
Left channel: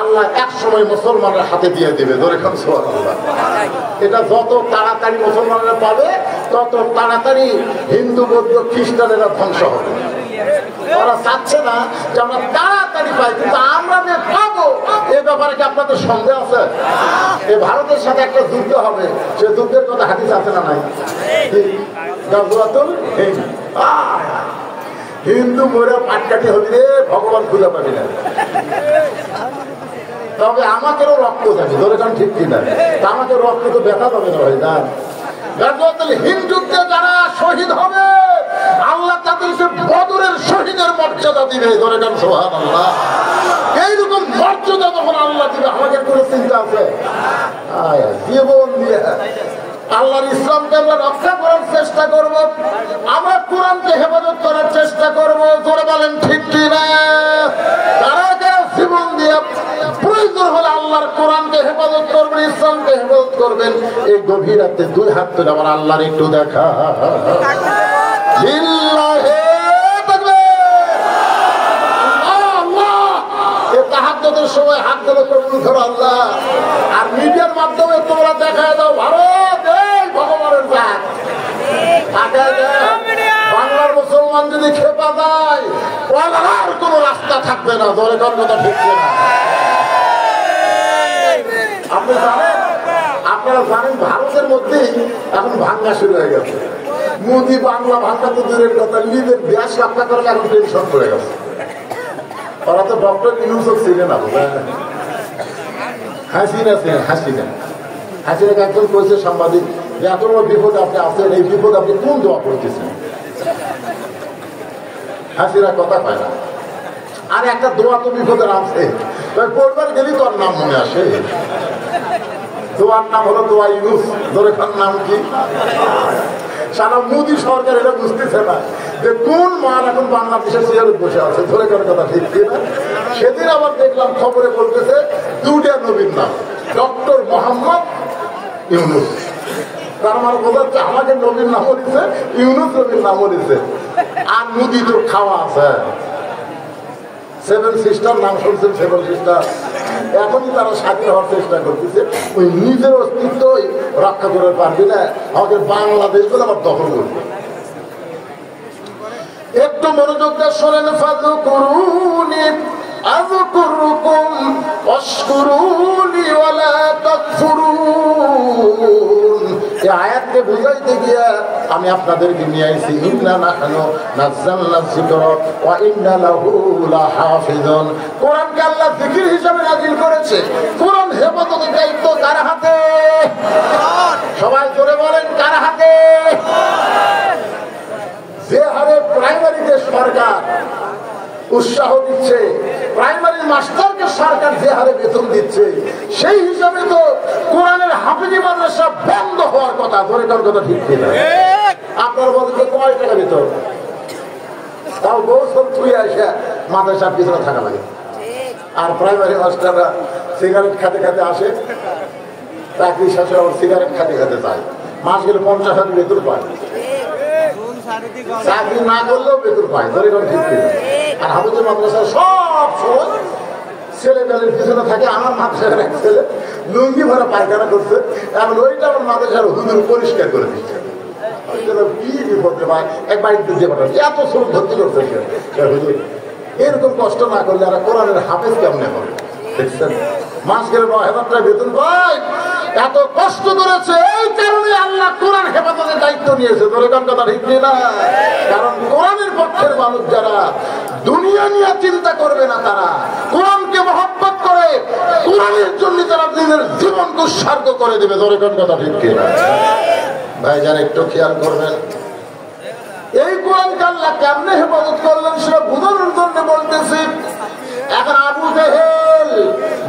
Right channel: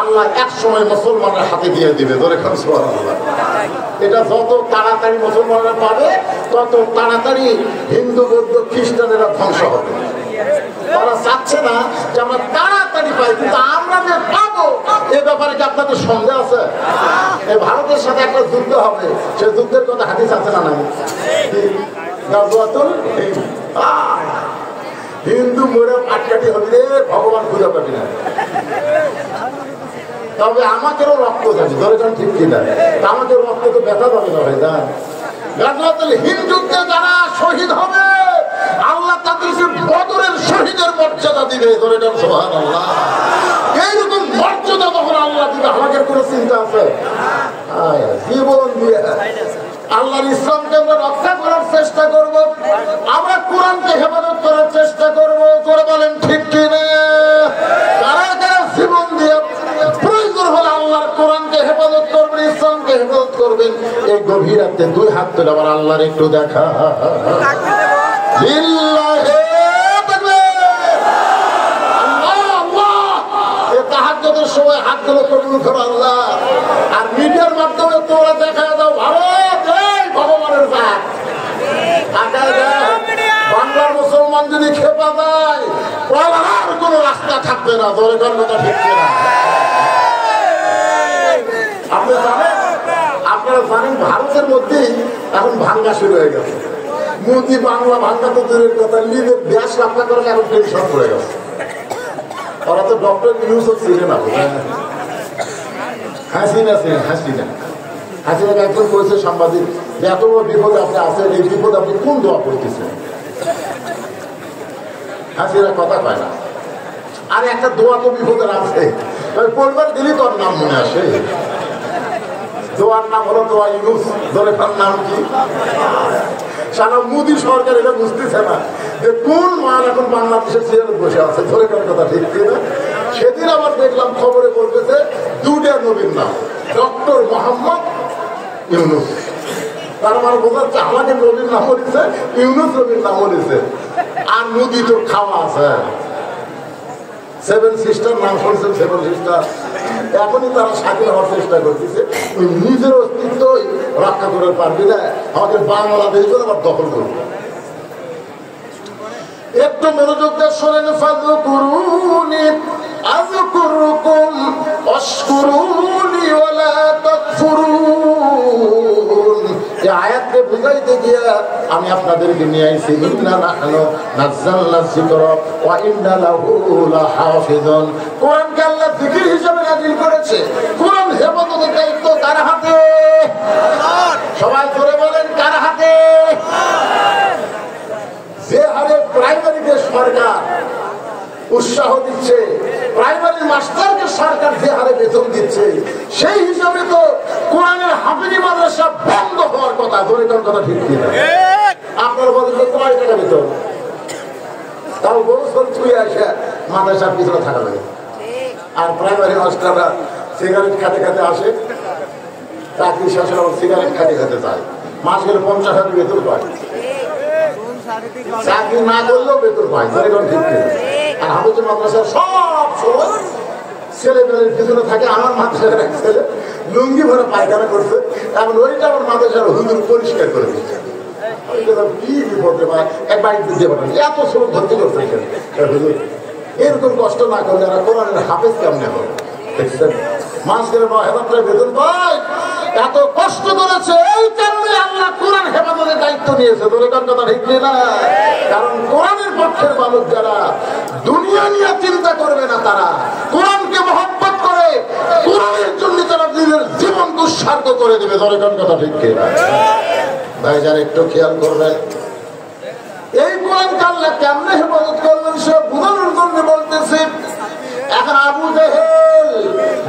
আল্লাহ এক সময় মুসলমানের হাতে দিয়ে দিবে। এটা যত তাড়াতাড়ি মুসলমানেরা পাবে তত তাড়াতাড়ি হিন্দু বৌদ্ধ খ্রিস্টানেরা ধ্বংস হবে। ওরা চাচ্ছে না যে আমরা তাড়াতাড়ি পাই, কিন্তু আমরা যে পাবো এ ব্যাপারে কি আপনাদের সন্দেহ আছে? এই ভারতের সাথে একটা যুদ্ধ হবে, সে যুদ্ধের কথা হাদিস আছে না নাই? হিন্দু মরে পাটকাটি হলে ভগবান খুঁজে পাবি না। তবে আমাদেরও রক্ত যাবে, ধরেছেন ঠিক কিনা? আমাদের রক্ত তো ব্যথা পাবে না ভাই। হিন্দুত্বে যারা শহীদ হবে আল্লাহ তাদেরকে বদরের শহীদের মর্যাদা দিবে। ধরেছেন সুবহানাল্লাহ। এইরকম মর্যাদা যখন আল্লাহ দিবে আমাদের কোনো চিন্তা আছে? জীবন দিয়ে আল্লাহর ইসলামকে আমরা রক্ষা করার চেষ্টা করব, আমরা কোরআনকে হেফাজত করার চেষ্টা করব। তোরা বলেন ঠিক কিনা? যারা যারা জীবন দিয়ে প্রয়োজন হলে আল্লাহর কোরআনকে হেফাজত করবেন, ইসলামকে হেফাজত করবেন, এই গভীর রাতে 2 হাত তুলে আমার আল্লাহর একটু দেখা। তাহাজ্জুদের সময় হাত তুলে করবো আল্লাহ। আর মিডিয়ার মাধ্যমে তোমরা দেখা দাও ভারত ভগবানের বাংলার মুসলমান যদি খেপা যায় আর কোন রাস্তা থাকবে না। ধরে কথা ঠিক না? আপনারা জানেন ভারতের মধ্যেই এখন ভাঙা শুরু হয়ে গেছে। মোদি বাংলা ভাঙা তো দূরের কথা, নিজের দেশ রক্ষা করার এখন টেনশন হয়ে গেছে। ওরা তো ডক্টর ইউসুফ ছিলেন না, হাসিনা একজন করেছে সাংবাদিক যে এত বড় বিপদ আপনি আছেন, এই বিপদ আপনি কোন দোয়া করতেছেন? হাসিনা কথা পায় না। আর একটা দোয়া তো বিপদের আছে, পরিবার গেলেই তোর নাম মনে আসে। দোয়ার নাম হলো দোয়া ইউনুস। ধরে নাম কি? সারা মোদী সরকার এটা বুঝতেছে না যে কোন মান এখন বাংলাদেশের চেয়ারে বসে আছে। ধরে কথা ঠিক কিনা? সেদিন আবার দেখলাম খবরে বলতেছে 2টা নবীর নাম, ডক্টর মোহাম্মদ ইউনুস। তার মানে বোঝাচ্ছে আমাদের নবীর নাম দিচ্ছে, ইউনুস নবীর নাম দিচ্ছে। আর মোদী তো খাওয়া আছে। 7 সিস্টার নাম শুনছেন? 7 সিস্টার এখনই তারা স্বাধীন হওয়ার চেষ্টা করতেছে, ওই নিজের অস্তিত্বই রক্ষা করে পারবে না, আমাদের বাংলাদেশ বলে আমার দখল করবে। একটু মনোযোগ দিয়ে শোনেন, ফাদু করুনি আযকুরুকুম ওয়াশকুরুনি ওয়ালা তাকফুরুন। এই আয়াতকে বুঝাইতে গিয়া আমি আপনাদেরকে নিয়ে আইছি, ইন্না নাহনু নাযালনা যিকরা ওয়া ইন্না লাহু লাহাফিজুন। কোরআনকে আল্লাহ জিকির হিসেবে নাযিল করেছে। কোরআন হেফাজতের দায়িত্ব কার হাতে? সবাই করে বলেন, কার হাতে? যে হারে প্রাইমারিতে সরকার উৎসাহ দিচ্ছে, প্রাইমারি মাস্টারকে সরকার যে হারে বেতন দিচ্ছে, সেই হিসাবে তো কোরআনের হাফিজি মাদ্রাসা বন্ধ হওয়ার কথা। ধরে কার কথা ঠিক কিনা? আপনার বলেন যে কয় টাকা বেতন? তাও বছর ছুঁয়ে আসে মাদ্রাসার পিছনে থাকা লাগে। আর প্রাইমারি মাস্টাররা সিগারেট খাতে খাতে আসে, চাকরি শেষে সিগারেট খাতে খাতে যায়, মাস গেলে 50,000 বেতন পায়, চাকরি না করলেও বেতন পায়। ধরে কারণ ঠিক কিনা? আর হাফিজি মাদ্রাসা সব সময় ছেলেমেয়ের পিছনে থাকে। আমার মাদ্রাসার এক ছেলে লুঙ্গি ভরে পায়খানা করছে, কারণ ওইটা আমার মাদ্রাসার হুজুর পরিষ্কার করে দিচ্ছে। কি বিপদে ভাই, এক বাইক দিতে পারেন, এত ছোট ভর্তি করছে এরকম কষ্ট না করলে আর কোরআনের হাফেজ কেমন হবে? দেখছেন, মাস গেলে 9,000 টাকা বেতন পায়, এত কষ্ট করেছে। এই কারণে আল্লাহ কোরআন হেফাজতের দায়িত্ব নিয়েছে। ধরে কার কথা ঠিক না? কারণ কোরআনের পক্ষের মানুষ যারা দুনিয়া নিয়ে চিন্তা করবে না, তারা কোরআনকে মহব্বত করে, কোরআনের জন্য যারা নিজের জীবনকে উৎসর্গ করে দেবে। ধরে কার কথা ঠিক না? ভাইজান একটু খেয়াল করবেন, এই কোরআনকে আল্লাহ কেমনে হেফাজত করলেন সে বোঝানোর জন্য বলতেছে। এখন আবু জেহেল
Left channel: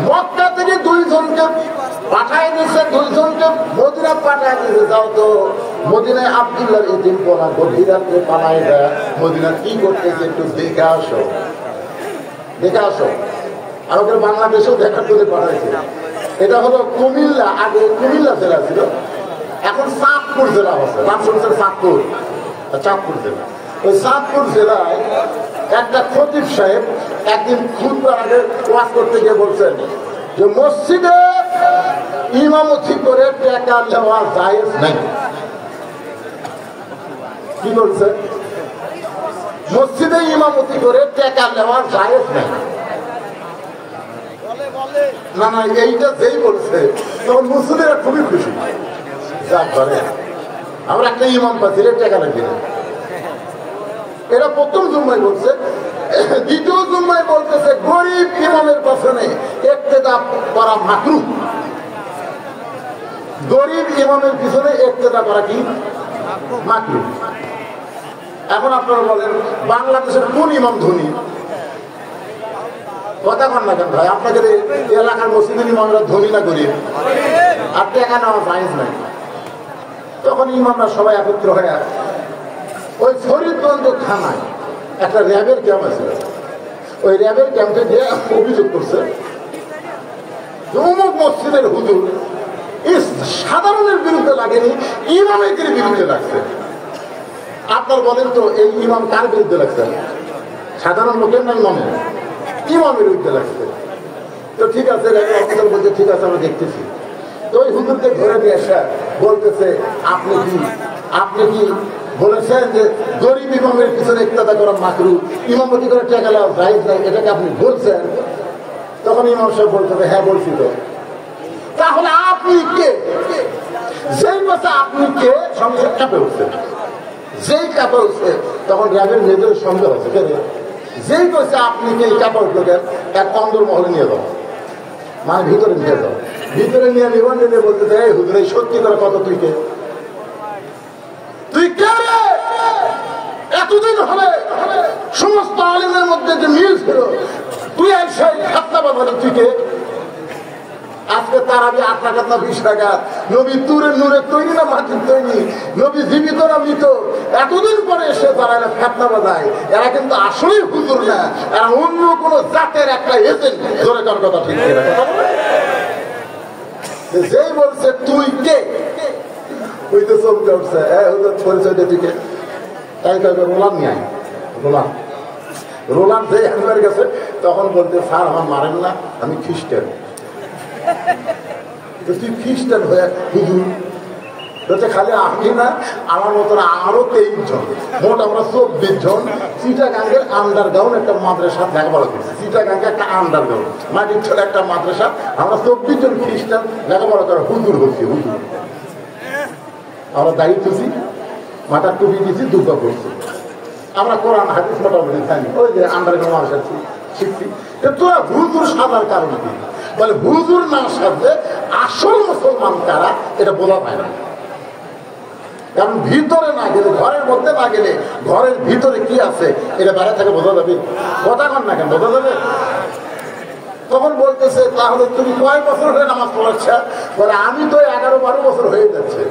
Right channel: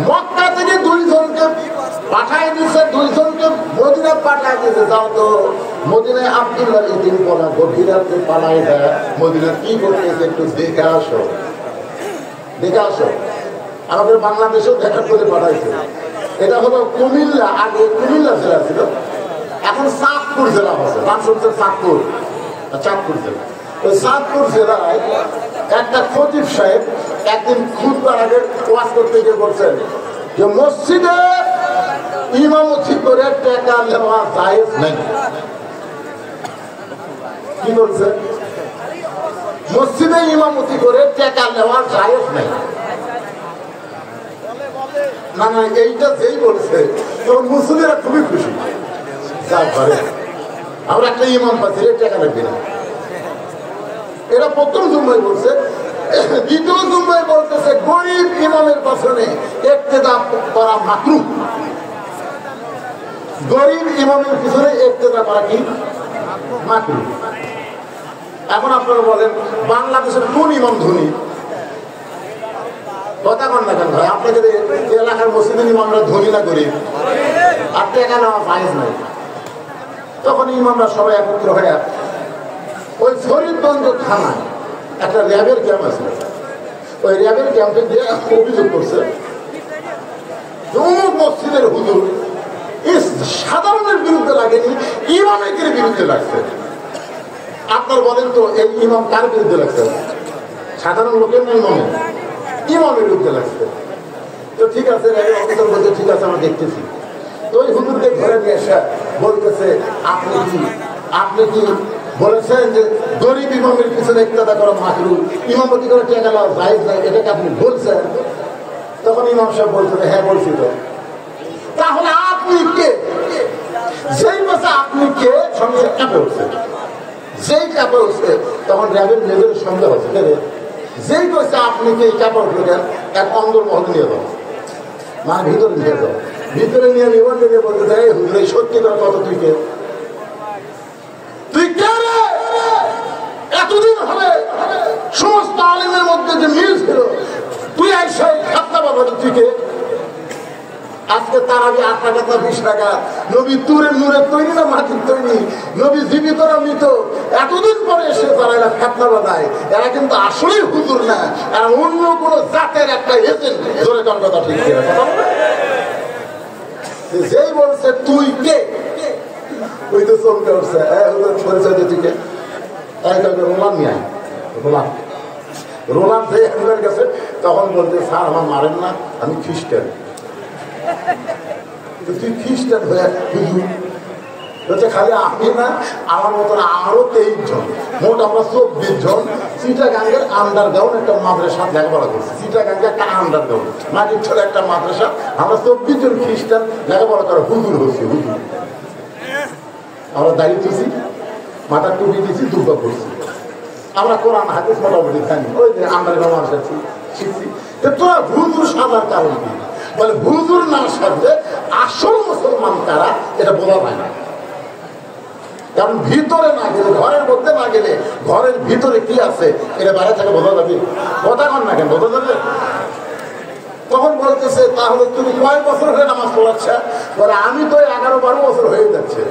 মক্কা থেকে 2 জনকে পাঠায় দিচ্ছে, 2 জনকে মদিনা পাঠায় দিচ্ছে, যাও তো মদিনায় আব্দুল্লাহর ইতিম পোনা গভীরাকে পালায় দেয়, মদিনা কি করতেছে একটু দেখে আসো, দেখে আসো। আমাদের বাংলাদেশে দেখার করে পাঠাইছে। এটা হলো কুমিল্লা, আগে কুমিল্লা জেলা ছিল, এখন চাঁদপুর জেলা হচ্ছে। নাম শুনছে চাঁদপুর, চাঁদপুর জেলা। ওই চাঁদপুর জেলায় একটা খতিব সাহেব একদিন খুতবার আগে ওয়াজ করতে গিয়ে বলছেন যে মসজিদে ইমামতি করে টাকা নেওয়া জায়েজ নাই। কি বলছে? মসজিদে ইমামতি করে টাকা নেওয়া জায়েজ নাই। না না, এইটা যেই বলছে তখন মুসলিমরা খুবই খুশি। আমরা একটা ইমাম পাচ্ছি, টাকা লাগবে না। এটা প্রথম জুম্মায় বলছে। দ্বিতীয় জুম্মায় বলতেছে গরিব ইমামের পেছনে ইক্তেদা করা মাকরুহ। গরিব ইমামের পিছনে ইক্তেদা করা কি মাকরুহ। এখন আপনারা বলেন বাংলাদেশের কোন ইমাম ধনী? কথা বল না কেন ভাই? আপনাদের এলাকার মুসলিম ইমামরা ধনী না গরিব? আপনি এখানে আমার জায়েজ নাই। তখন ইমামরা সবাই একত্র হয়ে ওই শরীফগঞ্জ থানায় একটা র্যাবের ক্যাম্প আছে, ওই র্যাবের ক্যাম্পে গিয়ে অভিযোগ করছে অমুক মসজিদের হুজুর সাধারণের বিরুদ্ধে লাগেনি, ইমামের বিরুদ্ধে লাগছে। আপনার বলেন তো এই ইমাম কার বিরুদ্ধে লাগছে? সাধারণ লোকের না ইমামের? ইমামের বিরুদ্ধে লাগছে। তো ঠিক আছে, র্যাবের অফিসার বলছে ঠিক আছে আমরা দেখতেছি। তো ওই হুজুরকে ধরে নিয়ে আসা বলতেছে আপনি কি বলেছেন যে গরিব ইমামের পিছনে ইক্তেদা করা মাকরুহ, ইমামতি করে টাকা লাভ জায়েজ নাই, এটাকে আপনি বলছেন? তখন ইমাম সাহেব বলছেন হ্যাঁ বলছি। তো তাহলে আপনি কে? যেই কথা আপনি কে সঙ্গে কাপে উঠছে, যেই কাপে উঠছে তখন র্যাবের নিজের সন্দেহ হচ্ছে কে রে? যেই কথা আপনি কে কাপে উঠলো দেন, এক অন্দর মহলে নিয়ে যান, মানে ভিতরে নিয়ে যান, ভিতরে নিয়ে নিবান নিয়ে বলতে দেয় হুজুর এই সত্যি করে কত তুই কে? তুই কে রে? এতদিন হলে সমস্ত আলিমের মধ্যে যে মিল ছিল, তুই আইসা খাতনা বাবা তুই কে? আজকে তার আগে 8 টাকা 20 টাকা নবী তুরে নুরে তৈরি না মাটির তৈরি, নবী জীবিত না মৃত, এতদিন পরে এসে তারা খাতনা বাঁধায়। এরা কিন্তু আসলেই হুজুর না, এরা অন্য কোন জাতের একটা এজেন্ট। ধরে কার কথা ঠিক যেই বলছে তুই কে, ওই তো চমকে উঠছে পরিচয় দিয়ে তুই কে? রোলাম নিয়ে রোলাম যে একবার গেছে তখন বলতে স্যার আমার মারেন না, আমি খ্রিস্টান। তুই খ্রিস্টান হয়ে হুজুর বলছে খালি আমি না, আমার মতন আরো 23 জন, মোট আমরা 24 জন চিটাগাঙ্গের আন্ডারগ্রাউন্ড একটা মাদ্রাসা লেখাপড়া করছি। চিটাগাঙ্গে একটা আন্ডারগ্রাউন্ড নাকি ছিল একটা মাদ্রাসা, আমরা 24 জন খ্রিস্টান লেখাপড়া করে হুজুর হয়েছি। হুজুর আমরা দাঁড়িয়ে দিয়েছি, মাথা টুপি দিয়েছি, দুর্গা করছি। আমরা কোরআন হাদিস মোটামুটি জানি, ওই যে আন্ডারগ্রাউন্ড মাদ্রাসা শিখছি। তোরা হুজুর সাজার কারণ কি? বলে হুজুর না সাজলে আসল মুসলমান তারা এটা বোঝা যায় না। কারণ ভিতরে না গেলে, ঘরের মধ্যে না গেলে ঘরের ভিতরে কি আছে এটা বাইরে থেকে বোঝা যাবে। কথা কন না কেন, বোঝা যাবে? তখন বলতেছে তাহলে তুমি কয় বছর হয়ে নামাজ পড়াচ্ছ? বলে আমি তো 11-12 বছর হয়ে যাচ্ছে।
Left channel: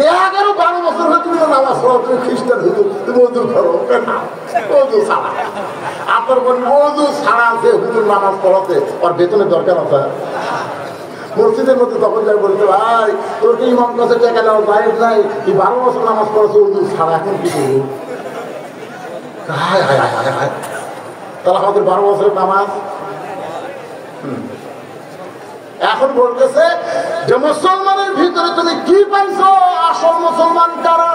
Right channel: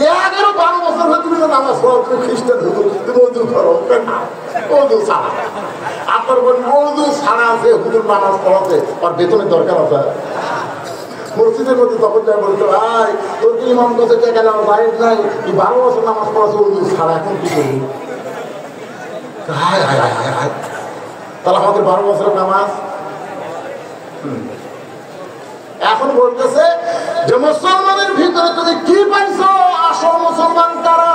11-12 বছর হয়ে তুমি তো নামাজ পড়ো, তুমি খ্রিস্টান হইতো, তুমি ওজু করো না, ওজু ছাড়া। আপনার বলেন ওজু ছাড়া আছে হুজুর নামাজ পড়াতে, আর বেতনের দরকার আছে। মসজিদের মধ্যে তখন যা বলতে ভাই তোর তো ইমাম কাছে টাকা নেওয়ার জায়েজ নাই, তুই 12 বছর নামাজ পড়াছো ওজু ছাড়া, এখন কি করবো? তাহলে আমাদের 12 বছরের নামাজ। এখন বলতেছে যে মুসলমানের ভিতরে তুমি কি পাইছো, আসল মুসলমান কারা?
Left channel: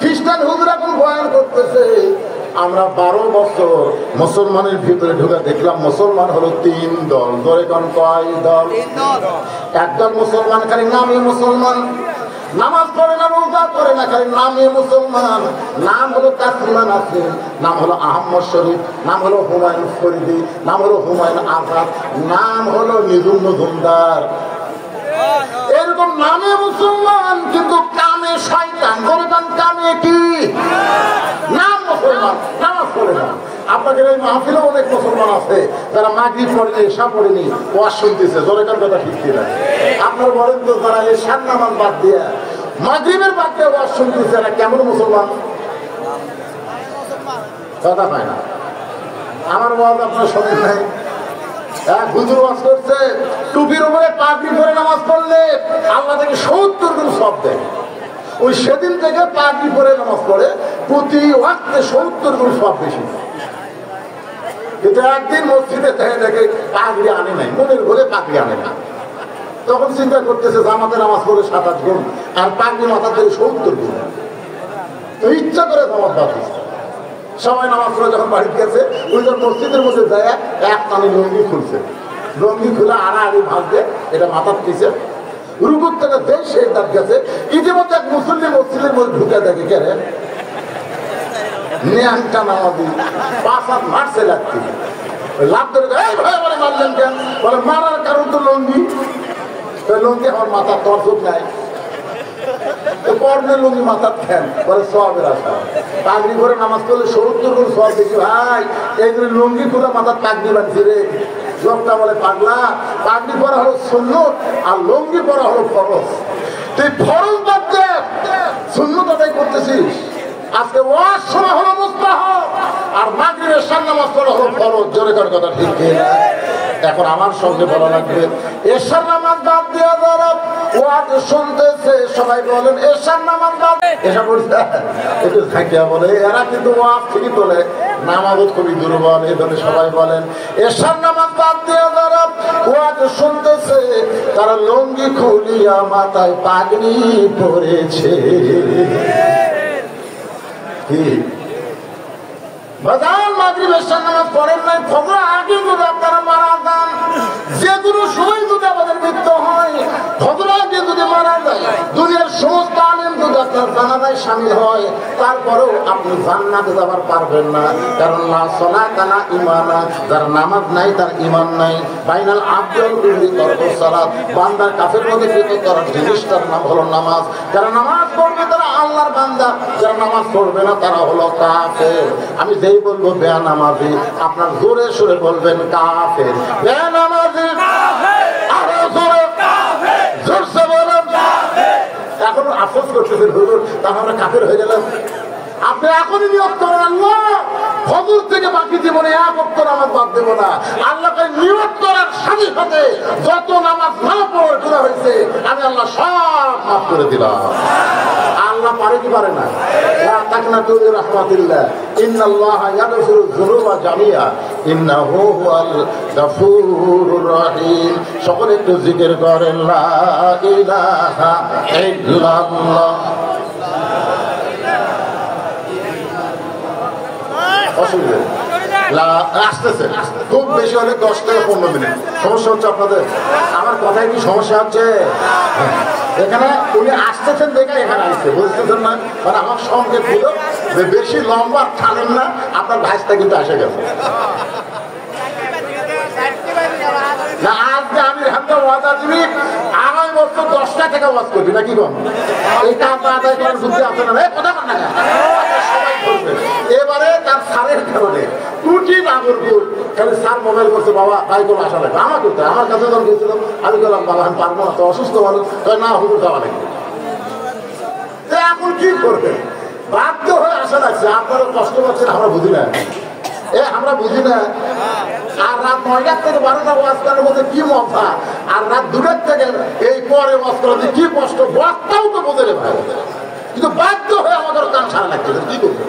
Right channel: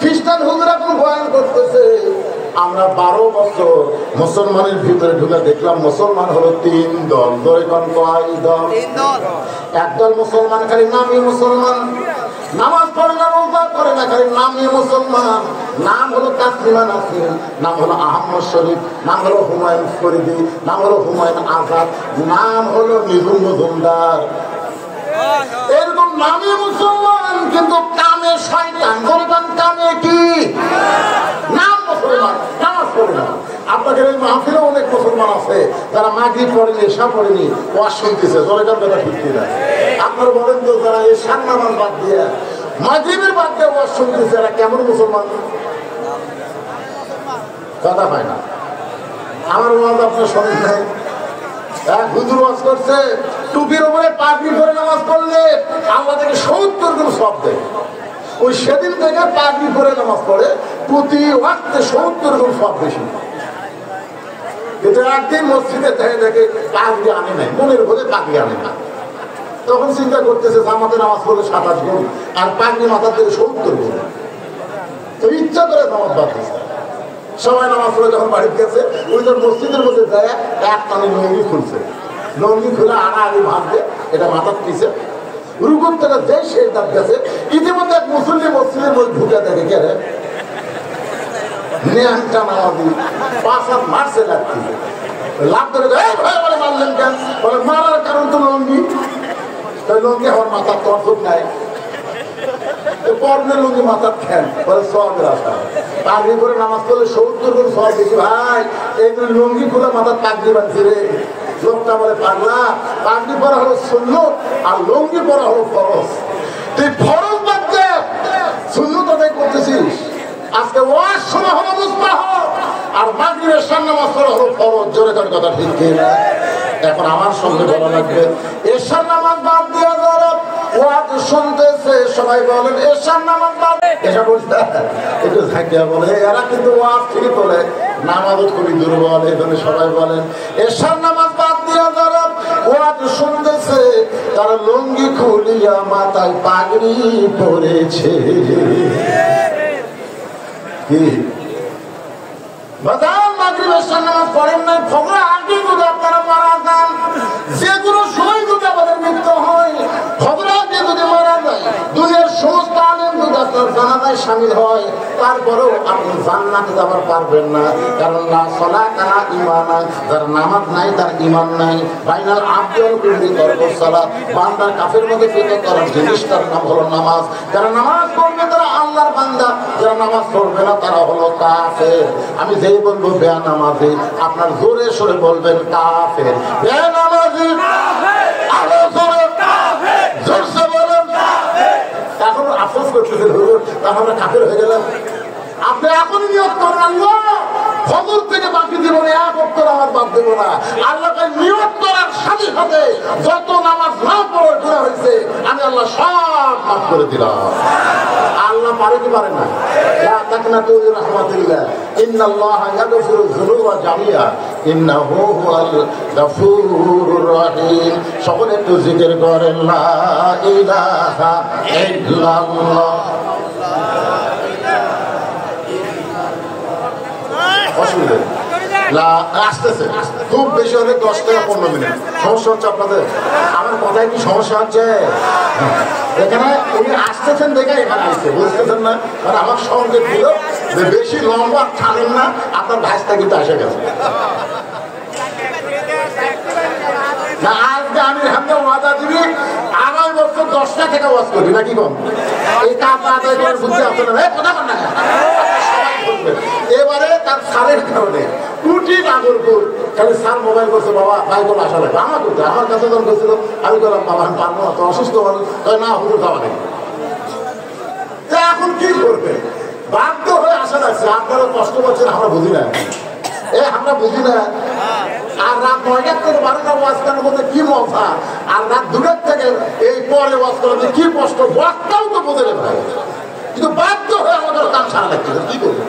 খ্রিস্টান হুজুর এখন বয়ান করতেছে আমরা 12 বছর মুসলমানের ভিতরে ঢুকে দেখলাম মুসলমান হলো 3 দল। বলে কোন কয় দল? একদল মুসলমান খালি নামে মুসলমান, নামাজ পড়ে না, রোজা করে না, খালি নামে মুসলমান। নাম হলো তাসলিমা নাসরিন, নাম হলো আহমদ শরীফ, নাম হলো হুমায়ুন ফরিদি, নাম হলো হুমায়ুন আজাদ, নাম হলো নিধুম মজুমদার। এরকম নামে মুসলমান কিন্তু কামে শয়তান। বলে কোন কামে কি? নাম মুসলমান, নামাজ পড়ে না। আপনাদের এই মাহফিলে অনেক মুসলমান আছে যারা মাগরিব পড়েনি, এশা পড়েনি, ওয়াজ শুনতেছে। জোরেকার কথা ঠিক কিনা? আপনার বলেন তো যারা এশার নামাজ বাদ দিয়ে মাগরিবের বাদ দিয়ে ওয়াজ শুনতেছে, এরা কেমন মুসলমান? কথা পায় না। আমার ওয়াজ আপনার শোনেন নাই? হুজুর ওয়াজ করছে টুপির উপরে পাগড়ি পরে নামাজ পড়লে আল্লাহ থেকে 70 গুণ সওয়াব দেয়। ওই সেদিন থেকে পাগড়ি পরে নামাজ পড়ে প্রতি ওয়াক্তে 70 গুণ সওয়াব বেশি। একদিন মসজিদে দেখে দেখে পাগড়ি আনে নাই, মনের ভরে পাগড়ি আনে না। তখন চিন্তা করতেছে জামাতে নামাজ পড়লে 27 গুণ আর পাগড়ি মাথা থেকে 70 গুণ। তো ইচ্ছা করে নামাজ বাদ দিচ্ছে। সবাই নামাজ পড়ে যখন বাড়িতে গেছে ওই যখন মসজিদের মধ্যে যায় এক টানি লঙ্গি খুলছে, লঙ্গি খুলে আড়াআড়ি ভাঙতে এটা মাথার পিছে রুকুর থেকে দেশ দাঁত গেছে। ইতিমধ্যে এক মুসলিম মসজিদের মধ্যে ঢুকে দেখে কে নিয়ামটা নামাজি 5 হাত মারছে লাগছে, লাভ করে বলে মারলেন কেন? বলে মারার কারণ তো লঙ্গি। লঙ্গি আমার মাথার তোমার চোখ নাই, পর্ণের লঙ্গি মাথার ফ্যান বলে সবের আশা। পাগড়ি করে নামাজ করলে 70 গুণ সব বেশি। ভাই এইগুলো লঙ্গি করে মাথার পাগড়ি বাঁধছে রে। লোকটা বলে পাগলা, পাগড়ি পরা হলো সুন্নত আর লঙ্গি পরা হলো ফরজ। তুই ফরজ বাদ দে, সুন্নত আদায় করতেছিস। আজকে ওয়াজ শোনা হলো মুস্তাহাব আর মাগরিবের সামনে নামাজ পড়া হলো ফরজ। জোরে কার কথা ঠিক কিনা? এখন আমার সঙ্গে বলা লাগবে এশার নামাজ বাদ দিয়ে যারা ওয়াজ শুনতেছে সবাই বলেন এশার নামাজ বাদ। এসা বলতে একটু থাকিয়া বলে এরা কিন্তু ওয়াজ ঠিকই তোলে, নামাজও খুবই দুর্বল। এই জন্য সবাই বলেন এশার নামাজ বাদ দিয়ে যারা ওয়াজ শুনতেছে তারা লুঙ্গি খুলিয়া মাথায় পাগড়ি পরেছে। কি বাজার মাগরিবের সামনে নামাজ পড়েন নাই, ফজর আগে যদি আপনারা মারা যান, যেগুলো সময় যদি আমাদের মৃত্যু হয়, ফজর আগে যদি মারা যায়, দুনিয়ার সমস্ত আলিম যদি আপনার জানাজায় শামিল হয়, তারপরেও আপনি জান্নাতে যাবার পারবেন না। কারণ না সালাত না ঈমান, যার নামাজ নাই তার ঈমান নাই। বাইনাল আবদুল বিল তরকুস সালাত, বান্দা কাফের মধ্যে ফিরে করার জিনিসটার নাম হলো নামাজ। যারা নামাজ পড়বে তারা আল্লাহর বান্দা, যারা নামাজ পড়বে না তারা হলো কাফের। আমি যেই বলবো বেনামাজি, আপনার জোরে সরে বলবেন কাফের। বেনামাজি আরো জোরে জোরসে বলেন। এখন আফসোস করতেছেন হুজুর তাহলে কাফের হয়ে গেলেন। আপনি এখনই নিয়োগ করেন আল্লাহ ফজর থেকে বাকি জীবনে এক ওয়াক্ত নামাজ বাদ দেব না। আল্লাহকে নিয়োগ করার সাথে সাথে যত নামাজ না পড়ার গুনাহ হয়েছে আমি আল্লাহ সব মাফ করে দিলাম। আল্লাহ আল্লাহ পারে কি পারে না? লা তাকনাতু মিন রাহমাতিল্লাহ ইন্নাল্লাহা ইয়াগফিরু যুনুবা জামিআ ইন্নাহু হুয়াল গাফুরুর রহিম। সকলে একটু জিকির করেন লা ইলাহা ইল্লাল্লাহ। আসতেছে খুব বেশি হলে 10 থেকে 15 মিনিট। সমস্যা হচ্ছে আপনাদের? আমার কথায় কি সমস্যা হচ্ছে? এখানে উনি আসতেছেন দেখে এখানে আসছে, বুঝতেছেন না? কারণ আমার সঙ্গে ছিল যে বেশি লম্বা ছাড়েন না, আপনার ভাইসটা কিন্তু আসে গেছে। আজকে আমি হামদা ওয়াদা দিবি 2.5 বছর 10টা থেকে ওয়াজ করবি নাকি কম? এটা আপনার কথা কন না। এবারে তার সারের কারণে টুটি নাগরপুর খালি স্যার মোবাইল করছে, বাবা ভাই কোনো আসা লাগবে আমার করতে। আমার কাছে যখন গেছিল আমি বললাম বাবা আমি পারবো না, তো অসুস্থ মানুষ না হুজুর খাওয়া নেই। এখন কি করবে? বাধ্য হয়ে আসা লাগছে। আপনারা কষ্ট করছেন, আমরা বুঝি না। আমরা বুঝি না। আর রাত 9টার থেকে 12টা ওয়াজ করার মধ্যে কি মজা, আর রাত 2টার থেকে এই পরে ওয়াজ করাতে কি কষ্ট, ওয়াজটাও তো বোঝে রে ভাই। কিন্তু বাধ্য হয়ে আমাদের কান সারা লাগছে, কি করবো?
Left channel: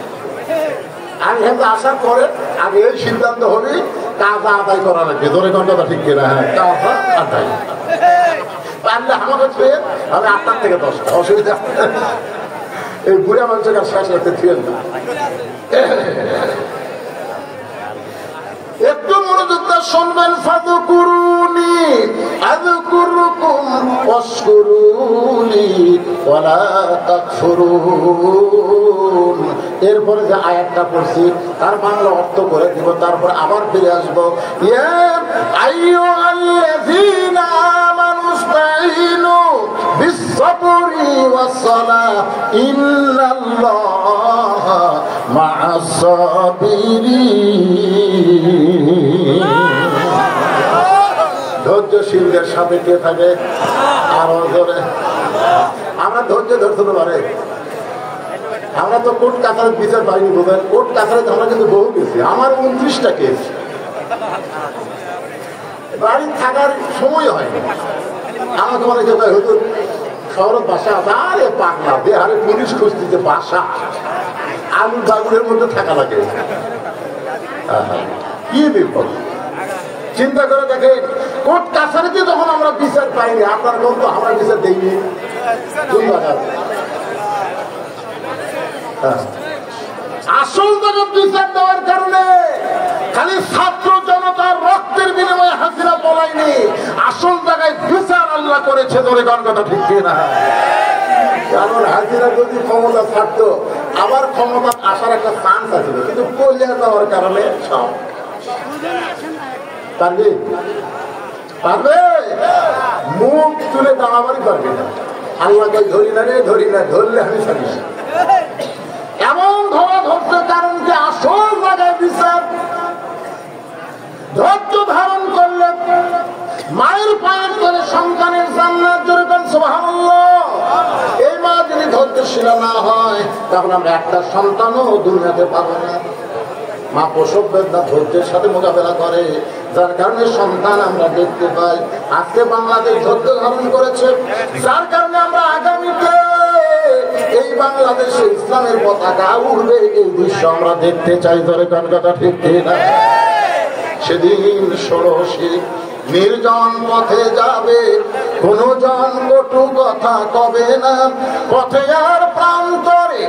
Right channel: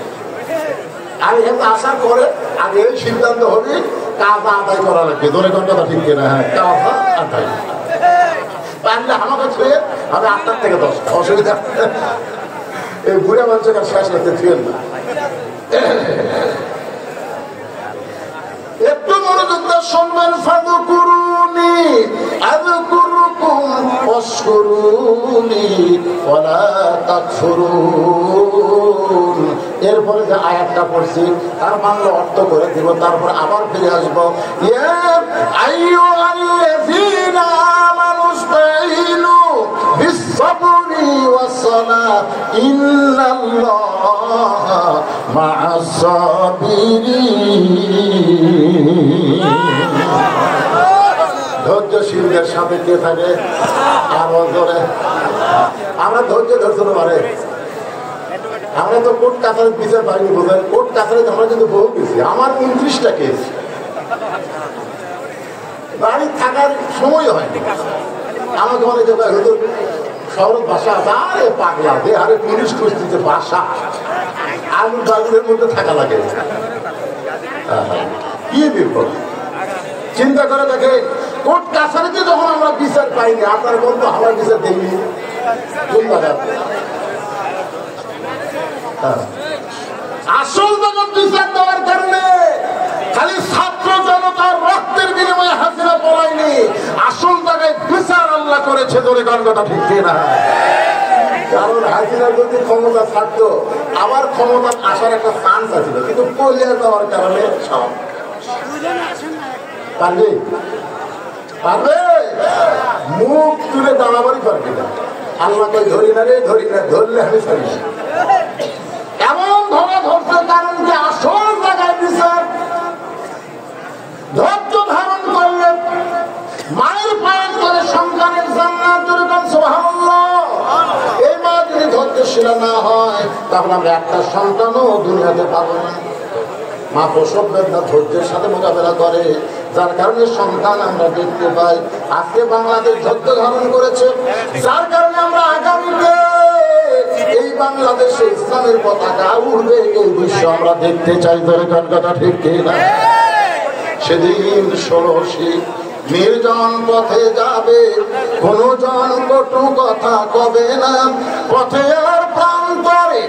আমি এখানে আসার পরে আগে এই সিদ্ধান্ত হবে কাজা আদায় করা লাগবে। ধরে ঘন্টা ঠিক কিনা? হ্যাঁ, কাজা আদায় পারলে আমাকে ছুঁয়ে আমি 8টার থেকে 10টা, অসুবিধা। এই বুড়ে মানুষের কাছে শেষ রাখতে ছুঁয়ে না। একটু মনোযোগ দিয়ে শুনবেন। ফাযকুরুনি আযকুরকুম ওয়াশকুরুনি ওয়ালা তাকফুরুন। এরপরে যে আয়াতটা পড়ছি তার বাংলা অর্থ করে দিব, তারপর আবার ফিরে আসবো। ইয়া আইয়ুহাল্লাযীনা আমানু ইসতাঈনু বিস-সাবরি ওয়াস-সালাহ ইন্নাল্লাহা মা'আস-সাবিরিন। ধৈর্যশীলদের সাথে কে থাকে? আরো ধরে আমরা ধৈর্য ধরতে পারে। আমরা তো কোর্ট কাছারি বিচার পাইনি, বোধহয় কোর্ট কাছারি আমরা কিন্তু বহু গেছি। আমার 29টা কেস, বাড়ি থাকার সময় হয়নি। আমাকে মনে যেটা হতো শহরের বাসা আছে, আরে পাগলা আরে পুলিশ কুস্তিতে বাসা আলু ডাগুনের মধ্যে থাকা লাগে। কি বিপদ চিন্তা করে দেখে। কোর্ট কাছারিতে যখন আমরা বিচার পাইনি, আপনার কোন তো আমরা বিচার দিইনি। আসল জায়গার বিচার দেওয়ার কারণে খালি ছাত্র জনতার রক্তের বিনিময়ে হাজিরা বলাইনি, আসল জায়গায় বিচার আল্লাহ করেছে। ধরে গান কথা ঠিক না? কারণ হাজিরা যদি ক্ষমতা থাকতো, আবার ক্ষমতা আসার একটা চান্স আছিল, কিন্তু পলিয়া যাওয়ার কারণে সব পারবে পারবে মুখ তুলে দামাবারি পারবে না। আল্লাহকে ধরি না রে, ধরি না, ধরলে আমি সামনে এমন ধরা ধরতে, কারণ যে আসল জায়গায় বিচার ধৈর্য ধারণ করলে মায়ের পায়ের করে সন্তানের জান্নাত। যেরকম সুবহানাল্লাহ। এই মা যদি ধৈর্যশীল না হয়, তাহলে আমরা একটা সন্তানও দুনিয়াতে পাবো না। মা প্রসব বেদনা ধৈর্যের সাথে মোকাবেলা করে, যার কারণে সন্তান আমরা দেখতে পাই। আজকে বাংলাদেশ ধৈর্য ধারণ করেছে, যার কারণে আমরা আগামীতে এই বাংলাদেশে ইসলামের পতাকা উড়বে, এই দৃশ্য আমরা দেখতে চাই। ধরে কোন কথা ঠিক না? সেদিন 16 নির্জন পথে যাবে, কোন জন কটু কথা কবে না। পথে আর প্রান্তরে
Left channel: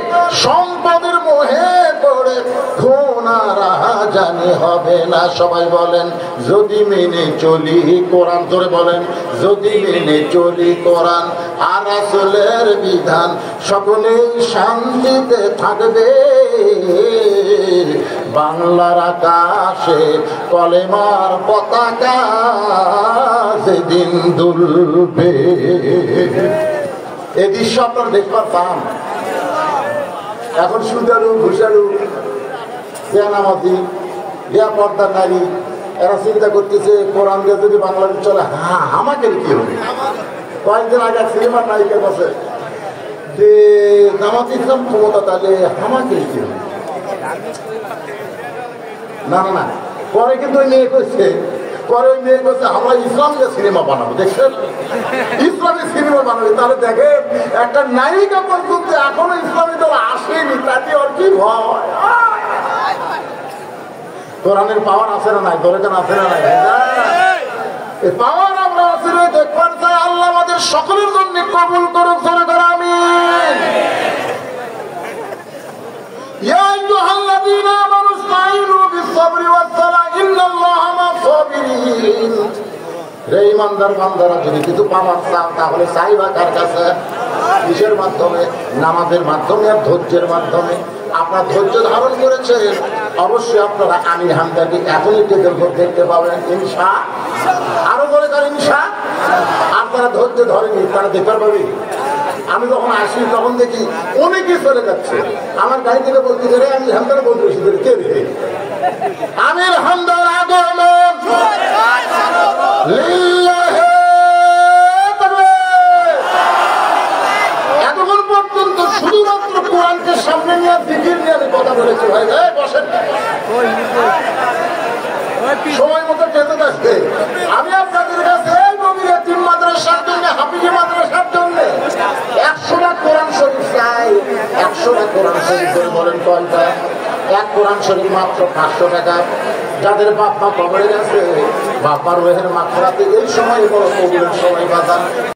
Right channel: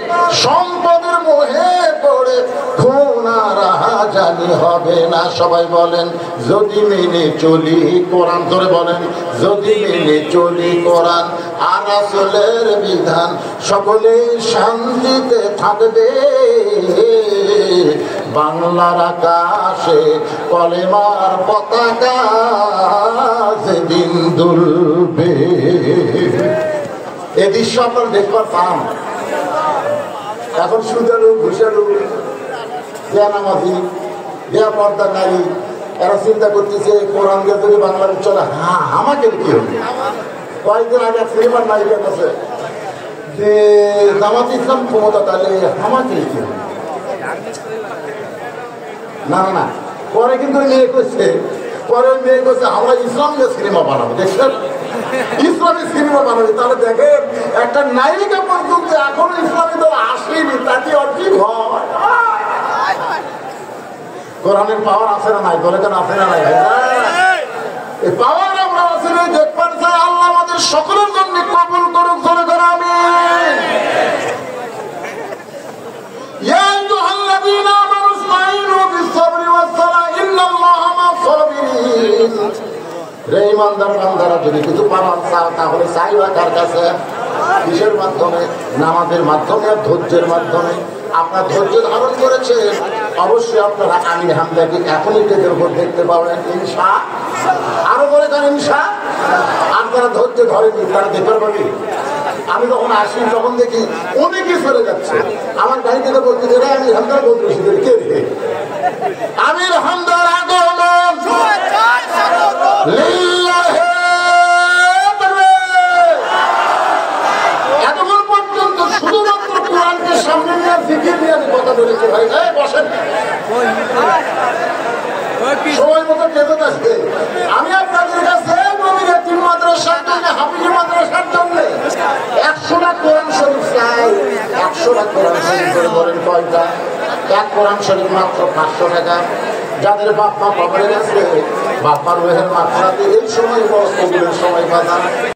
সম্পদের মোহে পড়ে খুন আর জানি হবে না। সবাই বলেন যদি মেনে চলি কোরআন। ধরে বলেন যদি মেনে চলি কোরআন আর রাসূলের বিধান, সকলেই শান্তিতে থাকবে। বাংলার আকাশে কলেমার পতাকা সেদিন দুলবে। এই দৃশ্য আপনার দেখবার পান। এখন সুজারু ঘুষারু নামাজি পর্দা নারী, এরা চিন্তা করতেছে কোরআন দিয়ে বাংলাদেশ চলে। হ্যাঁ, আমাকে কি হবে? কয়েকদিন আগে সিনেমার নায়িকার কাছে যে জামাত ইসলাম ক্ষমতা, তাহলে আমাকে কি হবে? না না না, পরে কিন্তু নিয়ে করছে পরে মেয়ে বলছে আমরা ইসলামীয় সিনেমা বানাবো, দেখছেন ইসলামী সিনেমা বানাবো। তাহলে দেখেন একটা নায়িকা পর্যন্ত এখনো ইসলামী দল আসেনি, তাতে আর কি হয়। কোরআনের পাওয়ার আছে না নাই, দলে কেন আছে না নাই? এই পাওয়ার আমরা আসলে দেখবেন চাই। আল্লাহ আমাদের সকলের জন্য কবুল করুক, ধরে করে আমি ইমানদার বান্দারা যদি কিছু পাওয়ার চাও তাহলে চাইবা কার কাছে? কিসের মাধ্যমে? নামাজের মাধ্যমে আর ধৈর্যের মাধ্যমে। আপনার ধৈর্য ধারণ করেছে, অবশ্যই আপনারা আমির হামদাকে এখনই তেজের ভোট দেখতে পাবেন ইনশা। আরো বলে তার ইনশা। আপনারা ধৈর্য ধরেনি, তারা দেখতে পাবি। আমি যখন আসি তখন দেখি অনেকে চলে যাচ্ছে, আমার গাড়ি থেকে বলছি রে আমির হামদার ভোট বেশি করে কে রে আমির হামদার আগমন এতক্ষণ পর্যন্ত শুধুমাত্র কোরআনকে সামনে নিয়ে জিকির নিয়ে আমি কথা বলেছি। ভাই বসেন, সময় মতো বেতন আসবে। আমি আপনাদের কাছে নবীর এতিম মাদ্রাসার জন্য, হাফিজি মাদ্রাসার জন্য 100টা কোরআন শরীফ চাই। 100টা কোরআন শরীফ করে বলেন কয়টা? এক কোরআন শরীফ মাত্র 500 টাকা। যাদের বাপ মা কবরে গেছে, বাপার রোহের মাত্রাতে এই সময় বড় কবুলের সময় বাজার।